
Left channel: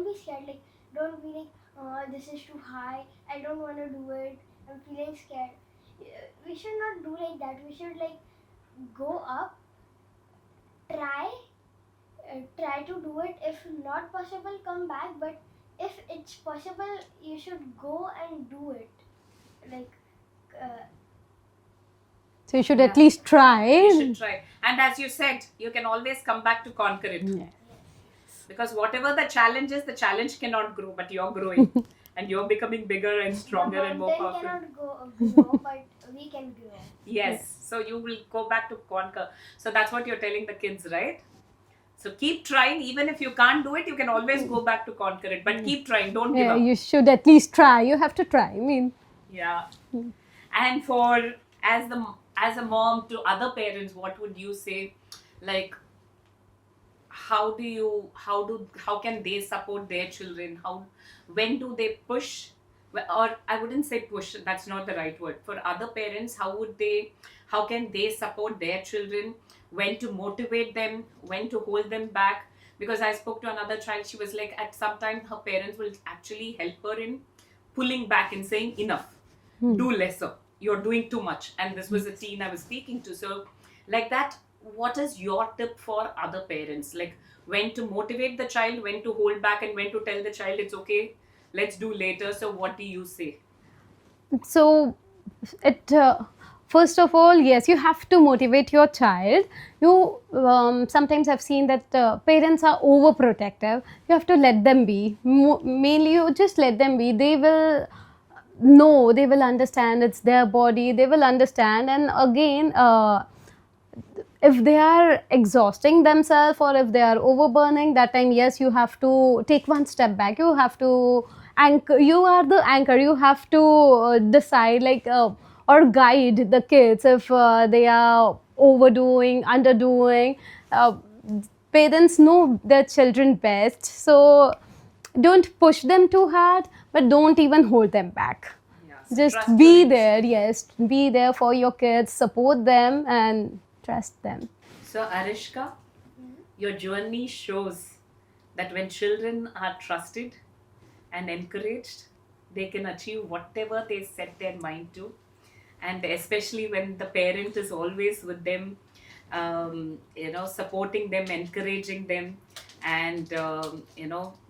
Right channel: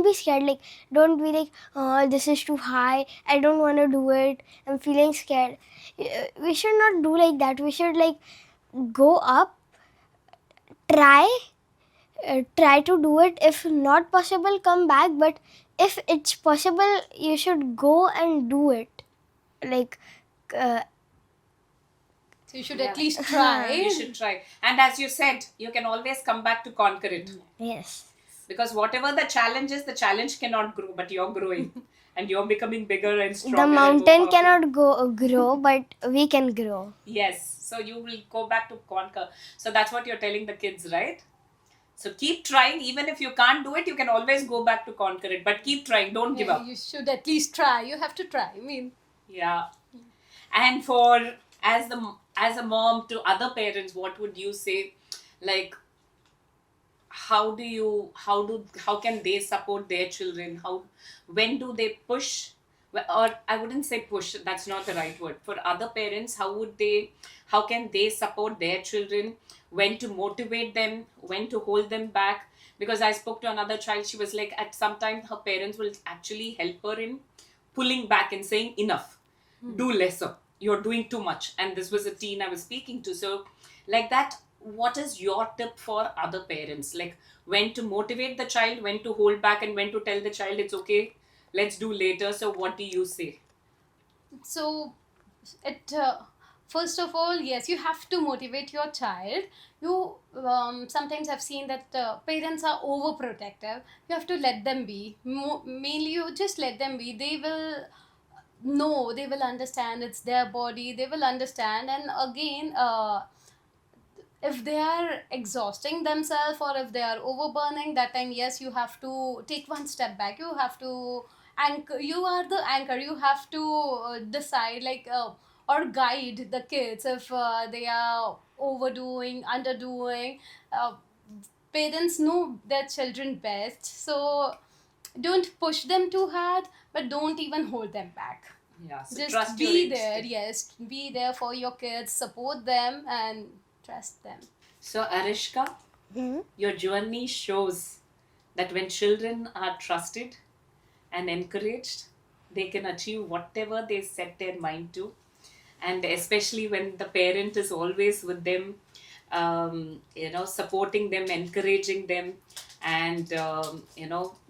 be scared. Like, don't be like, oh, this is too high, I don't want to do it, I'm feeling scared. We should not do like that. We should like go up, try, try to do it. If not possible, come back. But if it's possible, you should go and do it. Like, uh, So you should Yeah. at least try. You should try. And as you said, you can always come back to conquer it. yes, Because whatever the challenge is, the challenge cannot grow, but you're growing. And you're becoming bigger and stronger. the and more mountain powerful. cannot grow, but we can grow. Yes. So you will go back to conquer. So that's what you're telling the kids, right? So keep trying. Even if you can't do it, you can always go back to conquer it. But keep trying. Don't give Yeah, up. you should at least try. You have to try. I mean, Yeah. And for as a mom to other parents, what would you say? Like, how can they support their children? When do they push? Or I wouldn't say push, that's not the right word. For other parents, how can they support their children? When to motivate them, when to hold them back? Because I spoke to another child, she was like, at some time her parents will actually help her in pulling back and saying, enough, do lesser, you're doing too much. And this was a teen I was speaking to. So like that, what is your tip for other parents, like when to motivate the child, when to hold back, and when to tell the child it's okay, let's do later? So what do you say? so it first of all, yes, you have to motivate your child. You sometimes I've seen that parents are overprotective. You have to let them be. Mainly, you just let them be. They will know. They will understand. It's their body. They will understand. And again, if they are exhausting themselves or if they are overburning, that time, yes, you have to take one step back. You have to anchor. You are the anchor. You have to decide, like, or guide the kids if they are overdoing, underdoing. uh, Parents know their children best, so don't push them too hard, but don't even hold them back. Yeah, so Just trust be your there. instinct. Yes, be there for your kids, support them, and trust them. So Arishka, Mhm. your journey shows that when children are trusted and encouraged, they can achieve whatever they set their mind to. And especially when the parent is always with them, supporting them, encouraging them, and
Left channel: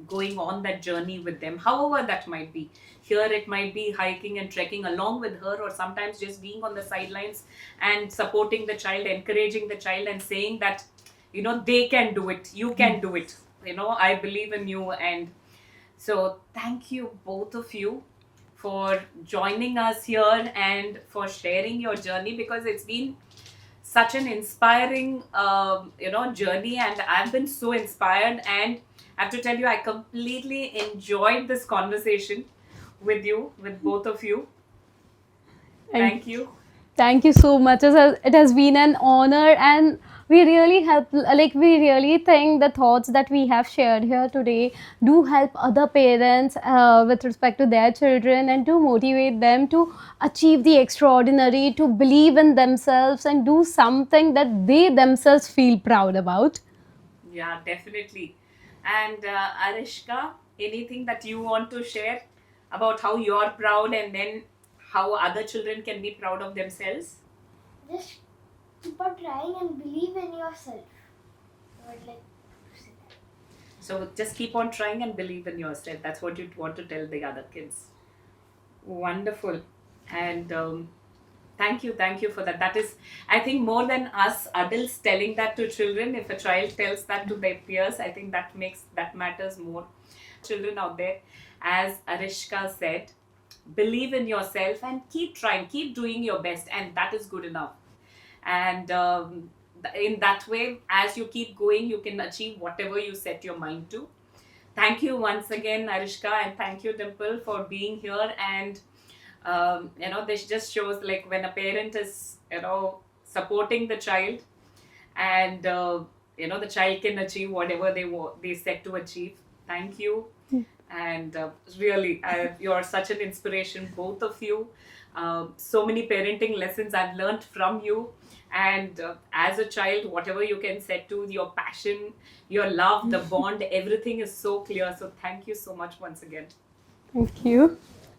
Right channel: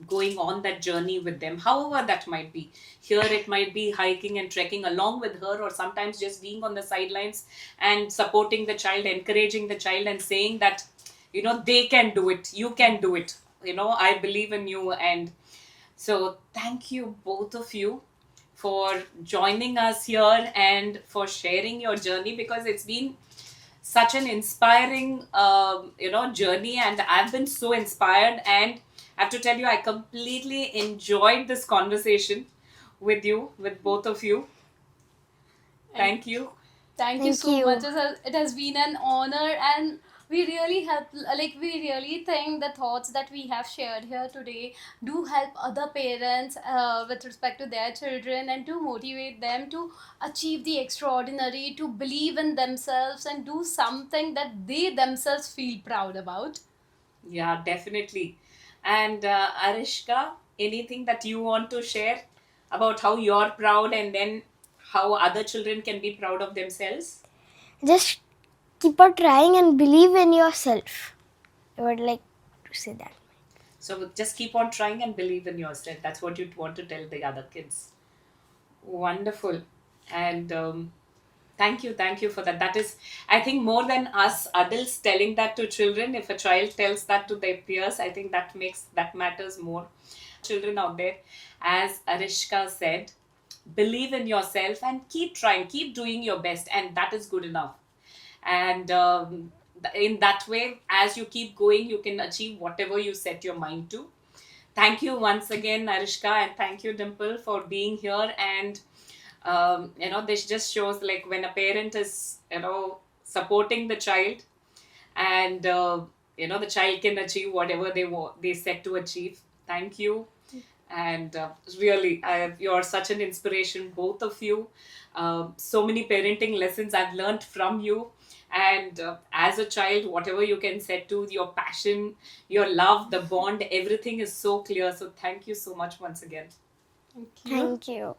going on that journey with them, however that might be. Here it might be hiking and trekking along with her, or sometimes just being on the sidelines and supporting the child, encouraging the child, and saying that they can do it, you can do it, I believe in you. And so thank you, both of you, for joining us here and for sharing your journey, because it's been such an inspiring journey, and I've been so inspired. And I have to tell you, I completely enjoyed this conversation with both of you. And Thank you. thank you Thank so you. much. It has been an honor, and we really help. Like, we really think the thoughts that we have shared here today do help other parents with respect to their children, and to motivate them to achieve the extraordinary, to believe in themselves, and do something that they themselves feel proud about. Yeah, definitely. And Arishka, anything that you want to share about how you're proud, and then how other children can be proud of themselves? Just keep on trying and believe in yourself. I would like to say that. So just keep on trying and believe in yourself. That's what you want to tell the other kids. Wonderful. And thank you for that. That is, I think, more than us adults telling that to children. If a child tells that to their peers, I think that matters more. Children out there, as Arishka said, believe in yourself and keep trying, keep doing your best, and that is good enough. And in that way, as you keep going, you can achieve whatever you set your mind to. Thank you once again, Arishka, and thank you, Dimple, for being here. And this just shows like when a parent is supporting the child, and the child can achieve whatever they set to achieve. Thank you. And really, you're such an inspiration, both of you. So many parenting lessons I've learned from you. And as a child, whatever you can set to, your passion, your love, the bond, everything is so clear. So thank you so much once again. Thank you. Thank you.